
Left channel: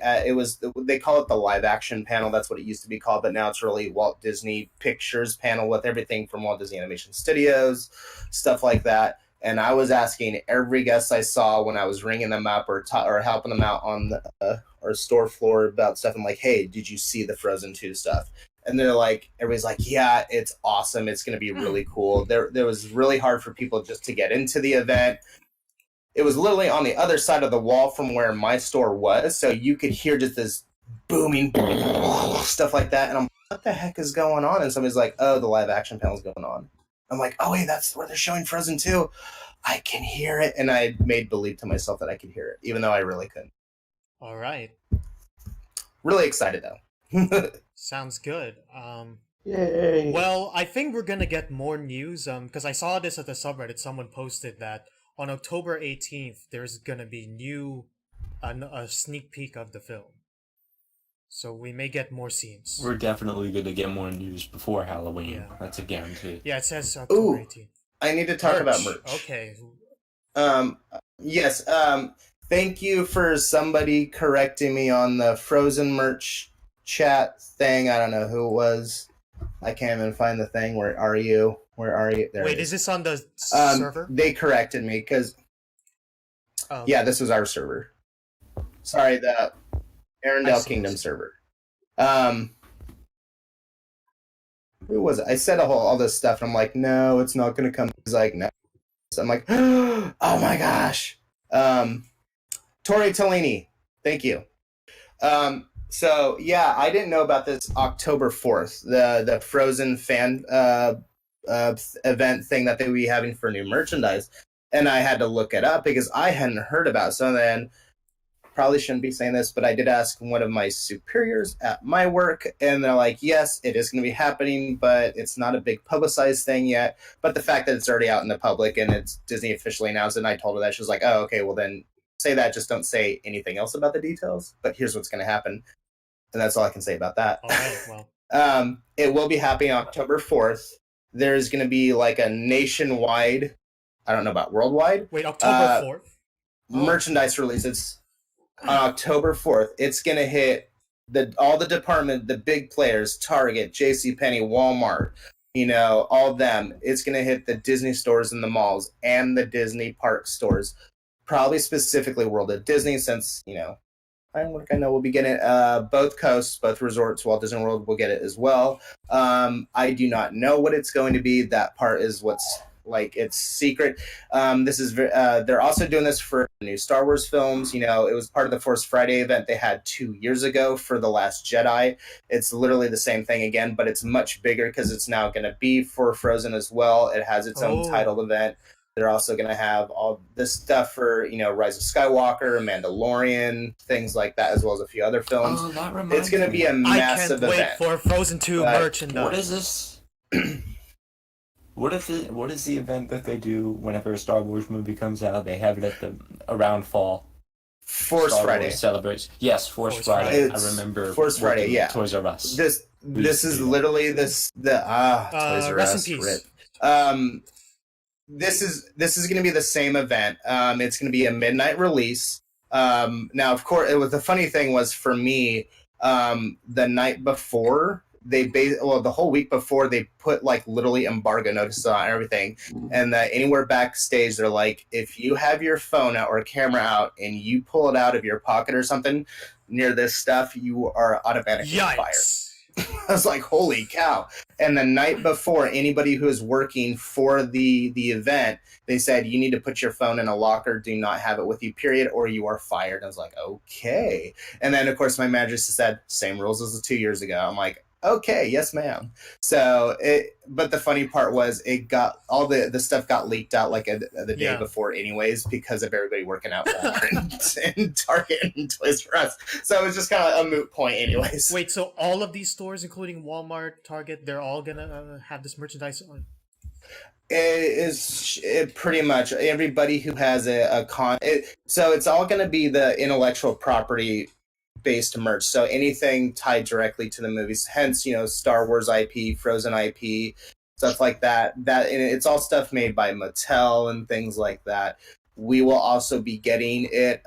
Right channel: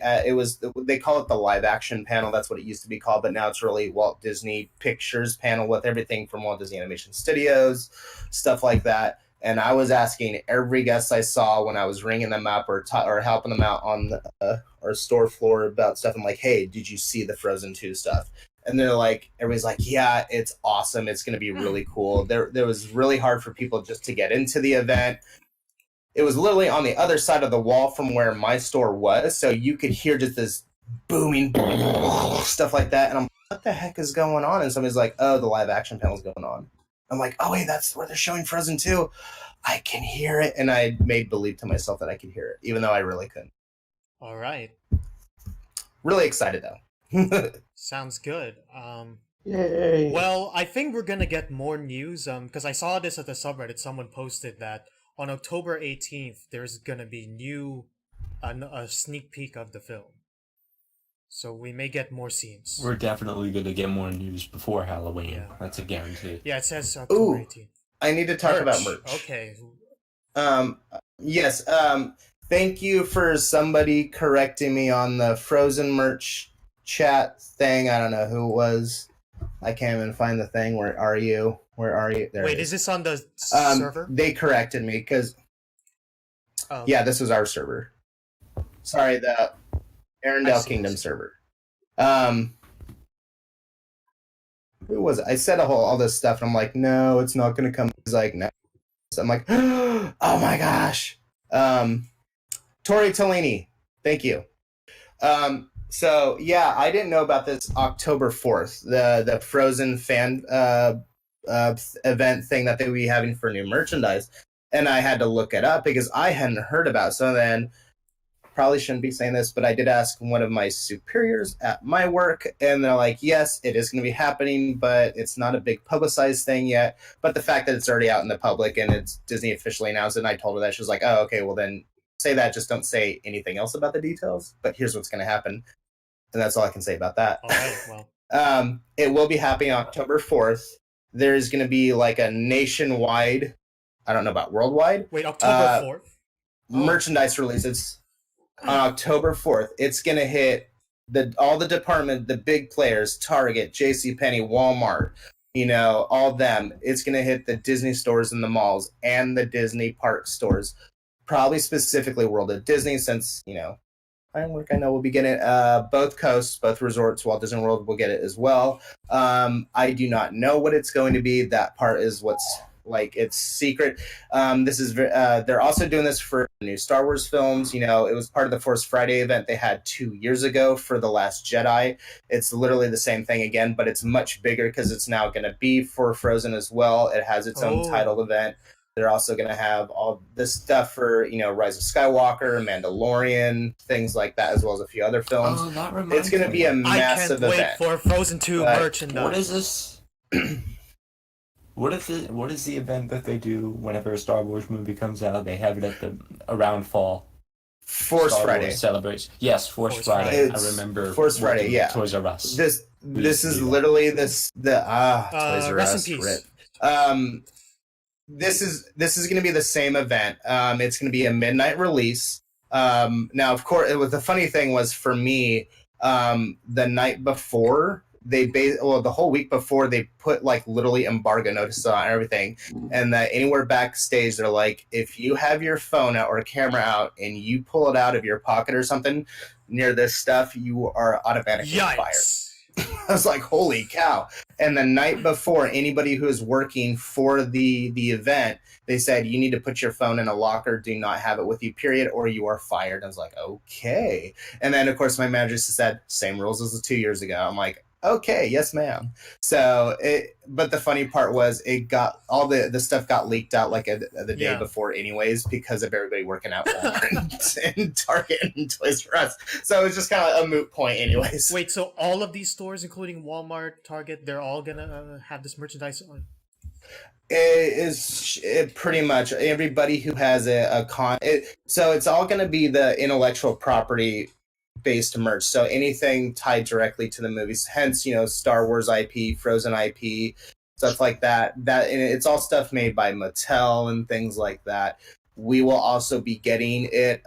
they call it the live action panel. That's what it used to be called, but now it's really Walt Disney Pictures panel with everything from Walt Disney Animation Studios, stuff like that. And I was asking every guest I saw when I was ringing them up or helping them out on our store floor about stuff. I'm like, hey, did you see the Frozen 2 stuff? And they're like, everybody's like, yeah, it's awesome. It's going to be really cool. There was really hard for people just to get into the event. It was literally on the other side of the wall from where my store was. So you could hear just this booming stuff like that. And I'm like, what the heck is going on? And somebody's like, oh, the live action panel's going on. I'm like, oh, wait, that's where they're showing Frozen 2. I can hear it. And I made believe to myself that I could hear it, even though I really couldn't. All right. Really excited, though. Sounds good. Yay. Well, I think we're gonna get more news. Because I saw this at the subreddit. Someone posted that on October 18th, there's gonna be a sneak peek of the film. So we may get more scenes. We're definitely gonna get more news before Halloween. Yeah. That's a guarantee. Yeah, it says October 18th. I need to talk about merch. Okay. Yes. Thank you for somebody correcting me on the Frozen merch chat thing. I don't know who it was. I can't even find the thing. Where are you? There. Wait, is this on the server? They corrected me because yeah, this was our server. Sorry, the Arendelle Kingdom server. Who was it? I said all this stuff, and I'm like, no, it's not going to come. He's like, no. So I'm like, oh my gosh. Tori Tolini, thank you. So yeah, I didn't know about this October 4th, the Frozen fan event thing that they would be having for new merchandise, and I had to look it up because I hadn't heard about it. So then, probably shouldn't be saying this, but I did ask one of my superiors at my work, and they're like, yes, it is going to be happening, but it's not a big publicized thing yet. But the fact that it's already out in the public and it's Disney officially announced it, and I told her that, she was like, oh, okay, well then say that, just don't say anything else about the details, but here's what's going to happen. And that's all I can say about that. All right, well. It will be happening October 4th. There's going to be like a nationwide, I don't know about worldwide. Wait, October 4th? Merchandise release. It's on October 4th. It's going to hit all the department, the big players, Target, JCPenney, Walmart, all them. It's going to hit the Disney stores in the malls and the Disney park stores. Probably specifically World of Disney, since, I know we'll be getting it. Both coasts, both resorts, Walt Disney World will get it as well. I do not know what it's going to be. That part is what's Like, it's secret. They're also doing this for new Star Wars films. You know, it was part of the Force Friday event they had 2 years ago for The Last Jedi. It's literally the same thing again, but it's much bigger because it's now going to be for Frozen as well. It has its own titled event. They're also going to have all this stuff for, you know, Rise of Skywalker, Mandalorian, things like that, as well as a few other films. Oh, that reminds It's going to me. be a massive I can't wait event. for Frozen 2 merchandise. What is this? What is the event that they do whenever a Star Wars movie comes out? They have it at around fall. Force Star Friday. Wars celebration. Yes, Force Force Friday. Friday. I remember. Force Friday, working yeah. Toys R Us. This is literally Toys R Rest Us, in peace. rip. This is going to be the same event. It's going to be a midnight release. Now, of course, the funny thing was for me, the night before the whole week before, they put like literally embargo notices on everything, and that anywhere backstage they're like, if you have your phone out or a camera out and you pull it out of your pocket or something near this stuff, you are automatically fired. Yikes. I was like, holy cow. And the night before, anybody who is working for the event, they said, you need to put your phone in a locker, do not have it with you, period, or you are fired. I was like, okay. And then, of course, my manager said, same rules as 2 years ago. I'm like, okay, yes, ma'am. But the funny part was it got all the stuff got leaked out like the day before anyways, because of everybody working out and Target and Toys R Us. So it was just kind of a moot point anyways. Wait, so all of these stores, including Walmart, Target, they're all gonna have this merchandise on? It pretty much everybody who has so it's all going to be the intellectual property based merch, so anything tied directly to the movies, hence, you know, Star Wars IP, Frozen IP, stuff like that, and it's all stuff made by Mattel and things like that. We will also be getting it,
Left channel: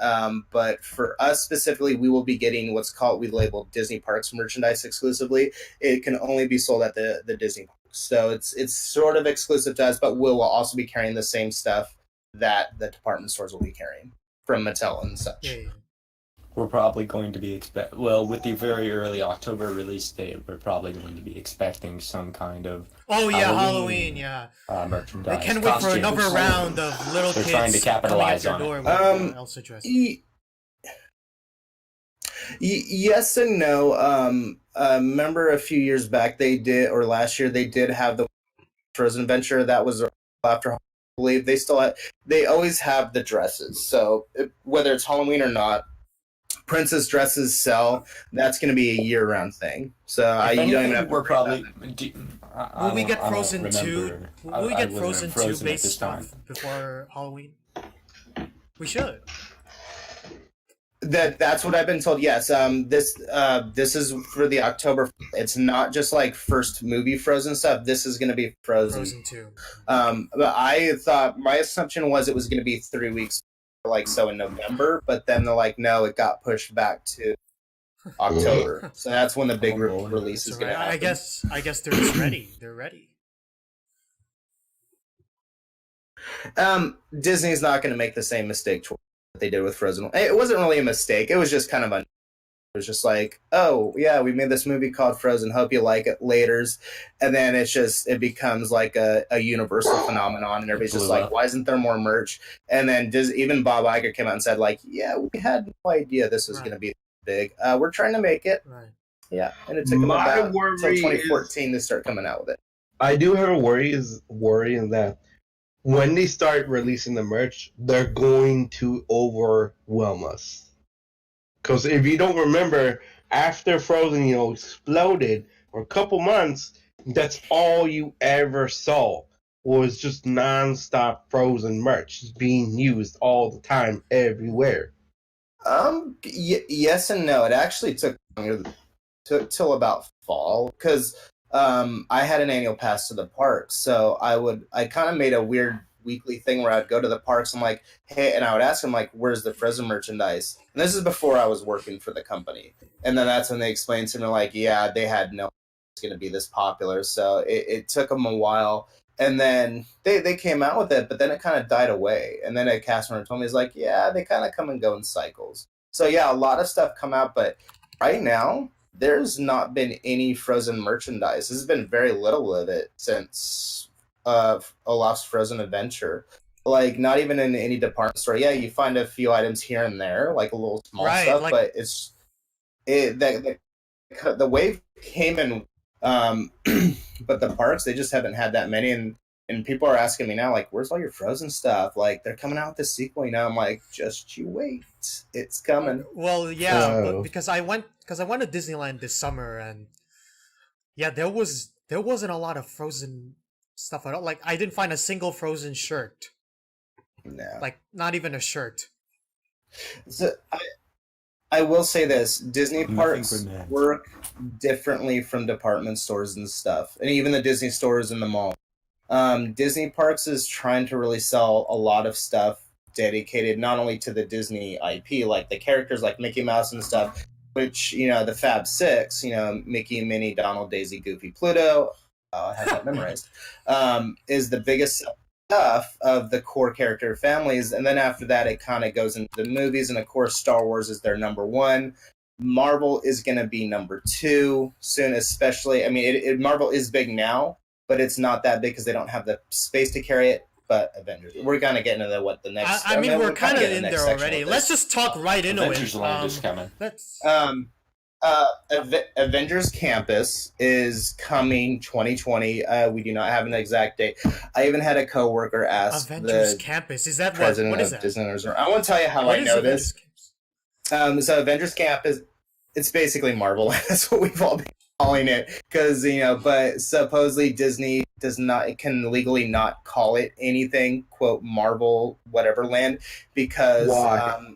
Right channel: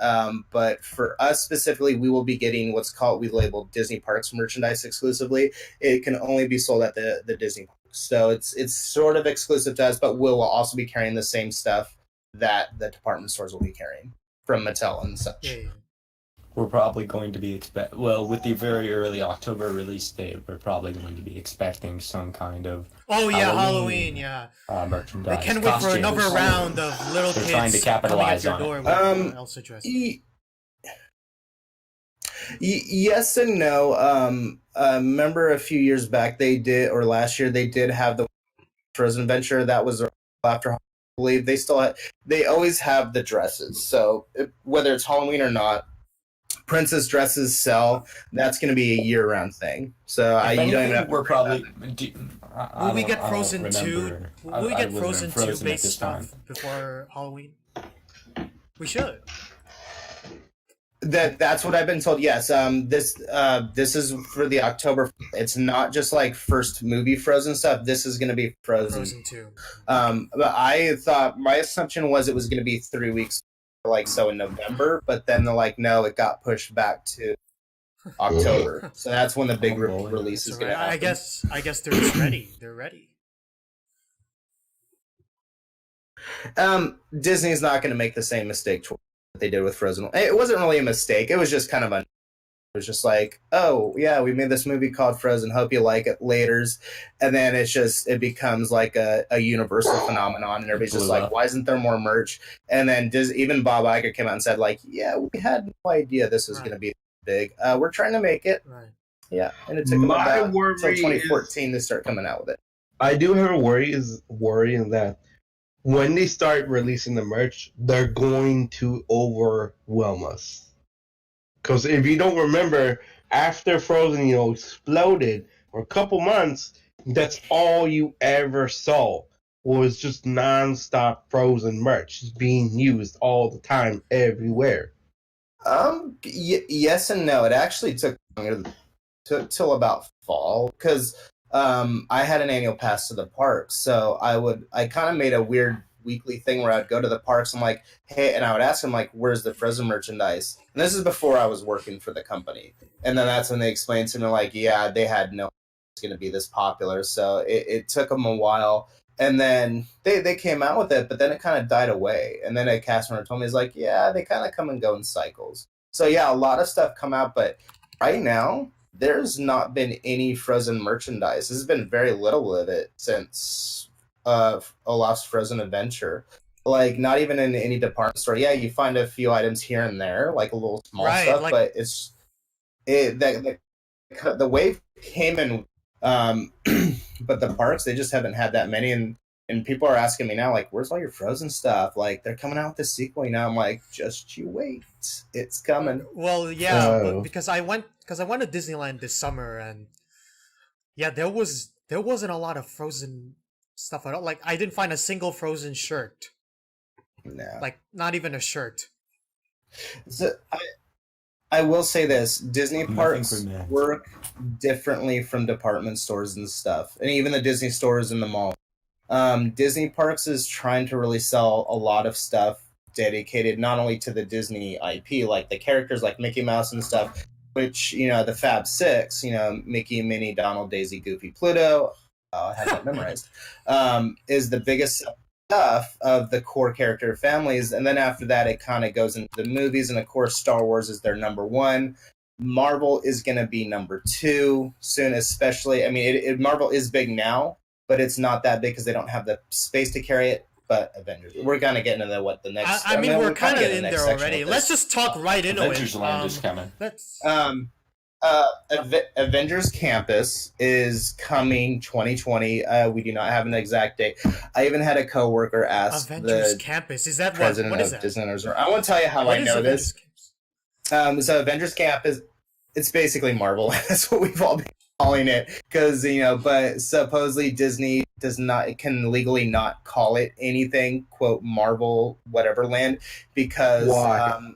but for us specifically, we will be getting we labeled Disney Parks merchandise exclusively. It can only be sold at the Disney Parks, so it's sort of exclusive to us, but we'll also be carrying the same stuff that the department stores will be carrying from Mattel and such. Yeah. We're probably going to be with the very early October release date, we're probably going to be expecting some kind of Halloween, merchandise. They can't wait for another round of little They're kids trying to capitalize coming at your on door with Elsa dress. Yes and no. Remember a few years back or last year they did have the Frozen Adventure that was after. I believe they always have the dresses. So whether it's Halloween or not, princess dresses sell. That's going to be a year-round thing. So you don't even have to. We're probably. Will we get Frozen 2? Will we get Frozen 2 based stuff before Halloween? We should. That's what I've been told. Yes. This is for the October. It's not just like first movie Frozen stuff. This is going to be Frozen 2. But I thought my assumption was it was going to be 3 weeks. In November, but then they're like, no, it got pushed back to October. So that's when the big release is going to happen. I guess they're just ready. They're ready. Disney's not going to make the same mistake that they did with Frozen. It wasn't really a mistake. It was just kind of it was just like, oh yeah, we made this movie called Frozen. Hope you like it. Laters, and then it becomes like a universal phenomenon, and everybody's just like, why isn't there more merch? And then even Bob Iger came out and said like, yeah, we had no idea this was going to be big. We're trying to make it. Right. Yeah, and it took them about until 2014 to start coming out with it. I do have a worry in that when they start releasing the merch, they're going to overwhelm us. Because if you don't remember, after Frozen, exploded for a couple months, that's all you ever saw was just non-stop Frozen merch being used all the time, everywhere. Yes and no. It actually took till about fall because I had an annual pass to the park, so I kind of made a weird weekly thing where I'd go to the parks. I'm like, hey, and I would ask them like, where's the Frozen merchandise? And this is before I was working for the company. And then that's when they explained to me like, yeah, they had no it's going to be this popular. So it took them a while. And then they came out with it, but then it kind of died away. And then a cast member told me, he's like, yeah, they kind of come and go in cycles. So yeah, a lot of stuff come out, but right now there's not been any Frozen merchandise. There's been very little of it since Olaf's Frozen Adventure. Like, not even in any department store. Yeah, you find a few items here and there, like a little small Right, stuff, like- but the wave came in, but the parks, they just haven't had that many, and people are asking me now, like, where's all your Frozen stuff? Like, they're coming out with the sequel, you know. I'm like, just you wait, it's coming. Well, yeah, Oh. but because I went to Disneyland this summer, and yeah, there wasn't a lot of Frozen stuff at all. Like, I didn't find a single Frozen shirt. No. Like, not even a shirt. So, I will say this: Disney Nothing parks for men. work differently from department stores and stuff, and even the Disney stores in the mall. Disney parks is trying to really sell a lot of stuff dedicated not only to the Disney IP, like the characters like Mickey Mouse and stuff, which, you know, the Fab Six, you know, Mickey, Minnie, Donald, Daisy, Goofy, Pluto, I have that memorized, is the biggest stuff of the core character families. And then after that, it kind of goes into the movies. And of course, Star Wars is their number one. Marvel is going to be number two soon, especially. I mean, Marvel is big now, but it's not that big because they don't have the space to carry it. But Avengers, we're gonna get into the next. I mean, we're kind of kinda in next there section already. of Let's this. just talk right into Avengers it. Land is coming. Let's. Avengers Campus is coming 2020. We do not have an exact date. I even had a coworker ask Avengers the Campus. Is that what? president What is of that? Disneyland Resort. I want to tell you how What I is know Avengers this. Campus? So Avengers Campus, it's basically Marvel. That's what we've all been calling it, because, you know, but supposedly Disney can legally not call it anything, quote, Marvel whatever land, because Why?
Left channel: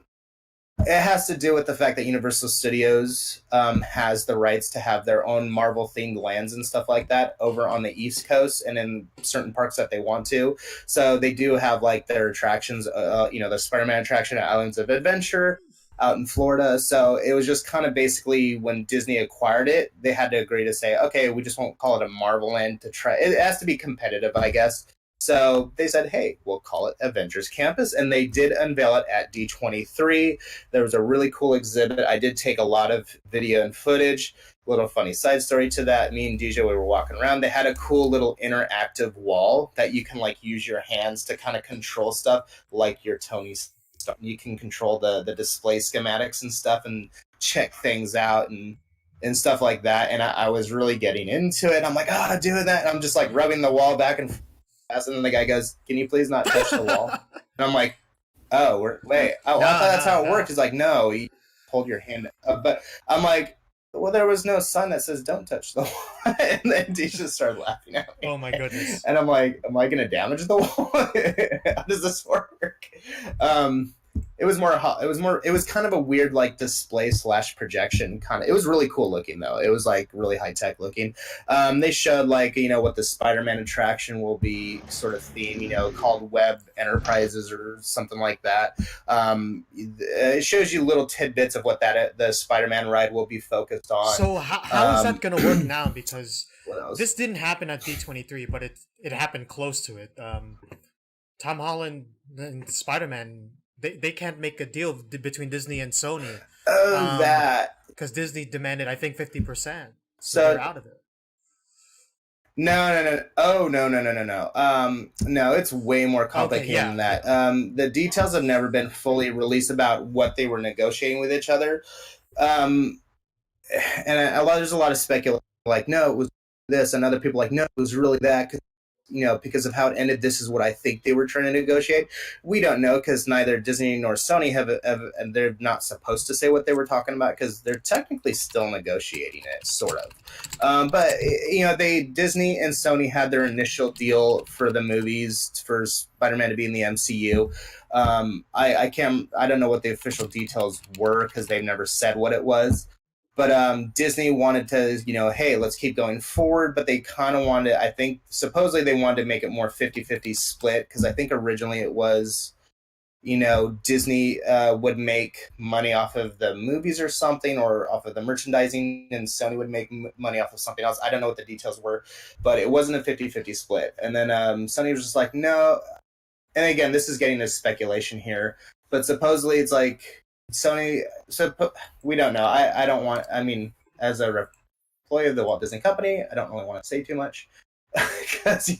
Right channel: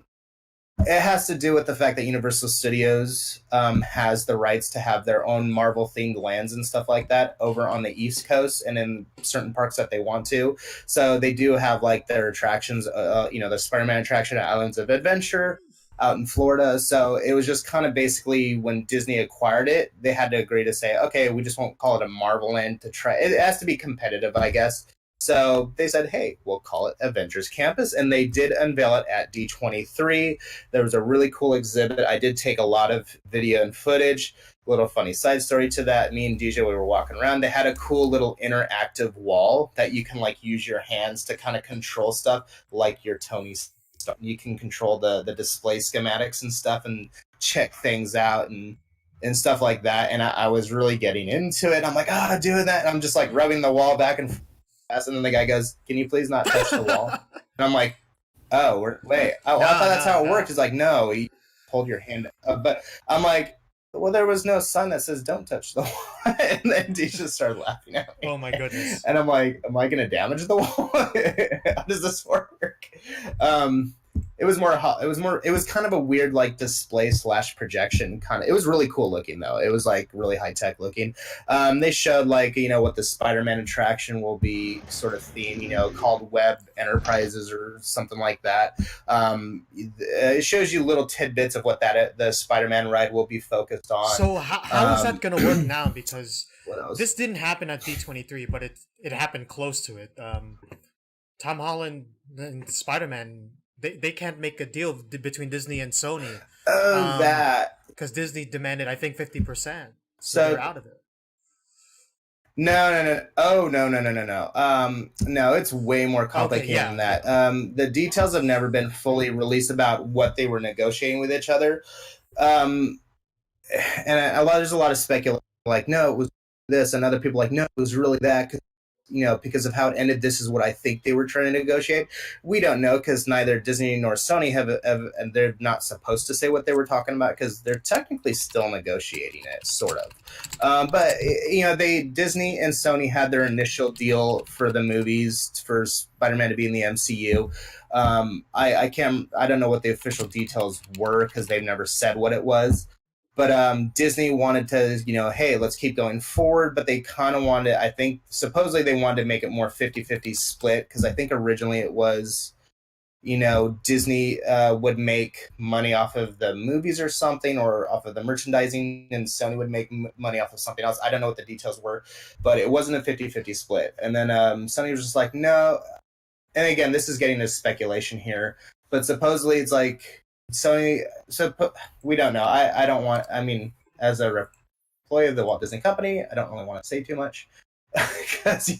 it has to do with the fact that Universal Studios has the rights to have their own Marvel themed lands and stuff like that over on the East Coast and in certain parks that they want to. So they do have like their attractions, you know, the Spider-Man attraction at Islands of Adventure out in Florida. So it was just kind of basically when Disney acquired it, they had to agree to say, okay, we just won't call it a Marvel land to try. It has to be competitive, I guess. So they said, hey, we'll call it Avengers Campus. And they did unveil it at D23. There was a really cool exhibit. I did take a lot of video and footage. Little funny side story to that. Me and DJ, we were walking around. They had a cool little interactive wall that you can like use your hands to kind of control stuff, like your Tony stuff. You can control the display schematics and stuff and check things out and stuff like that. And I was really getting into it. I'm like, oh, doing that. And I'm just like rubbing the wall back and forth. And then the guy goes, can you please not touch the wall? And I'm like, oh, wait. Oh, I thought that's how it worked. He's like, no, you hold your hand up. But I'm like, well, there was no sign that says don't touch the wall. And then he just started laughing at me. Oh my goodness. And I'm like, am I going to damage the wall? How does this work? It was kind of a weird like display / projection kind of. It was really cool looking though. It was like really high tech looking. They showed like, you know, what the Spider-Man attraction will be sort of theme, you know, called Web Enterprises or something like that. It shows you little tidbits of what the Spider-Man ride will be focused on. So how is that going to work now? Because What this didn't happen at D23, but it happened close to it. Tom Holland and Spider-Man, they can't make a deal between Disney and Sony. That. Because Disney demanded, I think, 50%. So So- they're out of it. No. Oh, no. No, it's way more complicated Okay, yeah, than that. The details have never been fully released about what they were negotiating with each other. And there's a lot of speculation. Like, no, it was this, and other people like, no, it was really that. 'Cause, you know, because of how it ended, this is what I think they were trying to negotiate. We don't know because neither Disney nor Sony have, and they're not supposed to say what they were talking about because they're technically still negotiating it, sort of. But you know, Disney and Sony had their initial deal for the movies for Spider-Man to be in the MCU. I don't know what the official details were because they've never said what it was. But Disney wanted to, you know, hey, let's keep going forward. But they kind of wanted, I think, supposedly they wanted to make it more 50-50 split because I think originally it was, you know, Disney would make money off of the movies or something or off of the merchandising and Sony would make money off of something else. I don't know what the details were, but it wasn't a 50-50 split. And then Sony was just like, no. And again, this is getting into speculation here, but supposedly it's like, Sony, we don't know. I don't want, I mean, as a employee of the Walt Disney Company, I don't really want to say too much. because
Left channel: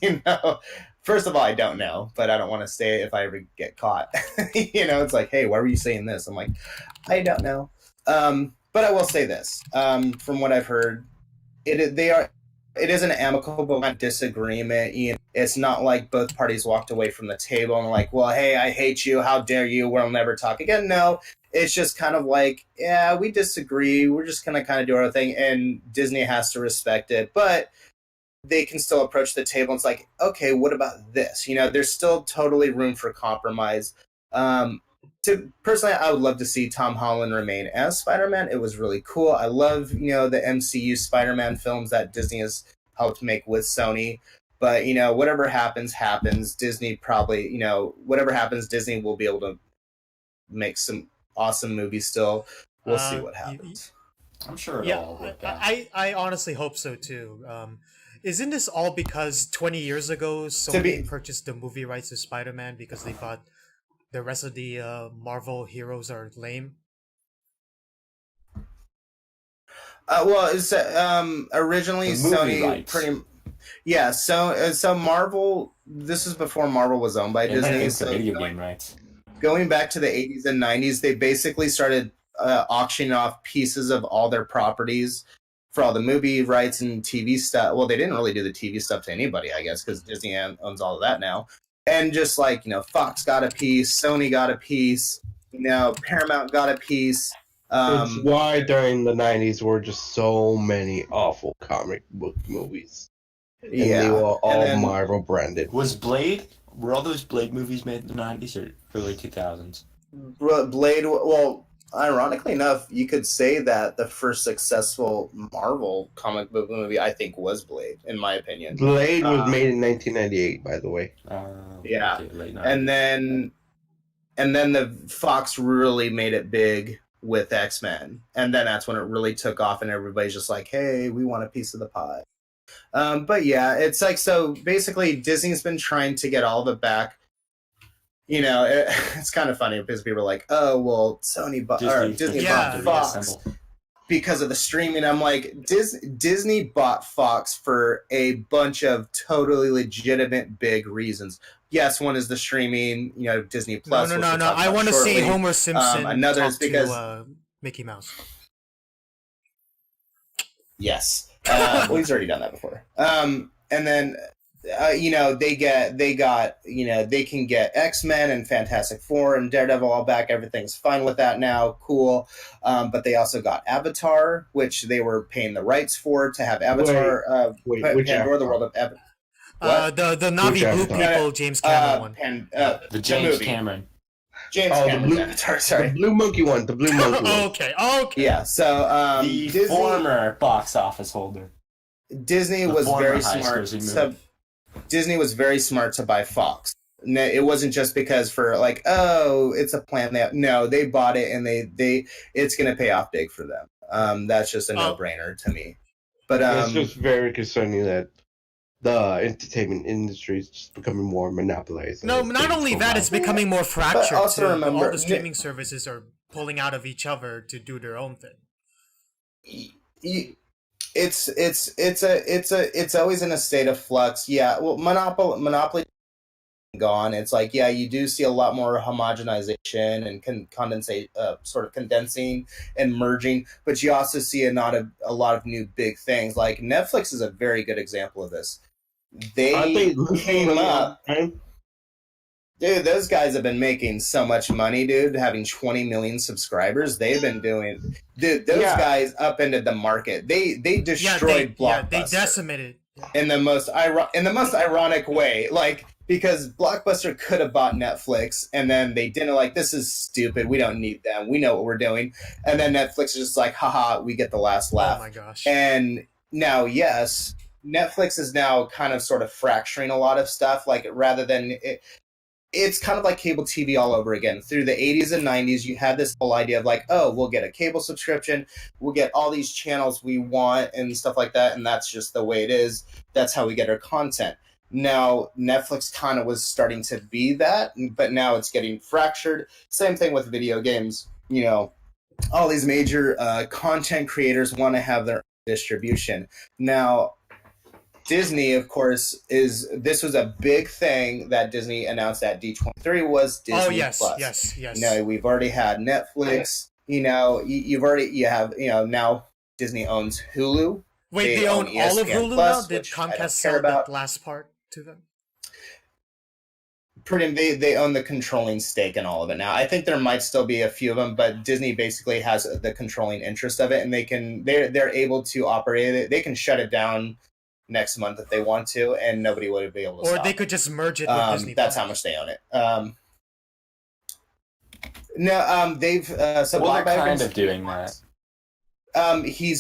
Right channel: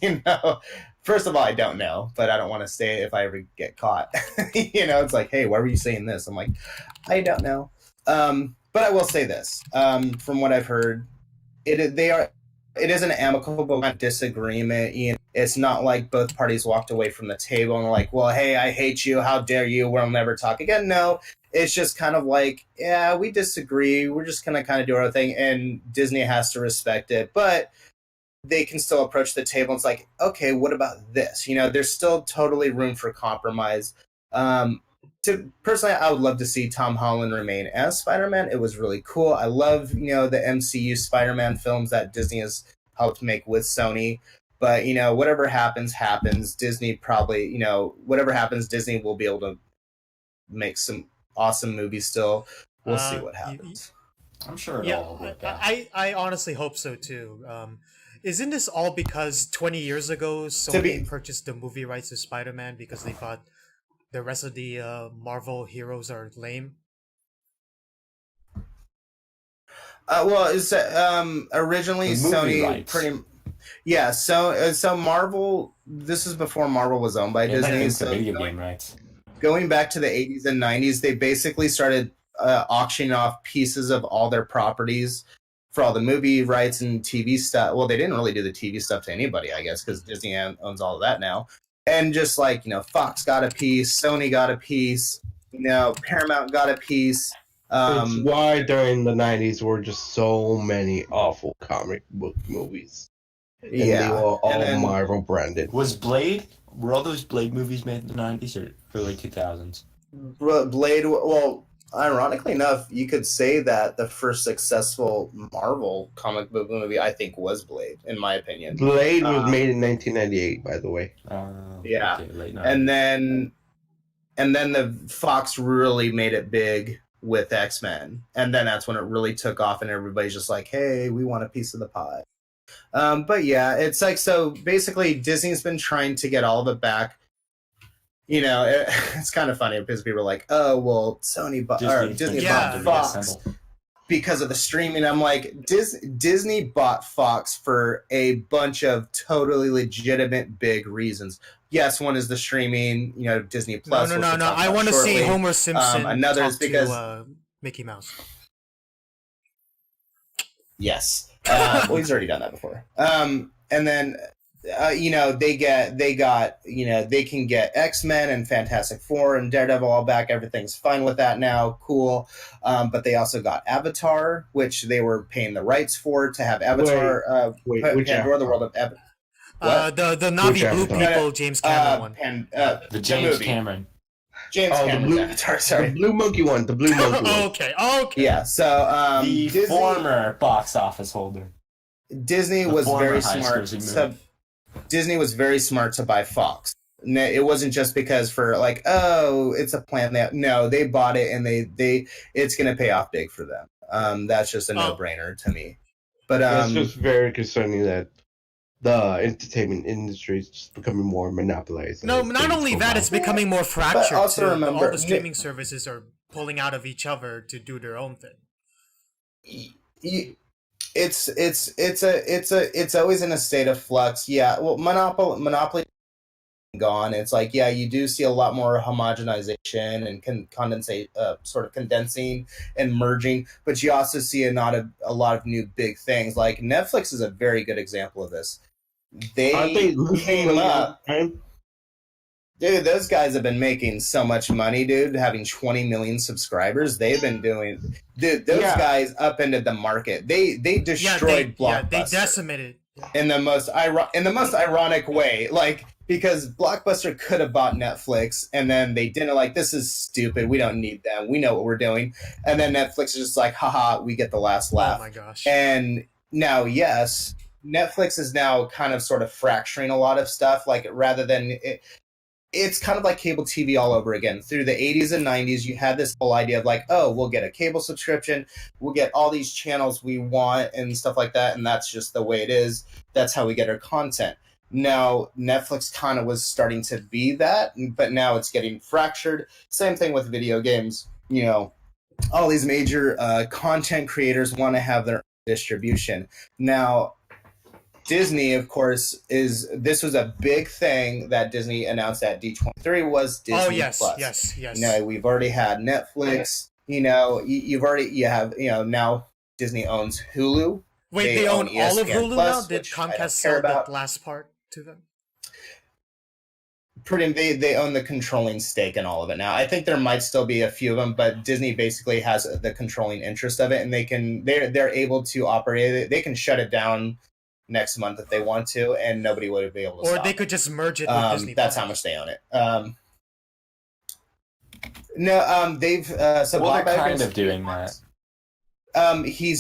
first of all, I don't know, but I don't want to say it if I ever get caught. It's like, hey, why were you saying this? I'm like, I don't know. But I will say this. From what I've heard, it is an amicable disagreement. It's not like both parties walked away from the table and like, well, hey, I hate you. How dare you? We'll never talk again. No, it's just kind of like, yeah, we disagree. We're just going to kind of do our thing. And Disney has to respect it. But they can still approach the table. And it's like, okay, what about this? There's still totally room for compromise. Personally, I would love to see Tom Holland remain as Spider-Man. It was really cool. I love, the MCU Spider-Man films that Disney has helped make with Sony. But, whatever happens. Disney probably, whatever happens, Disney will be able to make some awesome movies still. We'll see what happens. I'm sure Yeah, it'll all work out. I honestly hope so too. Isn't this all because 20 years ago Sony purchased the movie rights to Spider-Man because they thought the rest of the Marvel heroes are lame? Well, it's originally Sony so Marvel. This is before Marvel was owned by Disney. It's the video game rights. Going back to the 80s and 90s, they basically started auctioning off pieces of all their properties for all the movie rights and TV stuff. Well, they didn't really do the TV stuff to anybody, I guess, because Disney owns all of that now. And just like, Fox got a piece, Sony got a piece, Paramount got a piece. It's why during the 90s were just so many awful comic book movies. And they were all Marvel branded. Were all those Blade movies made in the 90s or early 2000s? Blade, well, ironically enough, you could say that the first successful Marvel comic book movie, I think, was Blade, in my opinion. Blade was made in 1998, by the way. Yeah. Okay, late 90s. And then the Fox really made it big with X-Men. And then that's when it really took off and everybody's just like, hey, we want a piece of the pie. But yeah, it's like, so basically Disney's been trying to get all of it back. It's kind of funny because people are like, oh, well, Disney bought Fox because of the streaming. I'm like, Disney bought Fox for a bunch of totally legitimate big reasons. Yes, one is the streaming, Disney Plus. No. I want to see Homer Simpson another talk is because to Mickey Mouse. Yes. Well, he's already done that before. And then they can get X-Men and Fantastic Four and Daredevil all back. Everything's fine with that now. Cool. But they also got Avatar, which they were paying the rights for to have Avatar. Which Pandora, the World of Avatar. The Navi Blue people, James Cameron one. The James Cameron. Cameron's Avatar, sorry. The Blue Monkey one. Okay. Yeah, so The former box office holder. Disney was very smart. Disney was very smart to buy Fox. It wasn't just because for like, oh, it's a plan. No, they bought it and they it's going to pay off big for them. That's just a no-brainer to me. But it's just very concerning that the entertainment industry is just becoming more monopolized. No, not only that, it's becoming more fractured too. Remember, all the streaming services are pulling out of each other to do their own thing. It's always in a state of flux. Yeah, well, monopoly gone. It's like, yeah, you do see a lot more homogenization and sort of condensing and merging, but you also see a lot of new big things. Like Netflix is a very good example of this. They came up. Dude, those guys have been making so much money, dude, having 20 million subscribers. They've been doing... Dude, those guys upended the market. They destroyed Blockbuster. Yeah, they decimated. In the most ironic way. Like, because Blockbuster could have bought Netflix, and then they didn't, like, this is stupid. We don't need them. We know what we're doing. And then Netflix is just like, haha, we get the last laugh. Oh, my gosh. And now, yes, Netflix is now kind of sort of fracturing a lot of stuff. Like, rather than... It's kind of like cable TV all over again. Through the 80s and 90s, you had this whole idea of like, oh, we'll get a cable subscription, we'll get all these channels we want and stuff like that, and that's just the way it is. That's how we get our content. Now, Netflix kind of was starting to be that, but now it's getting fractured. Same thing with video games. All these major content creators want to have their distribution. Now, Disney, of course, this was a big thing that Disney announced at D23 was Disney Oh yes, Plus. yes. You know, we've already had Netflix. You know, you have now Disney owns Hulu. Wait, they own all of ESPN Hulu Plus, now? Did which I don't Comcast care sell about. that last part to them? They own the controlling stake in all of it now. I think there might still be a few of them, but Disney basically has the controlling interest of it, and they're able to operate it. They can shut it down next month if they want to, and nobody would be able to. Or stop they could just merge it with Disney. That's Plus. how much they own it. No, they've so Well, Bob they're kind Iger's- of doing that. He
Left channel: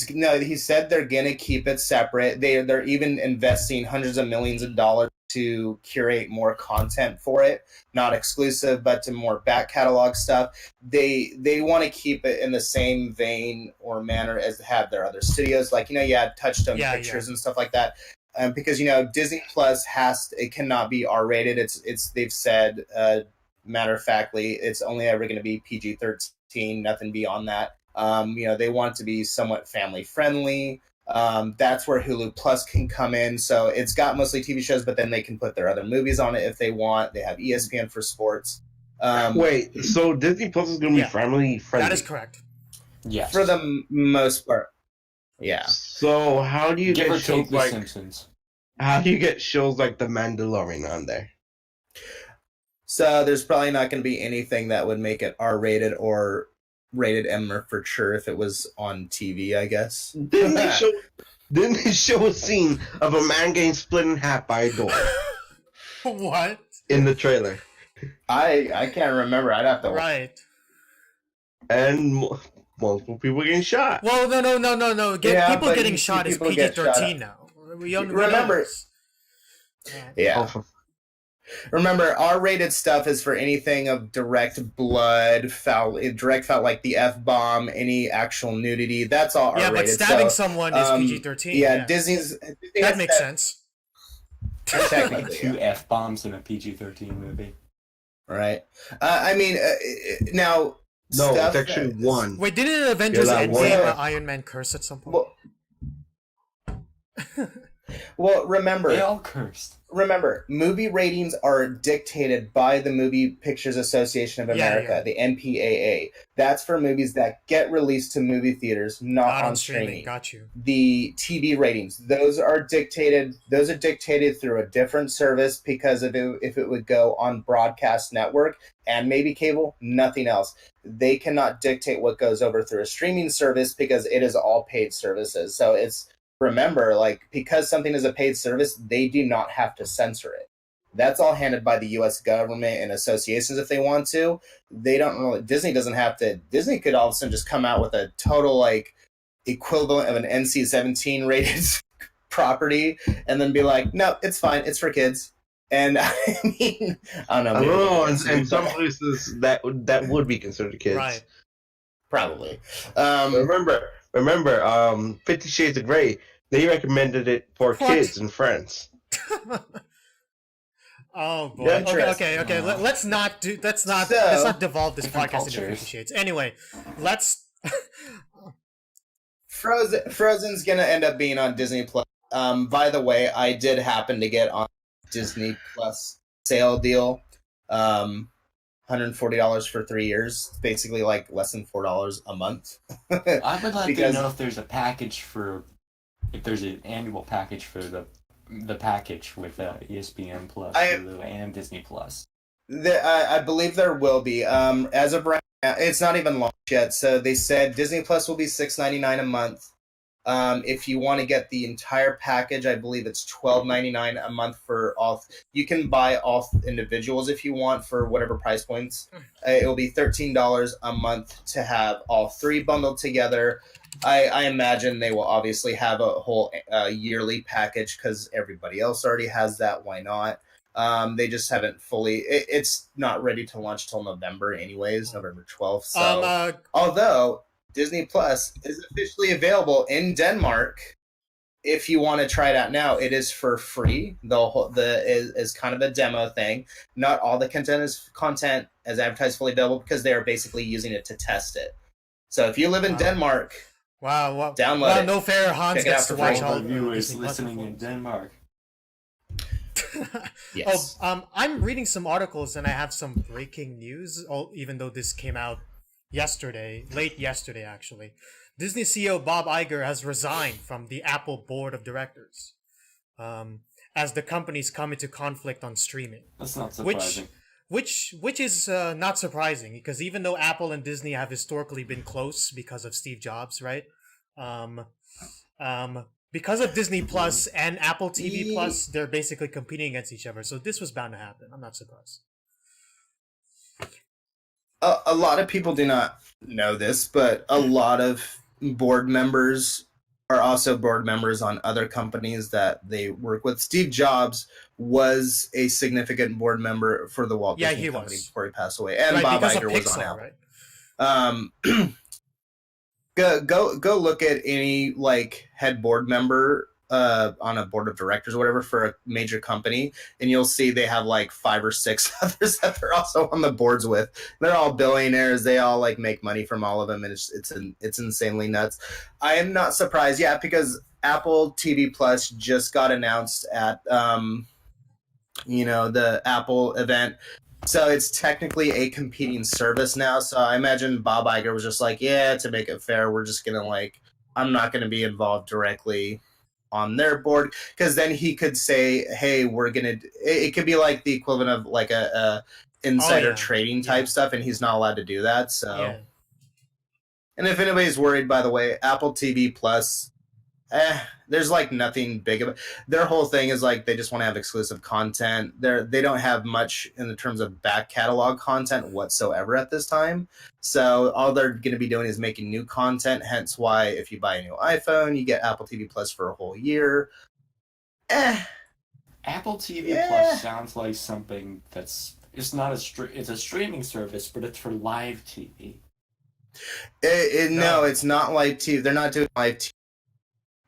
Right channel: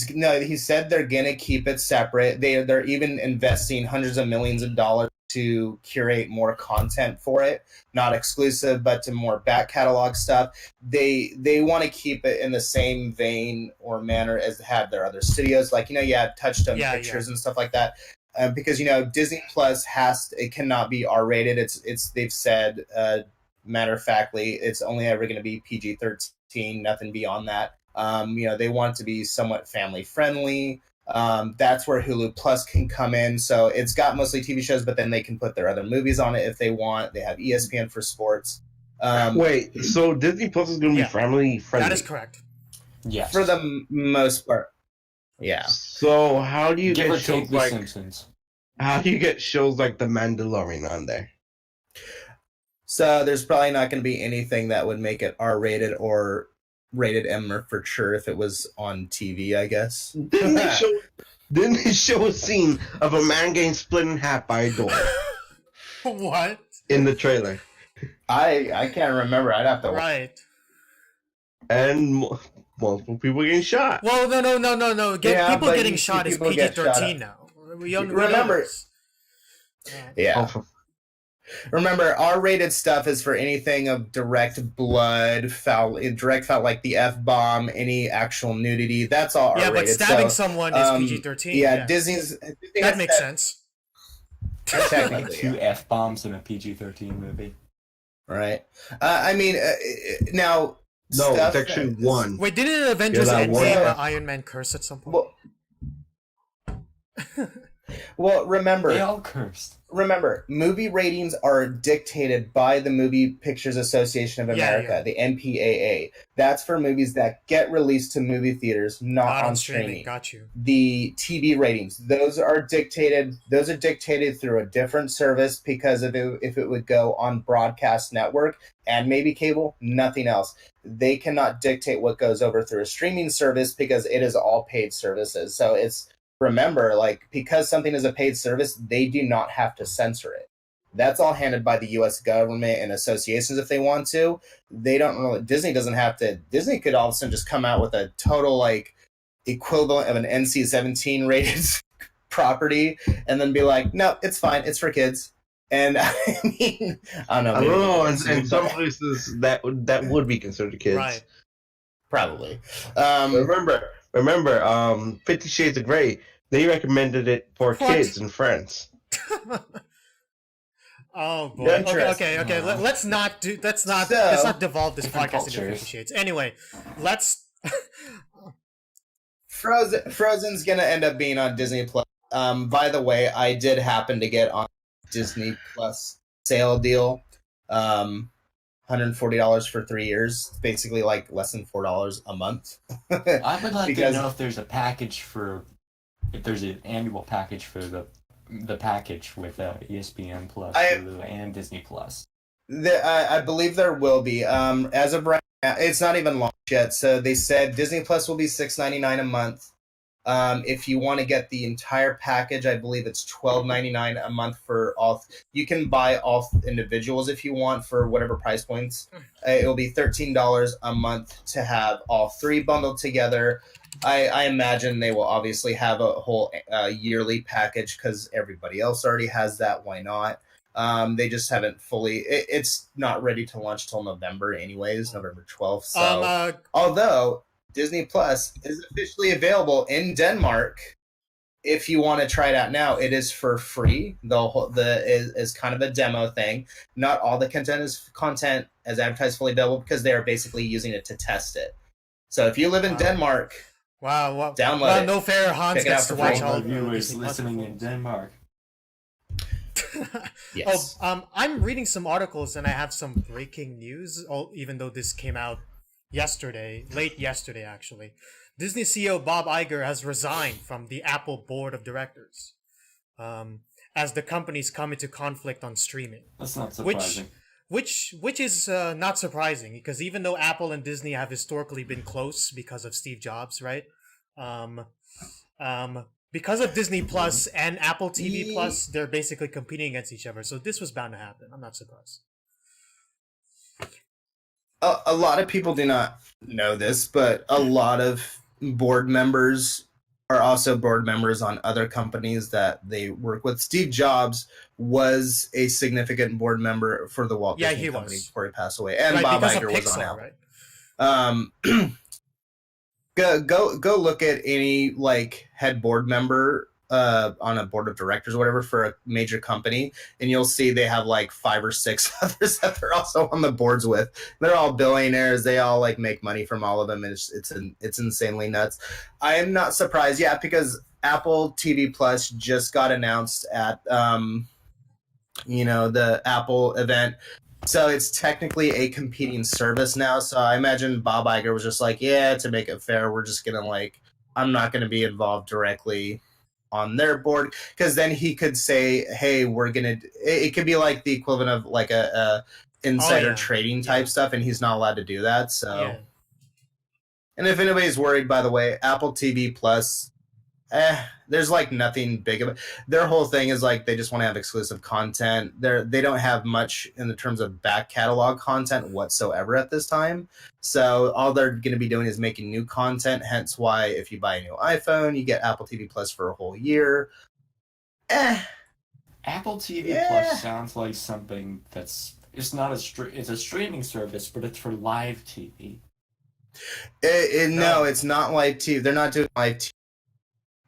said they're gonna keep it separate. They're even investing hundreds of millions of dollars to curate more content for it, not exclusive, but to more back catalog stuff. They want to keep it in the same vein or manner as have their other studios, like you had Touchstone Pictures and stuff like that. Because Disney Plus it cannot be R-rated. It's they've said matter of factly it's only ever going to be PG-13, nothing beyond that. They want it to be somewhat family friendly. That's where Hulu Plus can come in. So it's got mostly TV shows, but then they can put their other movies on it if they want. They have ESPN for sports. Wait, so Disney Plus is going to be family friendly? That is correct. Yes. For the most part. Yeah. So how do you Give get or shows take The like Simpsons. how do you get shows like The Mandalorian on there? So there's probably not going to be anything that would make it R-rated or rated M for sure if it was on TV, I guess. Didn't they show a scene of a man getting split in half by a door What? in the trailer? I can't remember. I'd have to watch. Right. And multiple people getting shot. Well, no. Yeah, People but getting you see shot is people get shot PG-13 at. now. We know Remember- this. Yeah. Oh, Remember, R-rated stuff is for anything of direct blood, direct foul, like the F-bomb, any actual nudity. That's all Yeah, R-rated. but stabbing So, someone is PG-13. Yeah, Disney That makes sense. Like Technically, two F-bombs in a PG-13 movie. right? Now... no, stuff it's actually that- one. Wait, didn't Avengers Yeah, that Endgame one. Iron Man curse at some point? Well, remember... They all cursed. Remember, movie ratings are dictated by the Movie Pictures Association of America, the MPAA. That's for movies that get released to movie theaters, not on streaming. Got you. The TV ratings, those are dictated through a different service because if it would go on broadcast network and maybe cable, nothing else. They cannot dictate what goes over through a streaming service because it is all paid services. So remember, because something is a paid service, they do not have to censor it. That's all handled by the U.S. government and associations if they want to. They don't really. Disney doesn't have to. Disney could all of a sudden just come out with a total equivalent of an NC-17 rated property and then be like, no, it's fine, it's for kids. And I mean, I don't know. I don't know. In some places that would be considered kids. Right. Probably. Remember, 50 Shades of Grey. They recommended it for What? kids and friends. Oh boy. Interesting. Okay. Let's not devolve this podcast into 50 Shades. Anyway, let's. Frozen's gonna end up being on Disney Plus. By the way, I did happen to get on Disney Plus sale deal. $140 for 3 years. It's basically less than $4 a month. I would like to Because- know if there's an annual package for the package with ESPN Plus, Hulu, and Disney Plus. I believe there will be. As of right now, it's not even launched yet. So they said Disney Plus will be $6.99 a month. If you want to get the entire package, I believe it's $12.99 a month for all. You can buy all individuals if you want for whatever price points. It will be $13 a month to have all three bundled together. I imagine they will obviously have a whole yearly package because everybody else already has that. Why not? They just haven't fully. It's not ready to launch till November, anyways, November 12th. So, although Disney Plus is officially available in Denmark, if you want to try it out now, it is for free. Is kind of a demo thing. Not all the content is advertised fully available because they are basically using it to test it. So if you live in Denmark, Wow, wow, Download wow! it. No fair. Hans Check it out gets to for watch free. all All the viewers Disney Plus listening in performances. Denmark. Yes. I'm reading some articles and I have some breaking news. Even though this came out yesterday, late yesterday actually, Disney CEO Bob Iger has resigned from the Apple board of directors, as the companies come into conflict on streaming. That's not Which, surprising. which is not surprising because even though Apple and Disney have historically been close because of Steve Jobs, right? Um, because of Disney Plus and Apple TV Plus, they're basically competing against each other. So this was bound to happen. I'm not surprised. A lot of people do not know this, but a lot of board members are also board members on other companies that they work with. Steve Jobs was a significant board member for the Walt Disney he Company was. before he passed away, and Right, Bob because Iger of was on Pixar, Apple. right? Go look at any like head board member on a board of directors or whatever for a major company, and you'll see they have like 5 or 6 others that they're also on the boards with. They're all billionaires. They all like make money from all of them, and it's insanely nuts. I am not surprised, because Apple TV Plus just got announced at the Apple event. So it's technically a competing service now. So I imagine Bob Iger was just like, yeah, to make it fair, we're just gonna I'm not gonna be involved directly on their board, because then he could say, hey, it could be like the equivalent of like a insider trading type stuff, and he's not allowed to do that. So Yeah. And if anybody's worried, by the way, Apple TV Plus, there's like nothing big of it. Their whole thing is like they just want to have exclusive content. They don't have much in the terms of back catalog content whatsoever at this time. So all they're going to be doing is making new content. Hence why if you buy a new iPhone, you get Apple TV Plus for a whole year. Apple TV Plus sounds like something it's not it's a streaming service, but it's for live TV. No, it's not live TV. They're not doing live TV.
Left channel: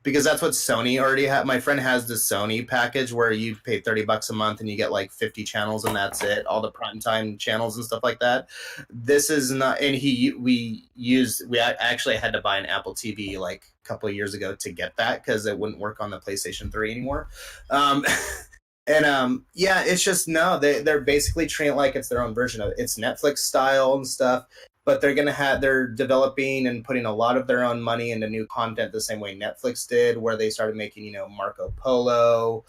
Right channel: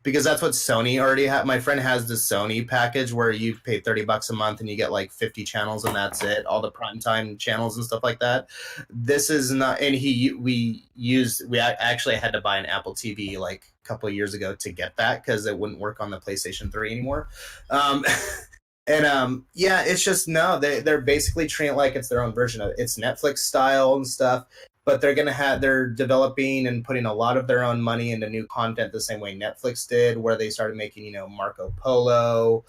Because that's what Sony already had. My friend has the Sony package where you pay $30 a month and you get like 50 channels and that's it. All the primetime channels and stuff like that. This is not, and we actually had to buy an Apple TV like a couple of years ago to get that because it wouldn't work on the PlayStation 3 anymore. It's just, no, they're basically treating it like it's their own version of it. It's Netflix style and stuff. But they're developing and putting a lot of their own money into new content the same way Netflix did, where they started making, Marco Polo,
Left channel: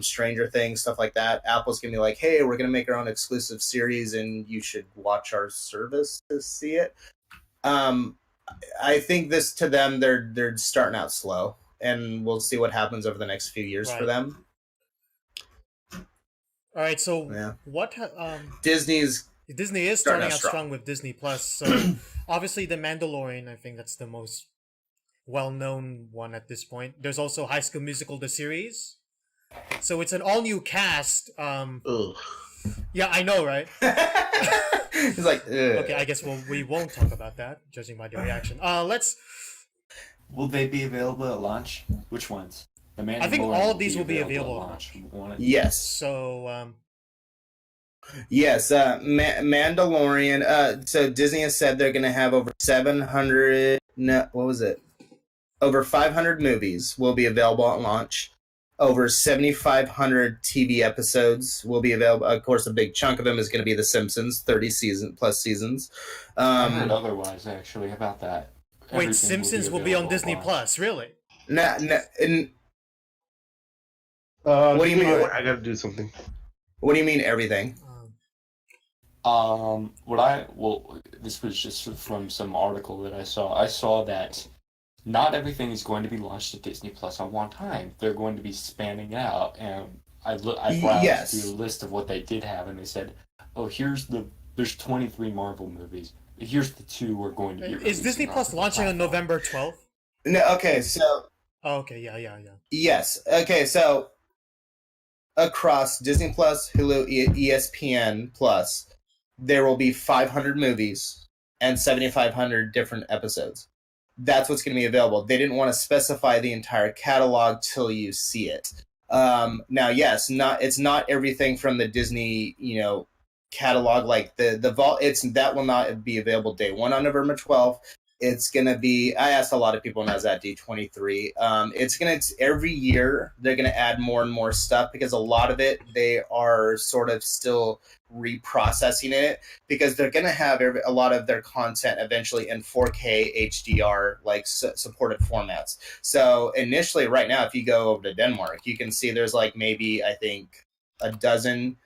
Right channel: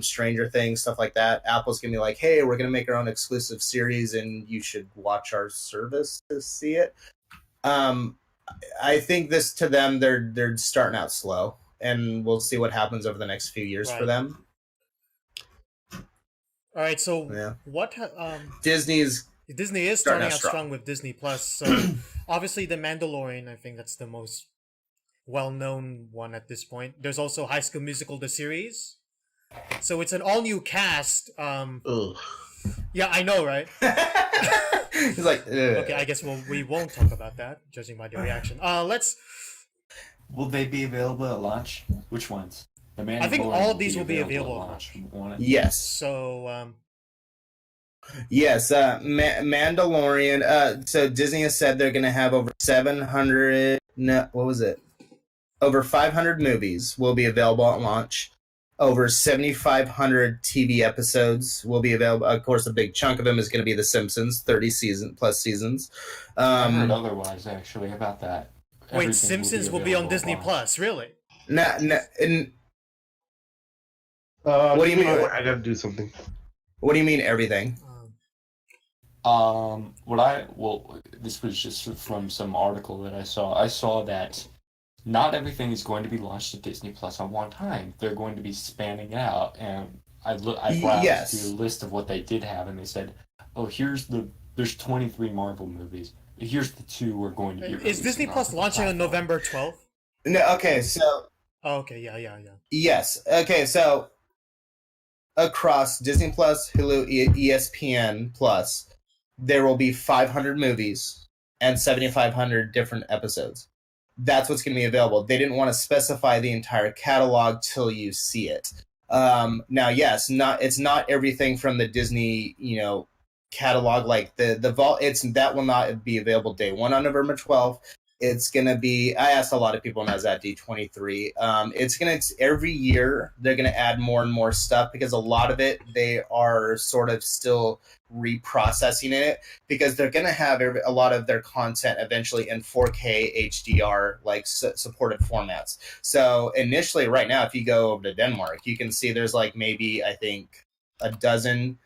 Stranger Things, stuff like that. Apple's going to be like, hey, we're going to make our own exclusive series and you should watch our service to see it. I think this, to them, they're starting out slow, and we'll see what happens over the next few years for them. All right, so what Disney is starting out strong with Disney Plus. So obviously The Mandalorian, I think that's the most well-known one at this point. There's also High School Musical, the series. So it's an all-new cast. Yeah, I know, right? He's like, ugh. Okay, I guess we won't talk about that, judging by the reaction. Will they be available at launch? Which ones? I think all of these will be available at launch. Yes. So Yes, Mandalorian. So Disney has said they're going to have over 700. No, what was it? Over 500 movies will be available at launch. Over 7,500 TV episodes will be available. Of course, a big chunk of them is going to be The Simpsons, 30 plus seasons. I heard otherwise, actually, about that. Wait, Simpsons will be on Disney Plus, really? What do you mean? I got to do something. What do you mean everything? This was just from some article that I saw. I saw that not everything is going to be launched at Disney Plus on one time. They're going to be spanning it out, and I browsed through a list of what they did have, and they said, "Oh, there's 23 Marvel movies. Here's the 2 we're going to be." Is Disney Plus launching on November 12th? No. Okay, so. Oh, okay. Yeah. Yes. Okay, so across Disney Plus, Hulu, ESPN Plus, there will be 500 movies and 7,500 different episodes. That's what's going to be available. They didn't want to specify the entire catalog till you see it. Now, yes, it's not everything from the Disney, catalog, like the vault. That will not be available day 1 on November 12th. It's gonna be. I asked a lot of people when I was at D23. It's gonna every year they're gonna add more and more stuff because a lot of it they are sort of still reprocessing it because they're gonna have a lot of their content eventually in 4K HDR like supported formats. So initially, right now, if you go over to Denmark, you can see there's like maybe I think a dozen,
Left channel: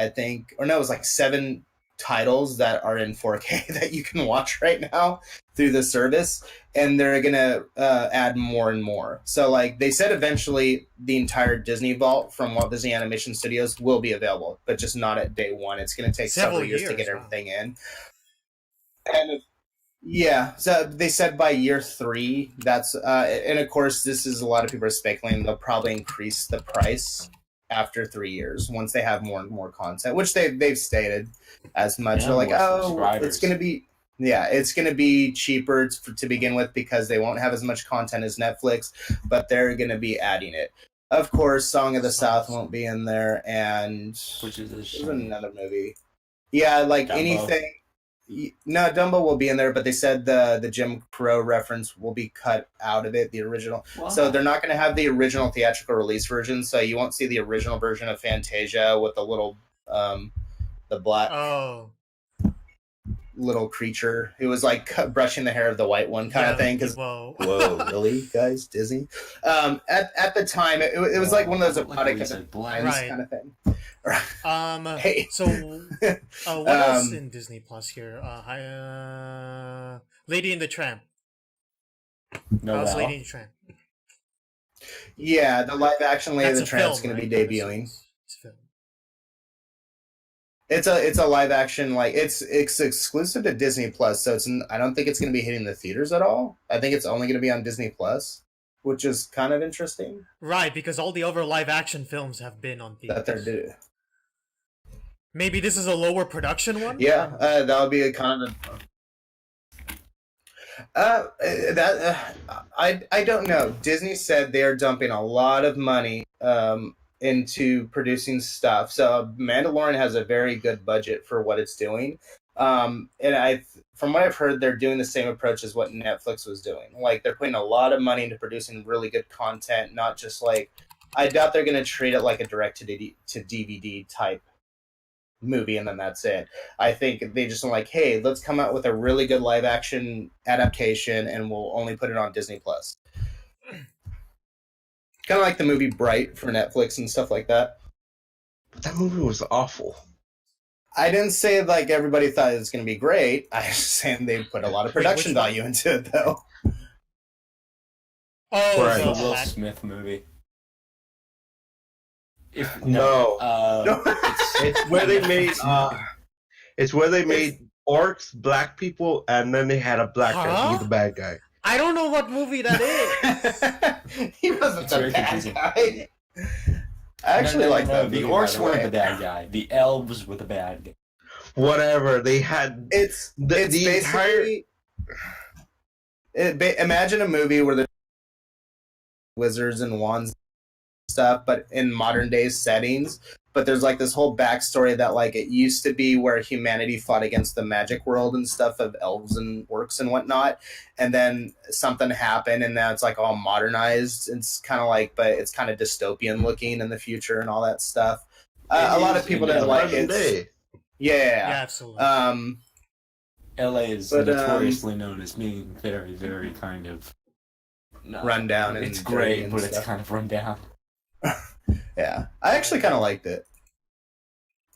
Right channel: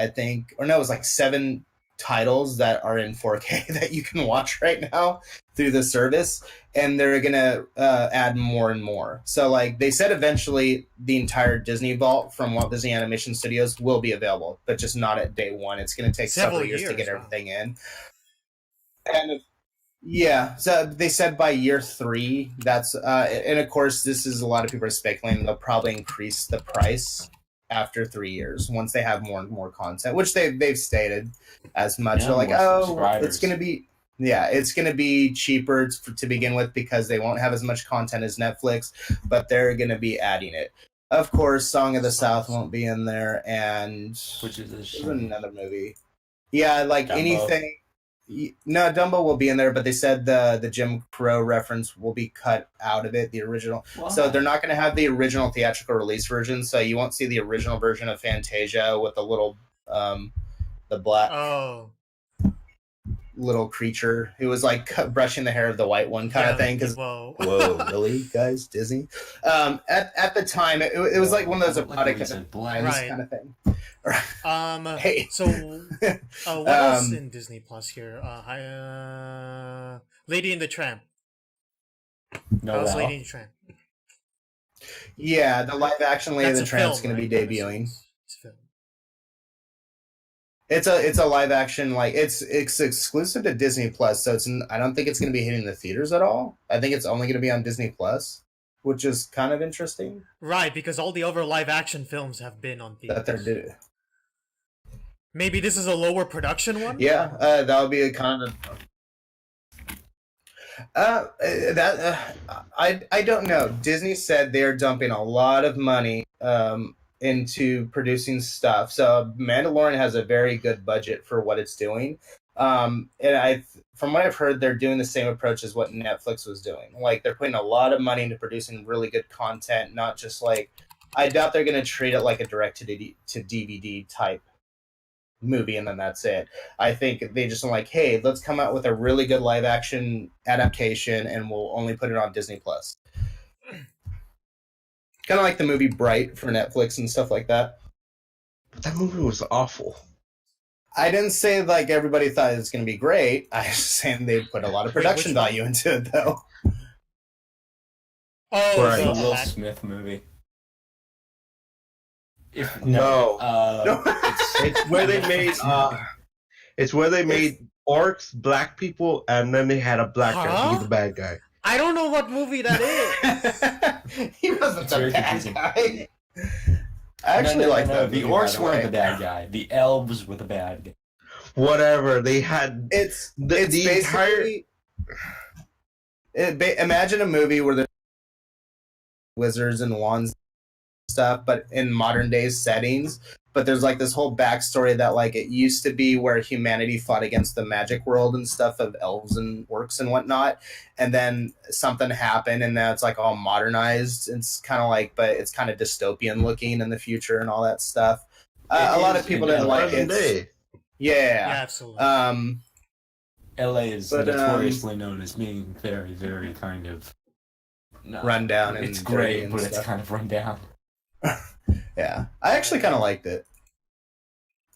or no, it was like 7 titles that are in 4K that you can watch right now through the service, and they're gonna add more and more. So like they said, eventually the entire Disney vault from Walt Disney Animation Studios will be available, but just not at day one. It's gonna take several years to get everything in. And yeah, so they said by year 3. That's and of course this is a lot of people are speculating they'll probably increase the price after 3 years once they have more and more content, which they've stated as much. They're like, it's gonna be it's gonna be cheaper to begin with because they won't have as much content as Netflix, but they're gonna be adding it. Of course, Song of the South won't be in there, and which is another movie. Yeah, like Dumbo. Anything. No, Dumbo will be in there, but they said the Jim Crow reference will be cut out of it, the original. Wow. So they're not going to have the original theatrical release version, so you won't see the original version of Fantasia with the little, the black little creature who was like brushing the hair of the white one kind of thing. Whoa, really, guys? Disney? At the time, it was like one of those erotic kind of thing. Hey. So what else in Disney Plus here? Lady and the Tramp. How's Lady and the Tramp? Yeah, the live action Lady and the Tramp is going to be debuting. It's a live action, like it's exclusive to Disney Plus, so I don't think it's going to be hitting the theaters at all. I think it's only going to be on Disney Plus, which is kind of interesting. Right, because all the other live action films have been on theaters. That they're due. Maybe this is a lower production one? Yeah, that would be a kind of... I don't know. Disney said they're dumping a lot of money into producing stuff. So Mandalorian has a very good budget for what it's doing. And from what I've heard, they're doing the same approach as what Netflix was doing. Like, they're putting a lot of money into producing really good content, not just like... I doubt they're going to treat it like a direct-to-DVD type movie and then that's it. I think they just are like, hey, let's come out with a really good live action adaptation and we'll only put it on Disney Plus. Kind of like the movie Bright for Netflix and stuff like that. That movie was awful. I didn't say like everybody thought it was going to be great. I was saying they put a lot of production value into it though. Oh, the Will Smith movie. No. It's where they made orcs, black people, and then they had a black guy be the bad guy. I don't know what movie that is. He wasn't the bad guy. I actually like that. The orcs were the bad guy. The elves were the bad guy. Whatever they had. It's the entire. Imagine a movie where there's wizards and wands stuff, but in modern day settings. But there's like this whole backstory that like it used to be where humanity fought against the magic world and stuff of elves and orcs and whatnot, and then something happened and now it's like all modernized. It's kind of like, but it's kind of dystopian looking in the future and all that stuff. A lot of people didn't like it. Yeah, absolutely. LA is notoriously known as being very, very kind of run down. It's great, but it's kind of run down. Yeah, I actually kind of liked it.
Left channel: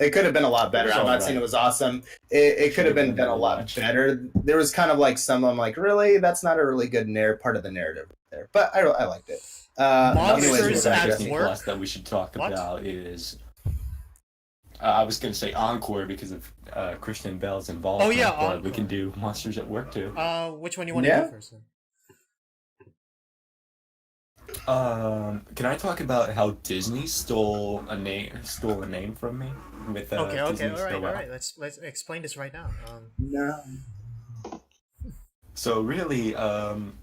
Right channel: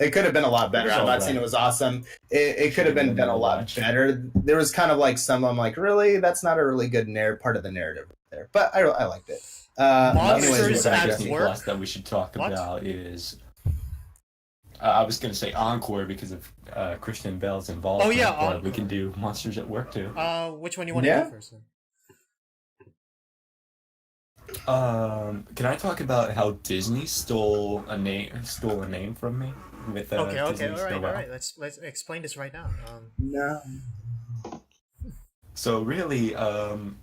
It could have been a lot better. I'm not saying it was awesome. It could have been done a lot better. There was kind of like some, I'm like, really? That's not a really good part of the narrative there. But I liked it. Monsters at Work? That we should talk about is... I was going to say Encore because of Christian Bale's involvement. Oh, yeah, Encore. We can do Monsters at Work, too. Which one do you want to do first, then? Can I talk about how Disney stole a name from me? With okay, all right. Let's explain this right now. No. So really, I'm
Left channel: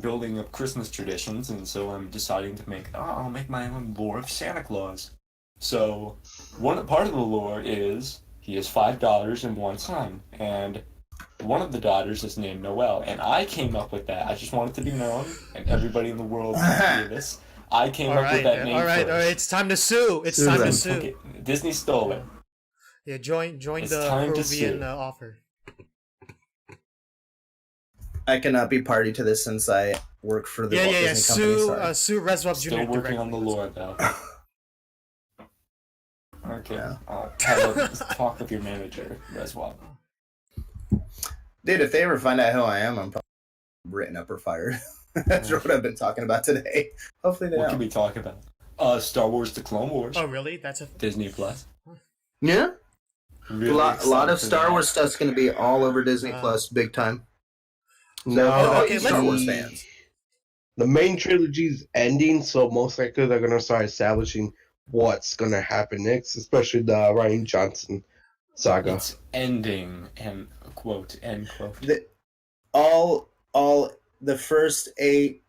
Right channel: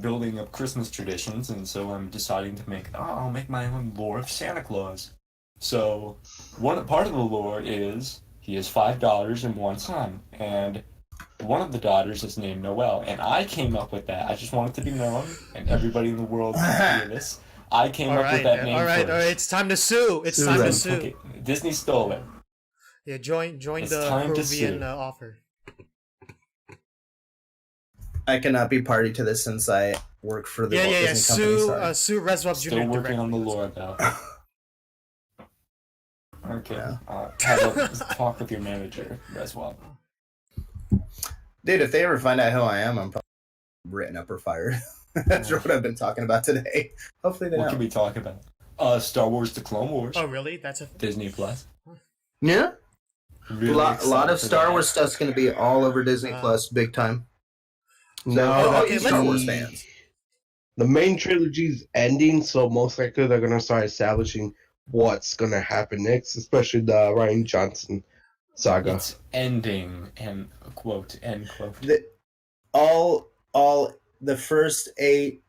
building up Christmas traditions, and so I'm deciding to I'll make my own lore of Santa Claus. So part of the lore is he has 5 daughters and 1 son, and one of the daughters is named Noelle, and I came up with that. I just want it to be known, and everybody in the world can hear this. I came up with that name all right. It's time to sue. It's time to sue. Okay, Disney stole it. Yeah, join It's the time to Peruvian sue. offer. I cannot be party to this since I work for the Walt Disney Company. Sue Reswap Jr. Still working directly. on the lore, though. Okay, Yeah. talk with your manager, Reswap. Dude, if they ever find out who I am, I'm probably written up or fired. That's what I've been talking about today. Hopefully they What don't. can we talk about? Star Wars: The Clone Wars. Oh, really? That's a Disney Plus. Yeah. Really A lot excited of for Star that. Wars stuff's going to be all over Disney Plus, big time. No, okay, Star let's- Wars fans. The main trilogy's ending, so most likely they're gonna start establishing what's gonna happen next, especially the Ryan Johnson saga. It's ending, and quote, end quote. All the first 8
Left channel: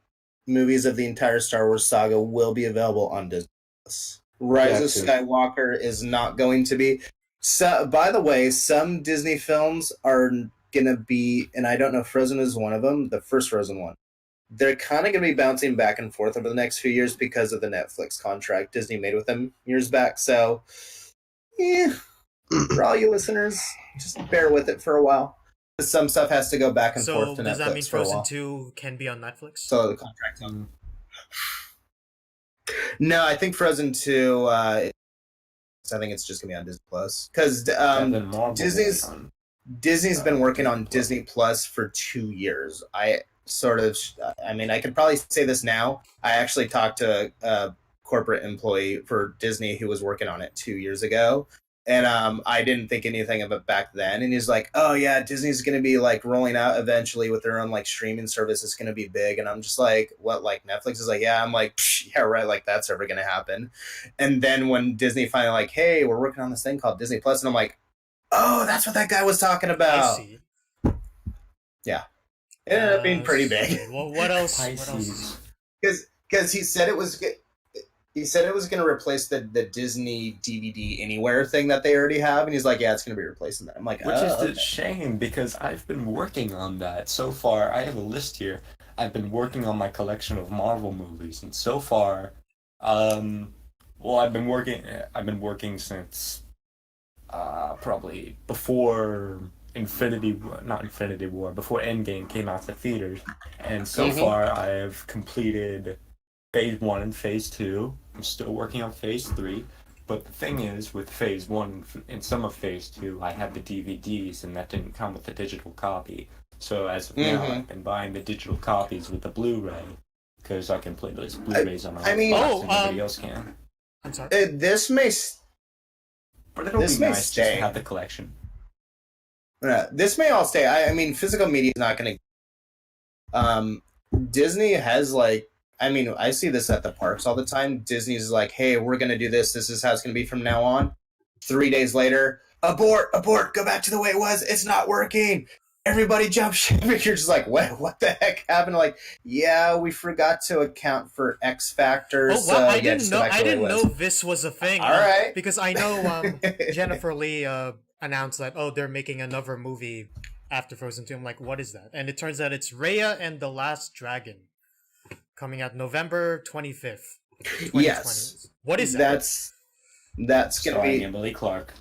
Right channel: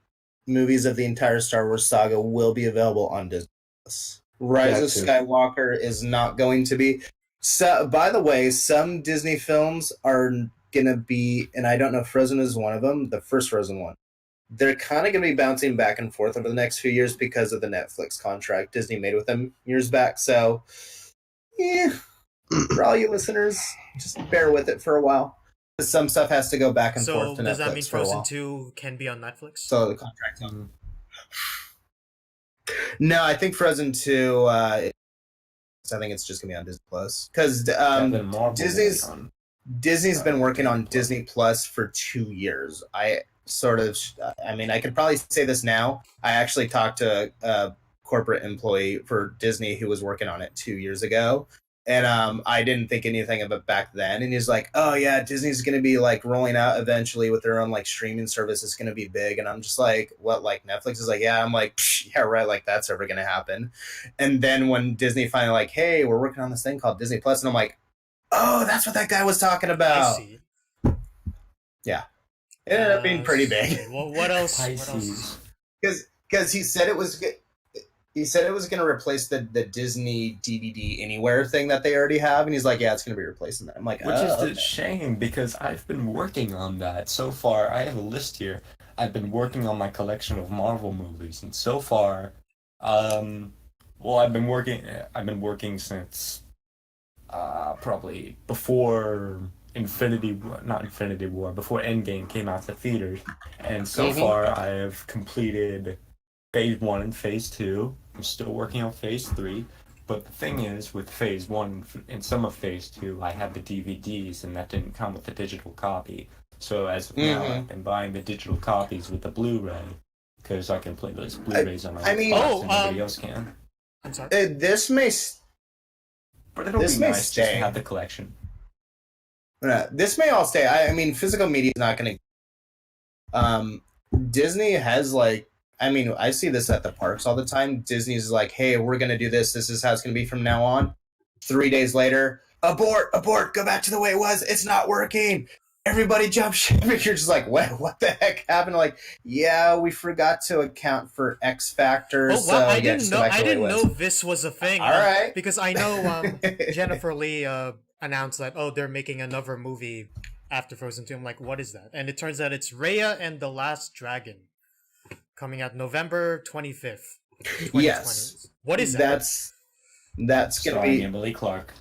movies of the entire Star Wars saga will be available on Disney Plus. Rise of Gotcha. Skywalker is not going to be. So, by the way, some Disney films are gonna be, and I don't know if Frozen is one of them. The first Frozen one. They're kind of going to be bouncing back and forth over the next few years because of the Netflix contract Disney made with them years back. So, yeah, for all you listeners, just bear with it for a while. Some stuff has to go back and forth So to Netflix does that mean for a Frozen while. 2 can be on Netflix? So the contract. No, I think Frozen 2. I think it's just gonna be on Disney Plus because Kevin Marvel Disney's on. Disney's been working on Disney Plus for 2 years. I mean, I could probably say this now. I actually talked to a corporate employee for Disney who was working on it 2 years ago. And I didn't think anything of it back then. And he's like, oh, yeah, Disney's going to be like rolling out eventually with their own like streaming service. It's going to be big. And I'm just like, what, like Netflix is like, yeah. I'm like, yeah, right. Like that's ever going to happen. And then when Disney finally like, hey, we're working on this thing called Disney Plus. And I'm like, oh, that's what that guy was talking about. I see. Yeah. It ended up being pretty big. Okay, well, what else? What Pisces. else? Because he said it was going to replace the Disney DVD Anywhere thing that they already have, and he's like, yeah, it's going to be replacing that. I'm like, Which is okay. a shame because I've been working on that so far. I have a list here. I've been working on my collection of Marvel movies, and so far, well, I've been working since probably before not Infinity War, before Endgame came out to theaters, and so far I have completed Phase 1 and Phase 2. I'm still working on Phase 3, but the thing is, with Phase 1 and some of Phase 2, I had the DVDs, and that didn't come with the digital copy. So as of now, I've been buying the digital copies with the Blu-ray, because I can play those Blu-rays on my I mean- Xbox and nobody else can. I'm sorry. This may But it'll this be may nice just stay. to have the collection. this may all stay. I mean, physical media is not going to. Disney has like. I mean, I see this at the parks all the time. Disney's like, hey, we're going to do this. This is how it's going to be from now on. 3 days later, abort, go back to the way it was. It's not working. Everybody jump ship. You're just like, what the heck happened? Like, yeah, we forgot to account for X factors. Oh wow! I yeah, didn't just know. go back to I the way it didn't was. know this was a thing. All right. Because I know Jennifer Lee announced that they're making another movie after Frozen 2. I'm like, what is that? And it turns out it's Raya and the Last Dragon, coming out November 25th, 2020. Yes. What is that? That's gonna Starring be Emily Clark.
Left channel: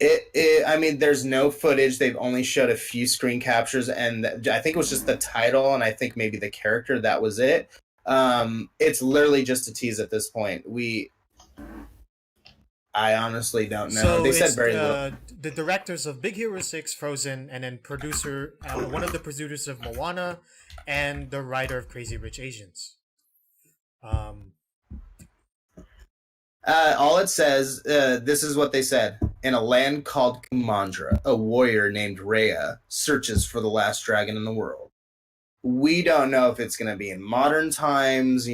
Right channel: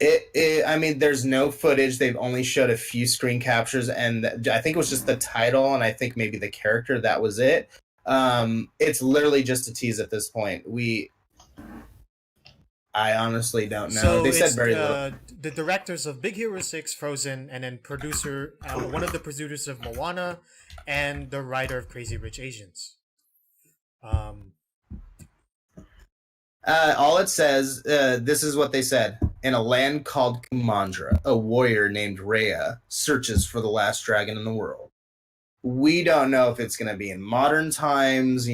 I mean, there's no footage. They've only showed a few screen captures, and I think it was just the title, and I think maybe the character. That was it. It's literally just a tease at this point. I honestly don't know. So They it's said very little. the directors of Big Hero 6, Frozen, and then one of the producers of Moana, and the writer of Crazy Rich Asians. All it says, this is what they said. In a land called Kumandra, a warrior named Rhea searches for the last dragon in the world. We don't know if it's going to be in modern times,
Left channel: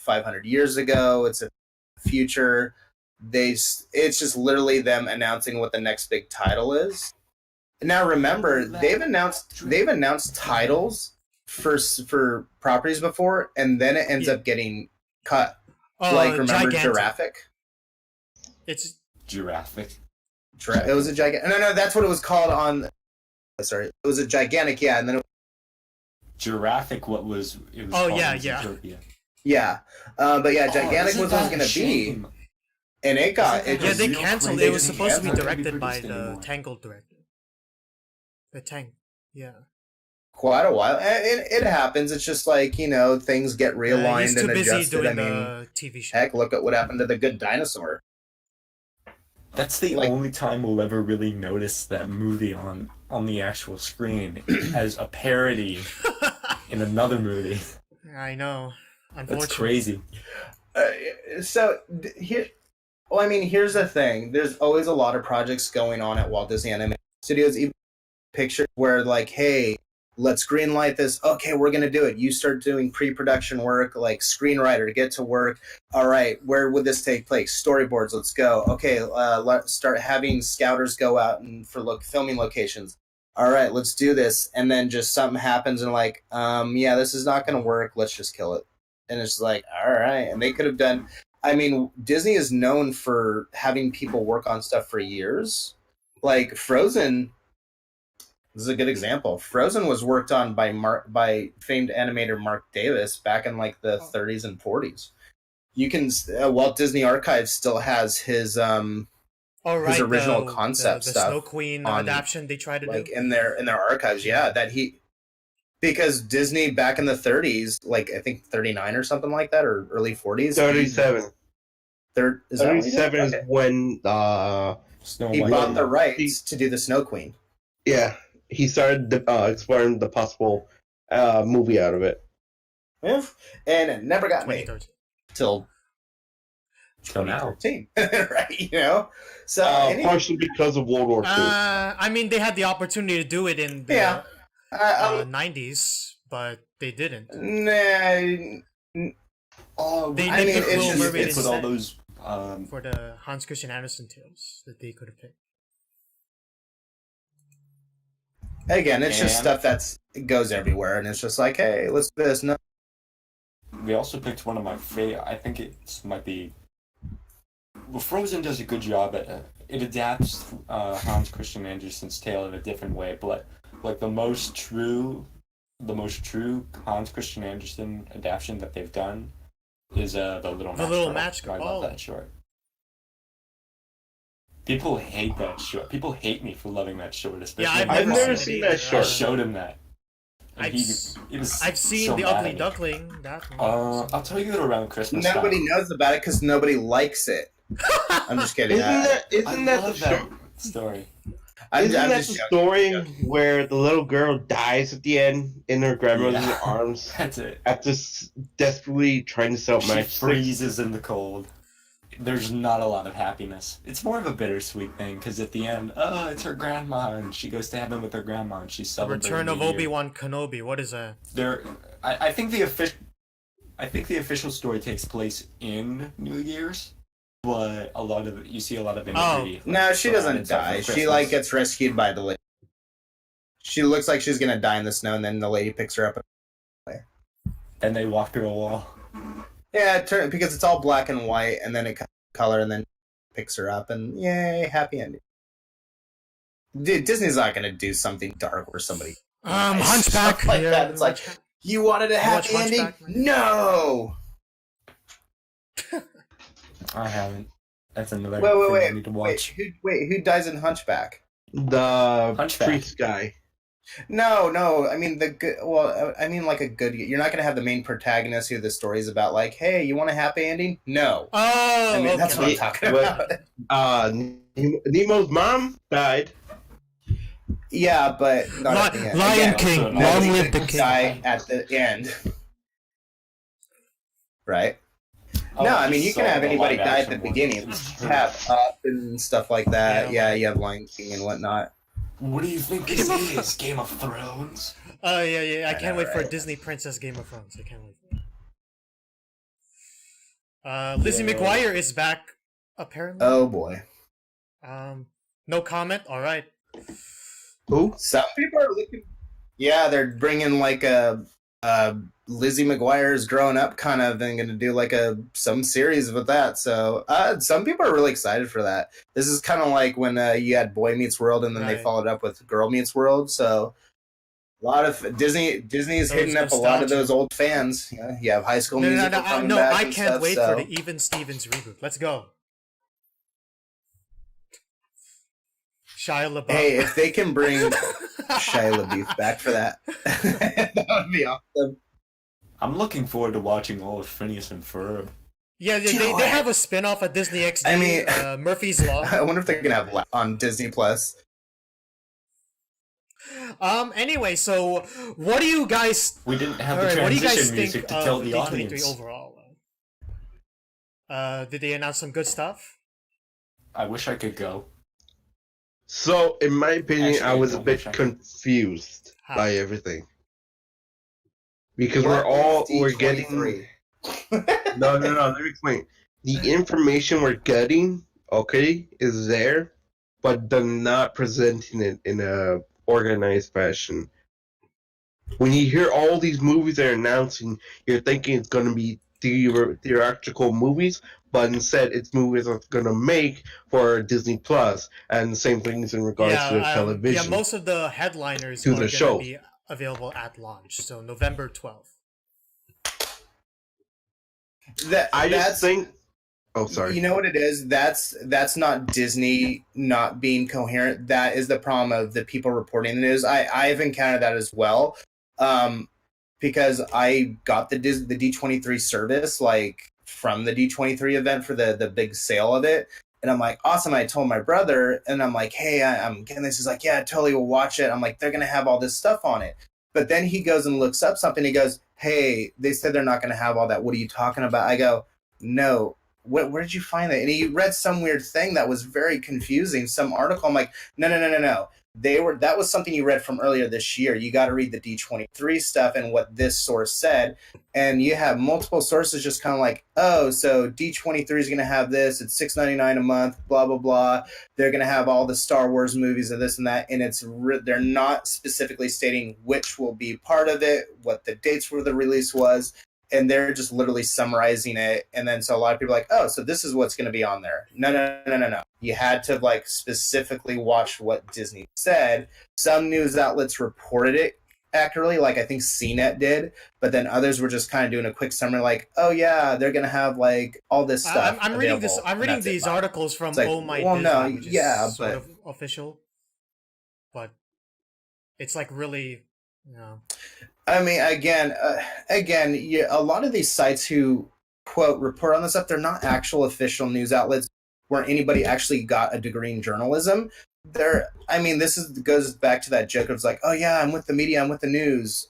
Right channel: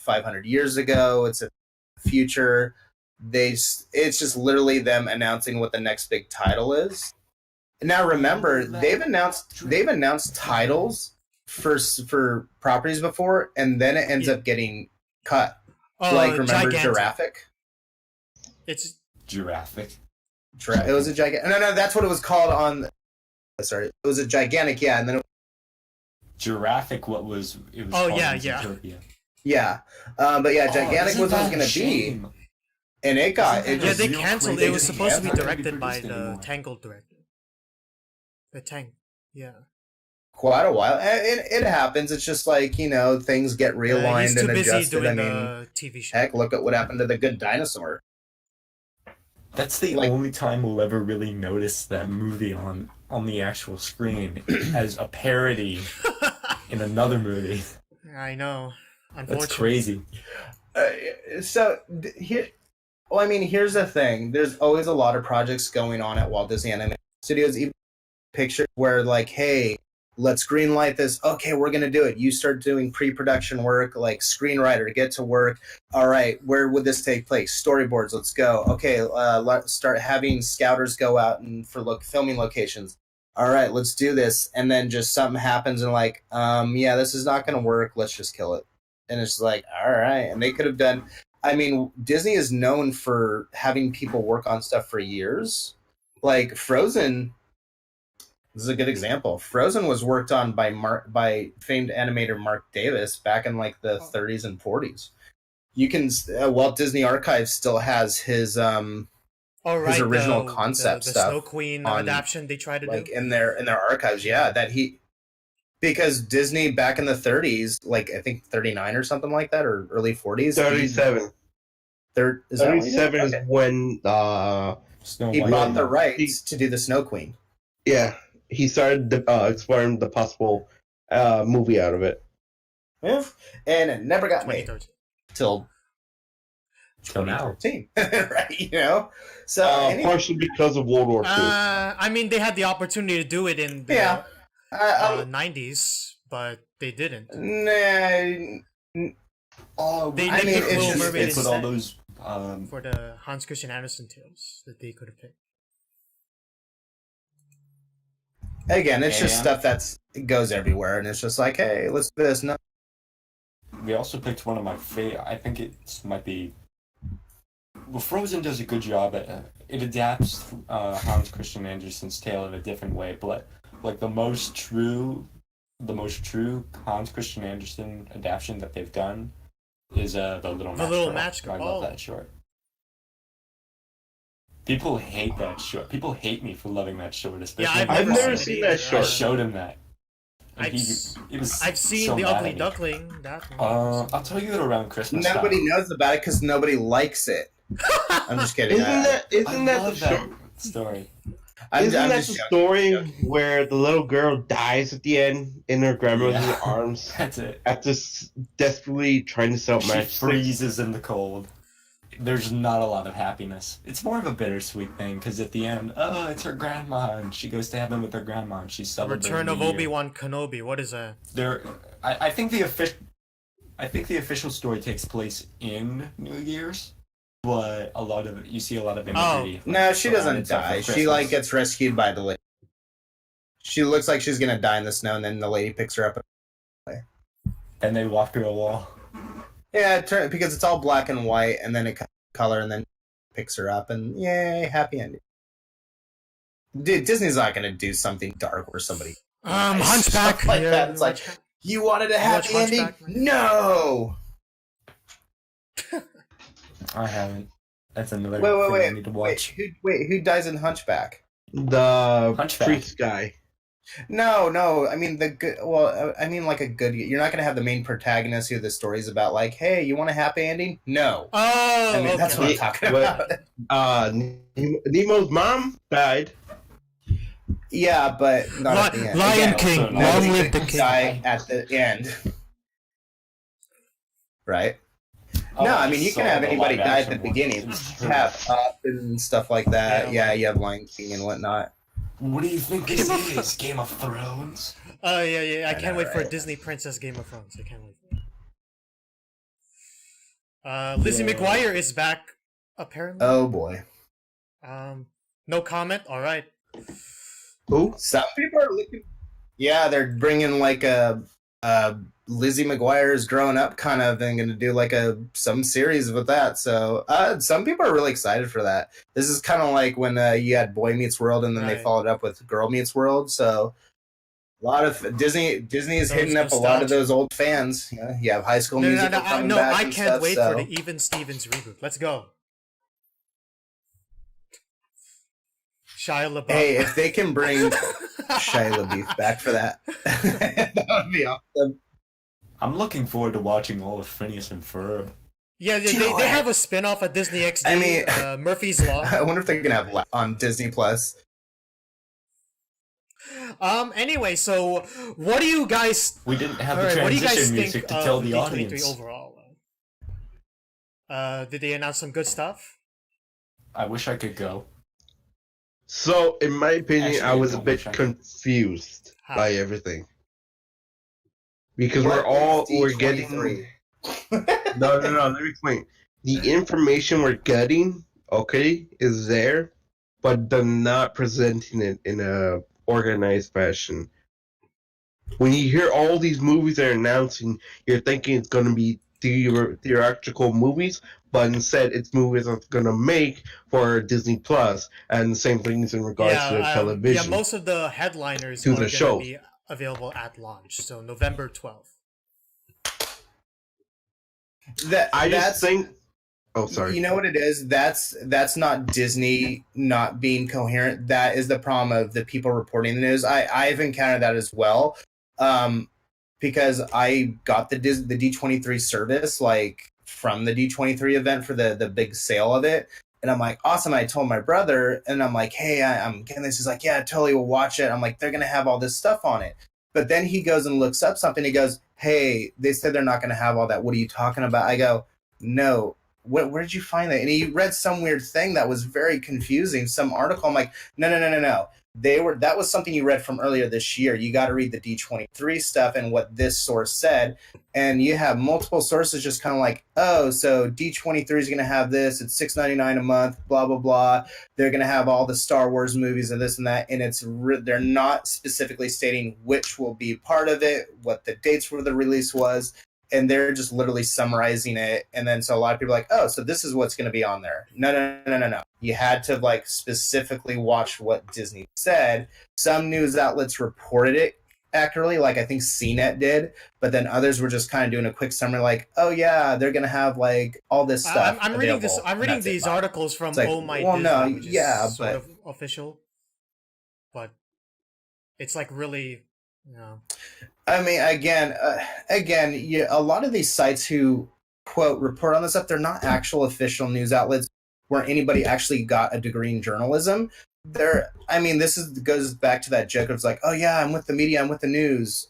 500 years ago. It's a future. It's just literally them announcing what the next big title is. Now remember, they've announced titles for properties before, and then it ends up getting cut. Like, remember Gigantic. Giraffic? It's Giraffic. It was a gigantic. No, that's what it was called on sorry, it was a gigantic, and then Giraffic, it was Oh, called yeah, in yeah. Zootopia. but yeah, gigantic isn't was what it was that a gonna be, shame? and it got Isn't it that Yeah, just they real canceled. crazy? It was supposed to be It's not gonna be directed by produced the anymore. Tangled director. The Tang. Yeah. quite a while. And it happens. It's just like, things get realigned He's too and busy adjusted. doing I mean, the TV show. heck, look at what happened to The Good Dinosaur. That's the Like- only time we'll ever really notice that movie on the actual screen as a parody in another movie. I know. That's Unfortunately. crazy. Here's the thing. There's always a lot of projects going on at Walt Disney Animation Studios. Even pictures where like, hey, let's greenlight this. Okay, we're gonna do it. You start doing pre-production work, like screenwriter to get to work. All right, where would this take place? Storyboards. Let's go. Okay, let's start having scouters go out and filming locations. All right, let's do this. And then just something happens and like, yeah, this is not gonna work. Let's just kill it. And it's like, all right. And they could have done. I mean, Disney is known for having people work on stuff for years. Like Frozen. This is a good example. Frozen was worked on by famed animator Mark Davis back in like the 30s and 40s. You can Walt Disney Archives still has his original concept the stuff Snow Queen on, adaptation they tried to like do. in their archives. Yeah, because Disney back in the 30s, like I think 39 or something like that, or early 40s. 37. Is that what he did? 37 is Okay. when Snow He White. bought the rights to do the Snow Queen. yeah, he started exploring the possible movie out of it. Yeah, and it never got made 2013. till Till now. 2013, right? So Partially because of World War II. I mean, they had the opportunity to do it in the yeah, 90s, but they didn't. Oh, They I picked mean, it's Little just- Mermaid Put all instead those. for the Hans Christian Andersen tales that they could have picked. Again, it's just And- stuff it goes everywhere, and it's just like, hey, let's do this. No, We also picked one of my favorite. I think it might be. Well, Frozen does a good job at it adapts Hans Christian Andersen's tale in a different way, but like the most true Hans Christian Andersen adaptation that they've done is the Little Match Girl. I love that short. People hate that short. People hate me for loving that short. Especially Yeah, I've I've never never seen seen it that either. short. I showed him that. And I've he s- was I've seen so The mad Ugly at me. Duckling. That one. I'll tell you around Christmas. nobody time. knows about it because nobody likes it. I'm just kidding. Isn't that I love the that story. I'm isn't that just the joking. story where the little girl dies at the end in her grandmother's Yeah. arms That's it. after desperately trying to sell She matchsticks? freezes in the cold. There's not a lot of happiness. It's more of a bittersweet thing because at the end, oh, it's her grandma, and she goes to heaven with her grandma, and she's The celebrating Return of New Year. Obi-Wan Kenobi. What is that? I think the official story takes place in New Year's, but you see a lot of imagery. No, she doesn't surrounded stuff die. for She Christmas. gets rescued by the lady. She looks like she's gonna die in the snow, and then the lady picks her up. Then they walk through a wall. Yeah, because it's all black and white, and then it color, and then picks her up, and yay, happy ending. Dude, Disney's not gonna do something dark where somebody Hunchback. Stuff like Yeah, that. It's like, Hunchback. you wanted a watch happy ending. Hunchback, man? No. I haven't. That's another thing I need to watch. Who dies in Hunchback? The Hunchback. priest guy. No. I mean the good. Well, I mean like a good. You're not gonna have the main protagonist who the story's about. Like, hey, you want a happy ending? No. Oh, I mean okay. that's what I'm talking What- about. Nemo's mom died. Yeah, but not at the end. Lion Again, King. also Long Nobody live the can king. die at the end. Right? Oh, No, I mean you saw can have the anybody die at live-action the one. beginning. It's You have Up and stuff like that. Yeah, Yeah, you have Lion King and whatnot. What do you think this is? Game of Thrones? Oh yeah. I can't know, wait for right? Disney Princess Game of Thrones. I can't wait. Lizzie Yeah. McGuire is back. Apparently. Oh boy. No comment. All right. Who? Some people are looking. Yeah, they're bringing like a Lizzie McGuire's growing up kind of and going to do like some series with that. So some people are really excited for that. This is kind of like when you had Boy Meets World and then they followed up with Girl Meets World. So a lot of Disney is hitting up a lot of those old fans. You have High School Musical. No, I can't wait for the Even Stevens reboot. Let's go. Shia LaBeouf. Hey, if they can bring Shia LaBeouf back for that, that would be awesome. I'm looking forward to watching all of Phineas and Ferb. Yeah, they have a spin-off at Disney XD, I mean, Murphy's Law. I wonder if they're gonna have on Disney Plus. Anyway, so what do you guys? We didn't have all the right, what do you guys transition think music to tell of the D23 audience. overall? Did they announce some good stuff? I wish I could go. So, in my opinion, Actually, I was I a don't bit wish I could. confused How? by everything. Because What we're is getting... D23? No, let me explain. The information we're getting, okay, is there, but they're not presenting it in a organized fashion. When you hear all these movies they're announcing, you're thinking it's going to be theatrical movies, but instead it's movies that's going to make for Disney Plus, and the same things in regards to television. Yeah, most of the headliners are going to be available at launch, so November 12th. Oh, sorry. You know what it is? That's not Disney not being coherent. That is the problem of the people reporting the news. I've encountered that as well, because I got the D23 service like from the D23 event for the big sale of it, and I'm like, awesome. I told my brother, and I'm like, hey, I'm getting this. He's like, yeah, totally, we'll watch it. I'm like, they're gonna have all this stuff on it. But then he goes and looks up something. He goes, hey, they said they're not going to have all that. What are you talking about? I go, no. Where did you find that? And he read some weird thing that was very confusing, some article. I'm like, no. That was something you read from earlier this year. You got to read the D23 stuff and what this source said. And you have multiple sources just kind of like, oh, so D23 is going to have this. It's $6.99 a month, blah, blah, blah. They're going to have all the Star Wars movies and this and that. And they're not specifically stating which will be part of it, what the dates for the release was. And they're just literally summarizing it. And then so a lot of people are like, oh, so this is what's going to be on there. No. You had to like specifically watch what Disney said. Some news outlets reported it accurately, like I think CNET did. But then others were just kind of doing a quick summary like, oh, yeah, they're going to have like all this stuff. I'm reading these articles from like, Oh My Disney, which is sort but of official. But it's like really, you know. I mean, again, a lot of these sites who, quote, report on this stuff, they're not actual official news outlets where anybody actually got a degree in journalism. This goes back to that joke of like, oh, yeah, I'm with the media, I'm with the news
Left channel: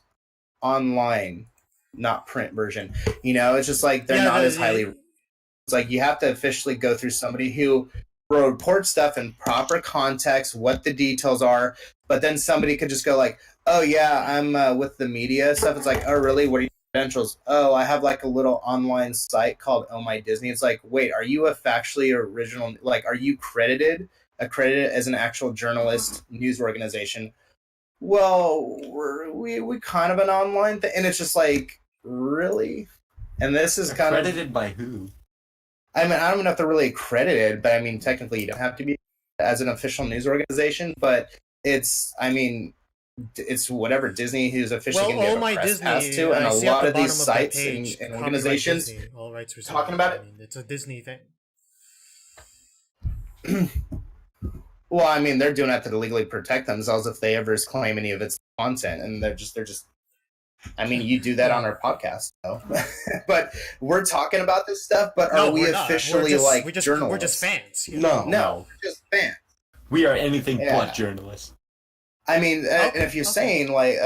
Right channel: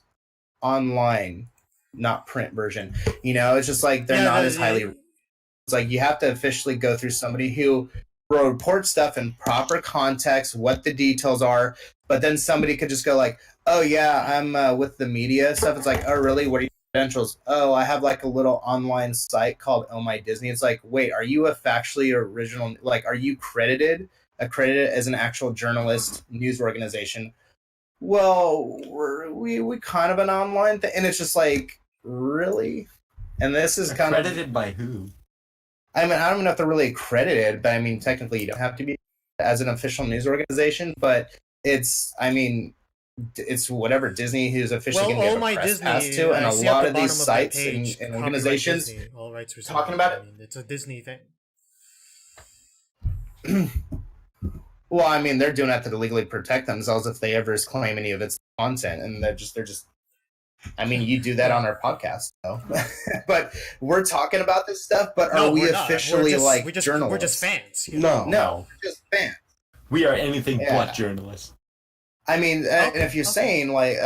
online, not print version. You know, it's just like they're not as highly... It's like you have to officially go through somebody who will report stuff in proper context, what the details are, but then somebody could just go like, oh, yeah, I'm with the media stuff. It's like, oh, really? What are your credentials? Oh, I have like a little online site called Oh My Disney. It's like, wait, are you a factually original? Like, are you accredited as an actual journalist news organization? Well, we kind of an online thing. And it's just like, really? And this is kind of... Accredited by who? I mean, I don't know if they're really accredited, but I mean, technically you don't have to be as an official news organization, but it's whatever Disney who's officially Well, Oh My Disney, to, and I a see lot at the of bottom these of the sites page, and copyright organizations Disney, all rights reserved. talking about it. I mean, it's a Disney thing. Well, I mean, they're doing that to legally protect themselves if they ever claim any of its content, and they're just. I mean, you do that on our podcast, though. But we're talking about this stuff. But are we officially journalists? We're just fans. You know? No, we're just fans. We are anything but journalists. I mean, and if you're saying like,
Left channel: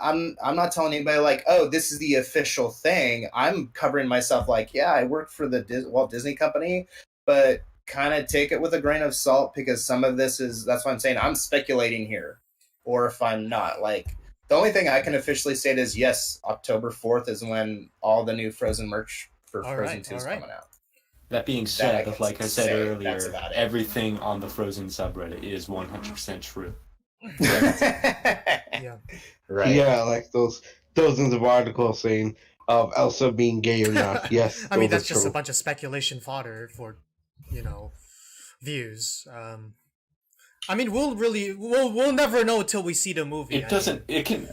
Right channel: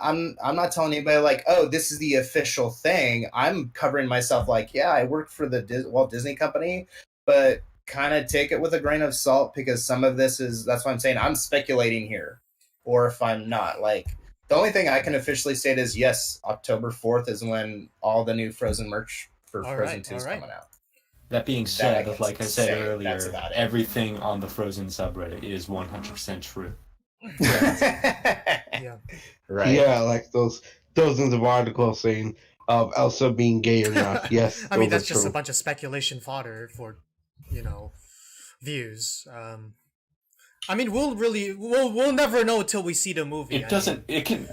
I'm not telling anybody like, oh, this is the official thing. I'm covering myself like, yeah, I work for the Walt Disney Company, but kind of take it with a grain of salt because some of this that's why I'm saying I'm speculating here, or if I'm not like. The only thing I can officially state is, yes, October 4th is when all the new Frozen merch for Frozen 2 is coming out. That being said, like I said earlier, everything on the Frozen subreddit is 100% true. Yeah. Right. Yeah, like those dozens of articles saying of Elsa being gay or not. Yes, I mean, those that's are just a true. bunch of speculation fodder for, views. I mean, we'll never know until we see the movie. It doesn't. It can.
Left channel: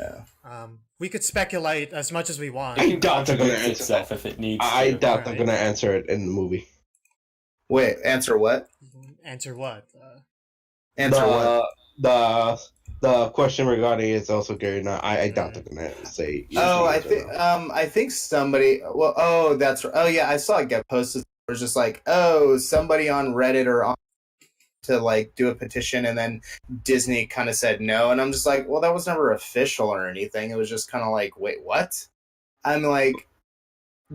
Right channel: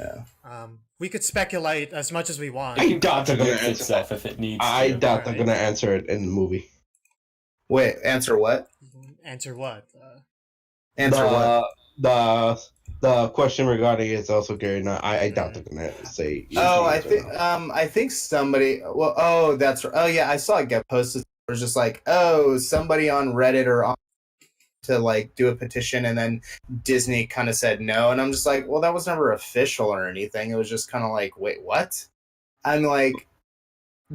We could speculate as much as we want. It can doubt they're gonna contradict answer itself if it needs I to. doubt they're Right. gonna answer it in the movie. Wait, answer what? Answer what? Answer what? The question regarding is also gay or not. I doubt they're gonna say. yes Oh, or I think somebody. Well, oh, that's. Oh, yeah, I saw it get posted. It was just like, oh, somebody on Reddit or on to like do a petition, and then Disney kind of said no, and I'm just like, well, that was never official or anything. It was just kind of like, wait, what? I'm like,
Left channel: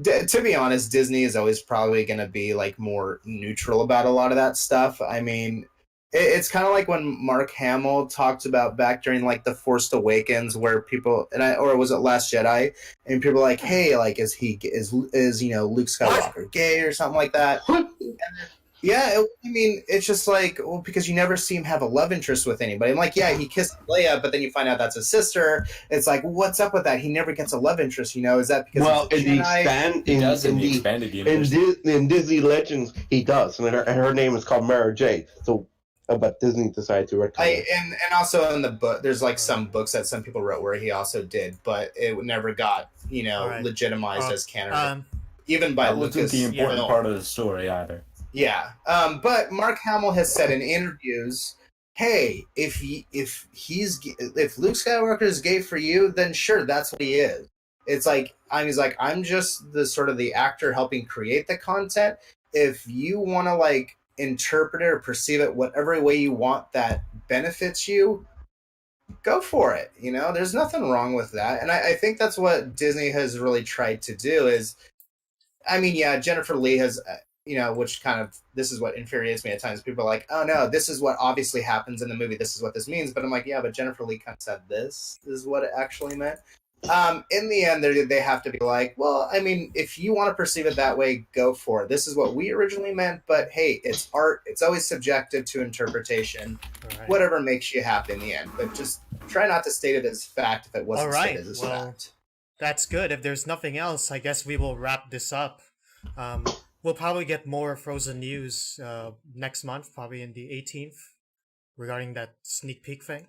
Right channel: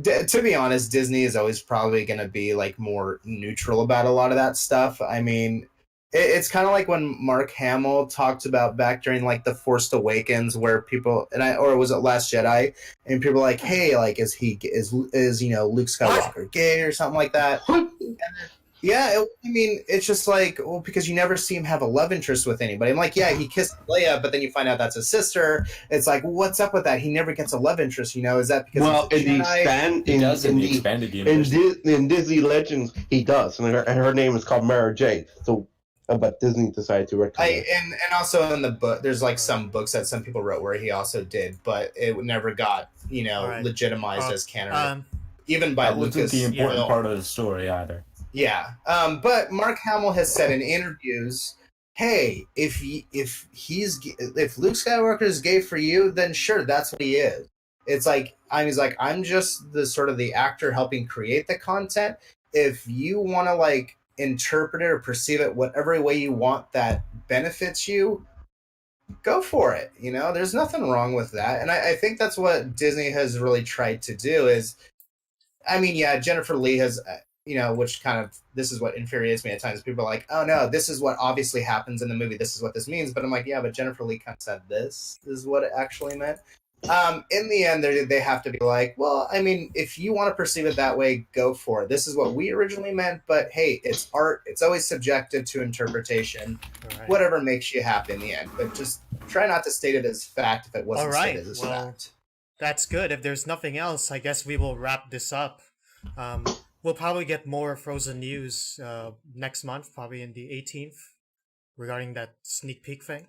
to be honest, Disney is always probably going to be like more neutral about a lot of that stuff. I mean, it's kind of like when Mark Hamill talked about back during like the Force Awakens, where people or was it Last Jedi, and people were like, hey, like is Luke Skywalker gay or something like that? Yeah, I mean, it's just like, well, because you never see him have a love interest with anybody. I'm like, yeah, he kissed Leia, but then you find out that's his sister. It's like, what's up with that? He never gets a love interest, Is that because in the expanded universe. in Disney Legends, he does, and her name is called Mara Jade. So, but Disney decided to retcon and also in the book, there's like some books that some people wrote where he also did, but it never got right. legitimized as canon, even by That wasn't Lucas. the important part of the story either. Yeah, but Mark Hamill has said in interviews, "Hey, if Luke Skywalker is gay for you, then sure, that's what he is." It's like I'm just the sort of the actor helping create the content. If you want to like interpret it or perceive it whatever way you want that benefits you, go for it. There's nothing wrong with that, and I think that's what Disney has really tried to do. Is, I mean, yeah, Jennifer Lee has. Which kind of, this is what infuriates me at times. People are like, oh no, this is what obviously happens in the movie. This is what this means. But I'm like, yeah, but Jennifer Lee kind of said this is what it actually meant. In the end, they have to be like, well, I mean, if you want to perceive it that way, go for it. This is what we originally meant. But hey, it's art. It's always subjective to interpretation. Right. Whatever makes you happy in the end. But just try not to state it as fact if it wasn't stated as fact. That's good. If there's nothing else, I guess we will wrap this up. We'll probably get more Frozen news next month, probably in the 18th, regarding that sneak peek thing.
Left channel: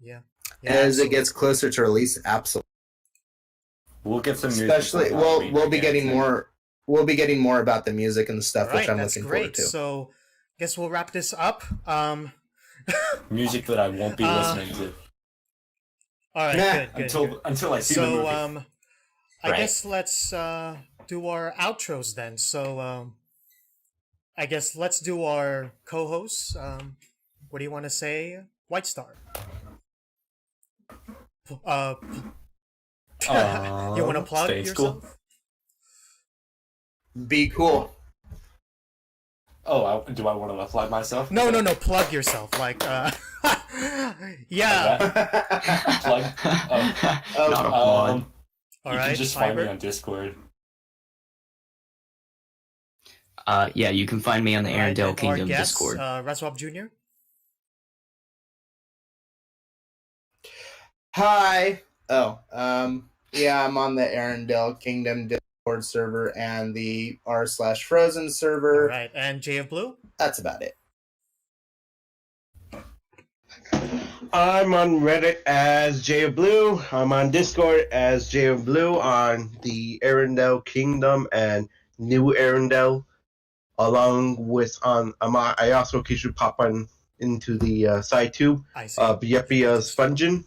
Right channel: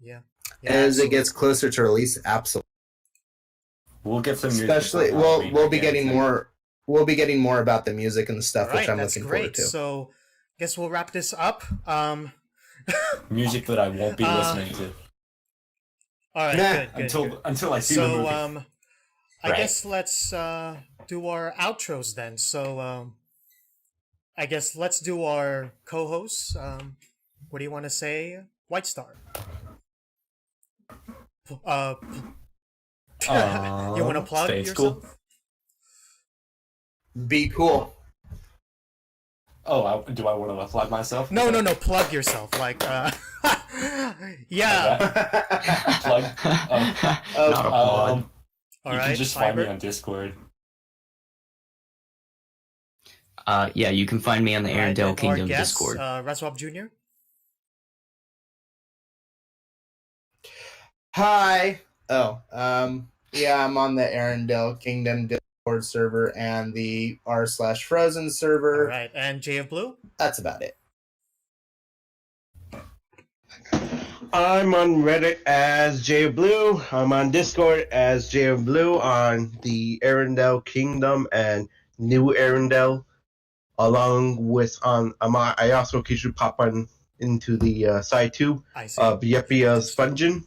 Yeah. As it gets closer to release, absolutely. We'll get some news. Especially, we'll be getting more. We'll be getting more about the music and stuff, which I'm looking forward to. So, I guess we'll wrap this up. Music that I won't be listening to. All right, good. Until I see the movie. So, I guess let's do our outros then. So, I guess let's do our co-hosts. What do you want to say, White Star? You want to plug yourself? Cool. Be cool. Oh, do I want to plug myself? No. Plug yourself. Like, yeah. Plug. Not a plug. All you right. can just find me on Discord. Yeah, you can find me on the Arendelle Kingdom Discord. Raswab Jr. Hi. Oh, yeah, I'm on the Arendelle Kingdom Discord server and the r/Frozen server. All right, and J of Blue. That's about it. I'm on Reddit as J of Blue. I'm on Discord as J of Blue on the Arendelle Kingdom and New Arendelle. Along with I also occasionally pop on into the side tube of Yeppia Spongin.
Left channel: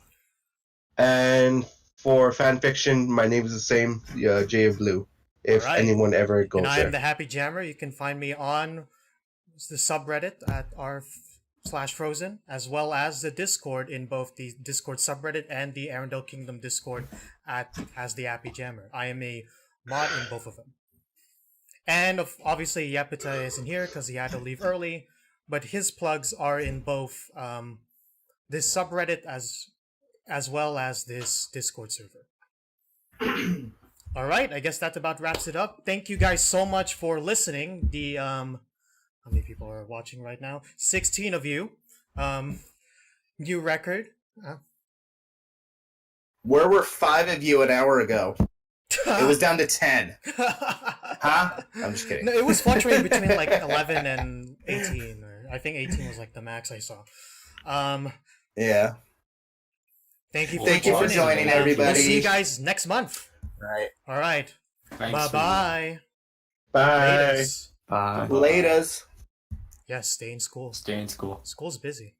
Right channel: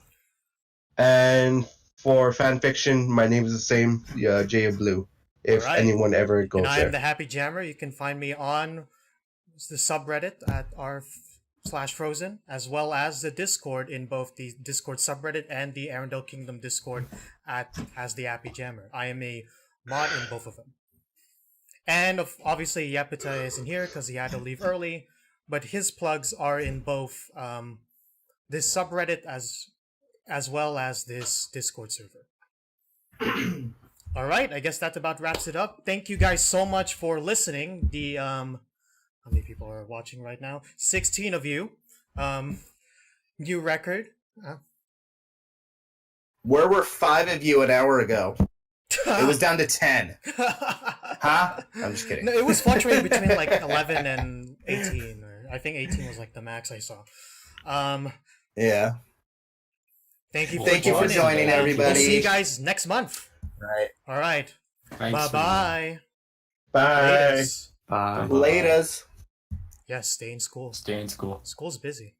And for fanfiction, my name is the same, J of Blue. If anyone ever goes there. And I am the Happy Jammer. You can find me on the subreddit at r/Frozen, as well as the Discord in both the Discord subreddit and the Arendelle Kingdom Discord as the Happy Jammer. I am a mod in both of them. And obviously, Yapita isn't here because he had to leave early, but his plugs are in both this subreddit as well as this Discord server. All right, I guess that about wraps it up. Thank you guys so much for listening. How many people are watching right now? 16 of you. New record. Where were 5 of you an hour ago? It was down to 10. Huh? I'm just kidding. No, it was fluctuating between like 11 and 18. Or I think 18 was like the max I saw. Yeah. Thank you for Thank you for joining. joining, everybody. We'll see you guys next month. Right. All right. Thanks, Bye-bye. Bye. Laters. Bye. Laters. Yes, stay in school. Stay in school. School's busy.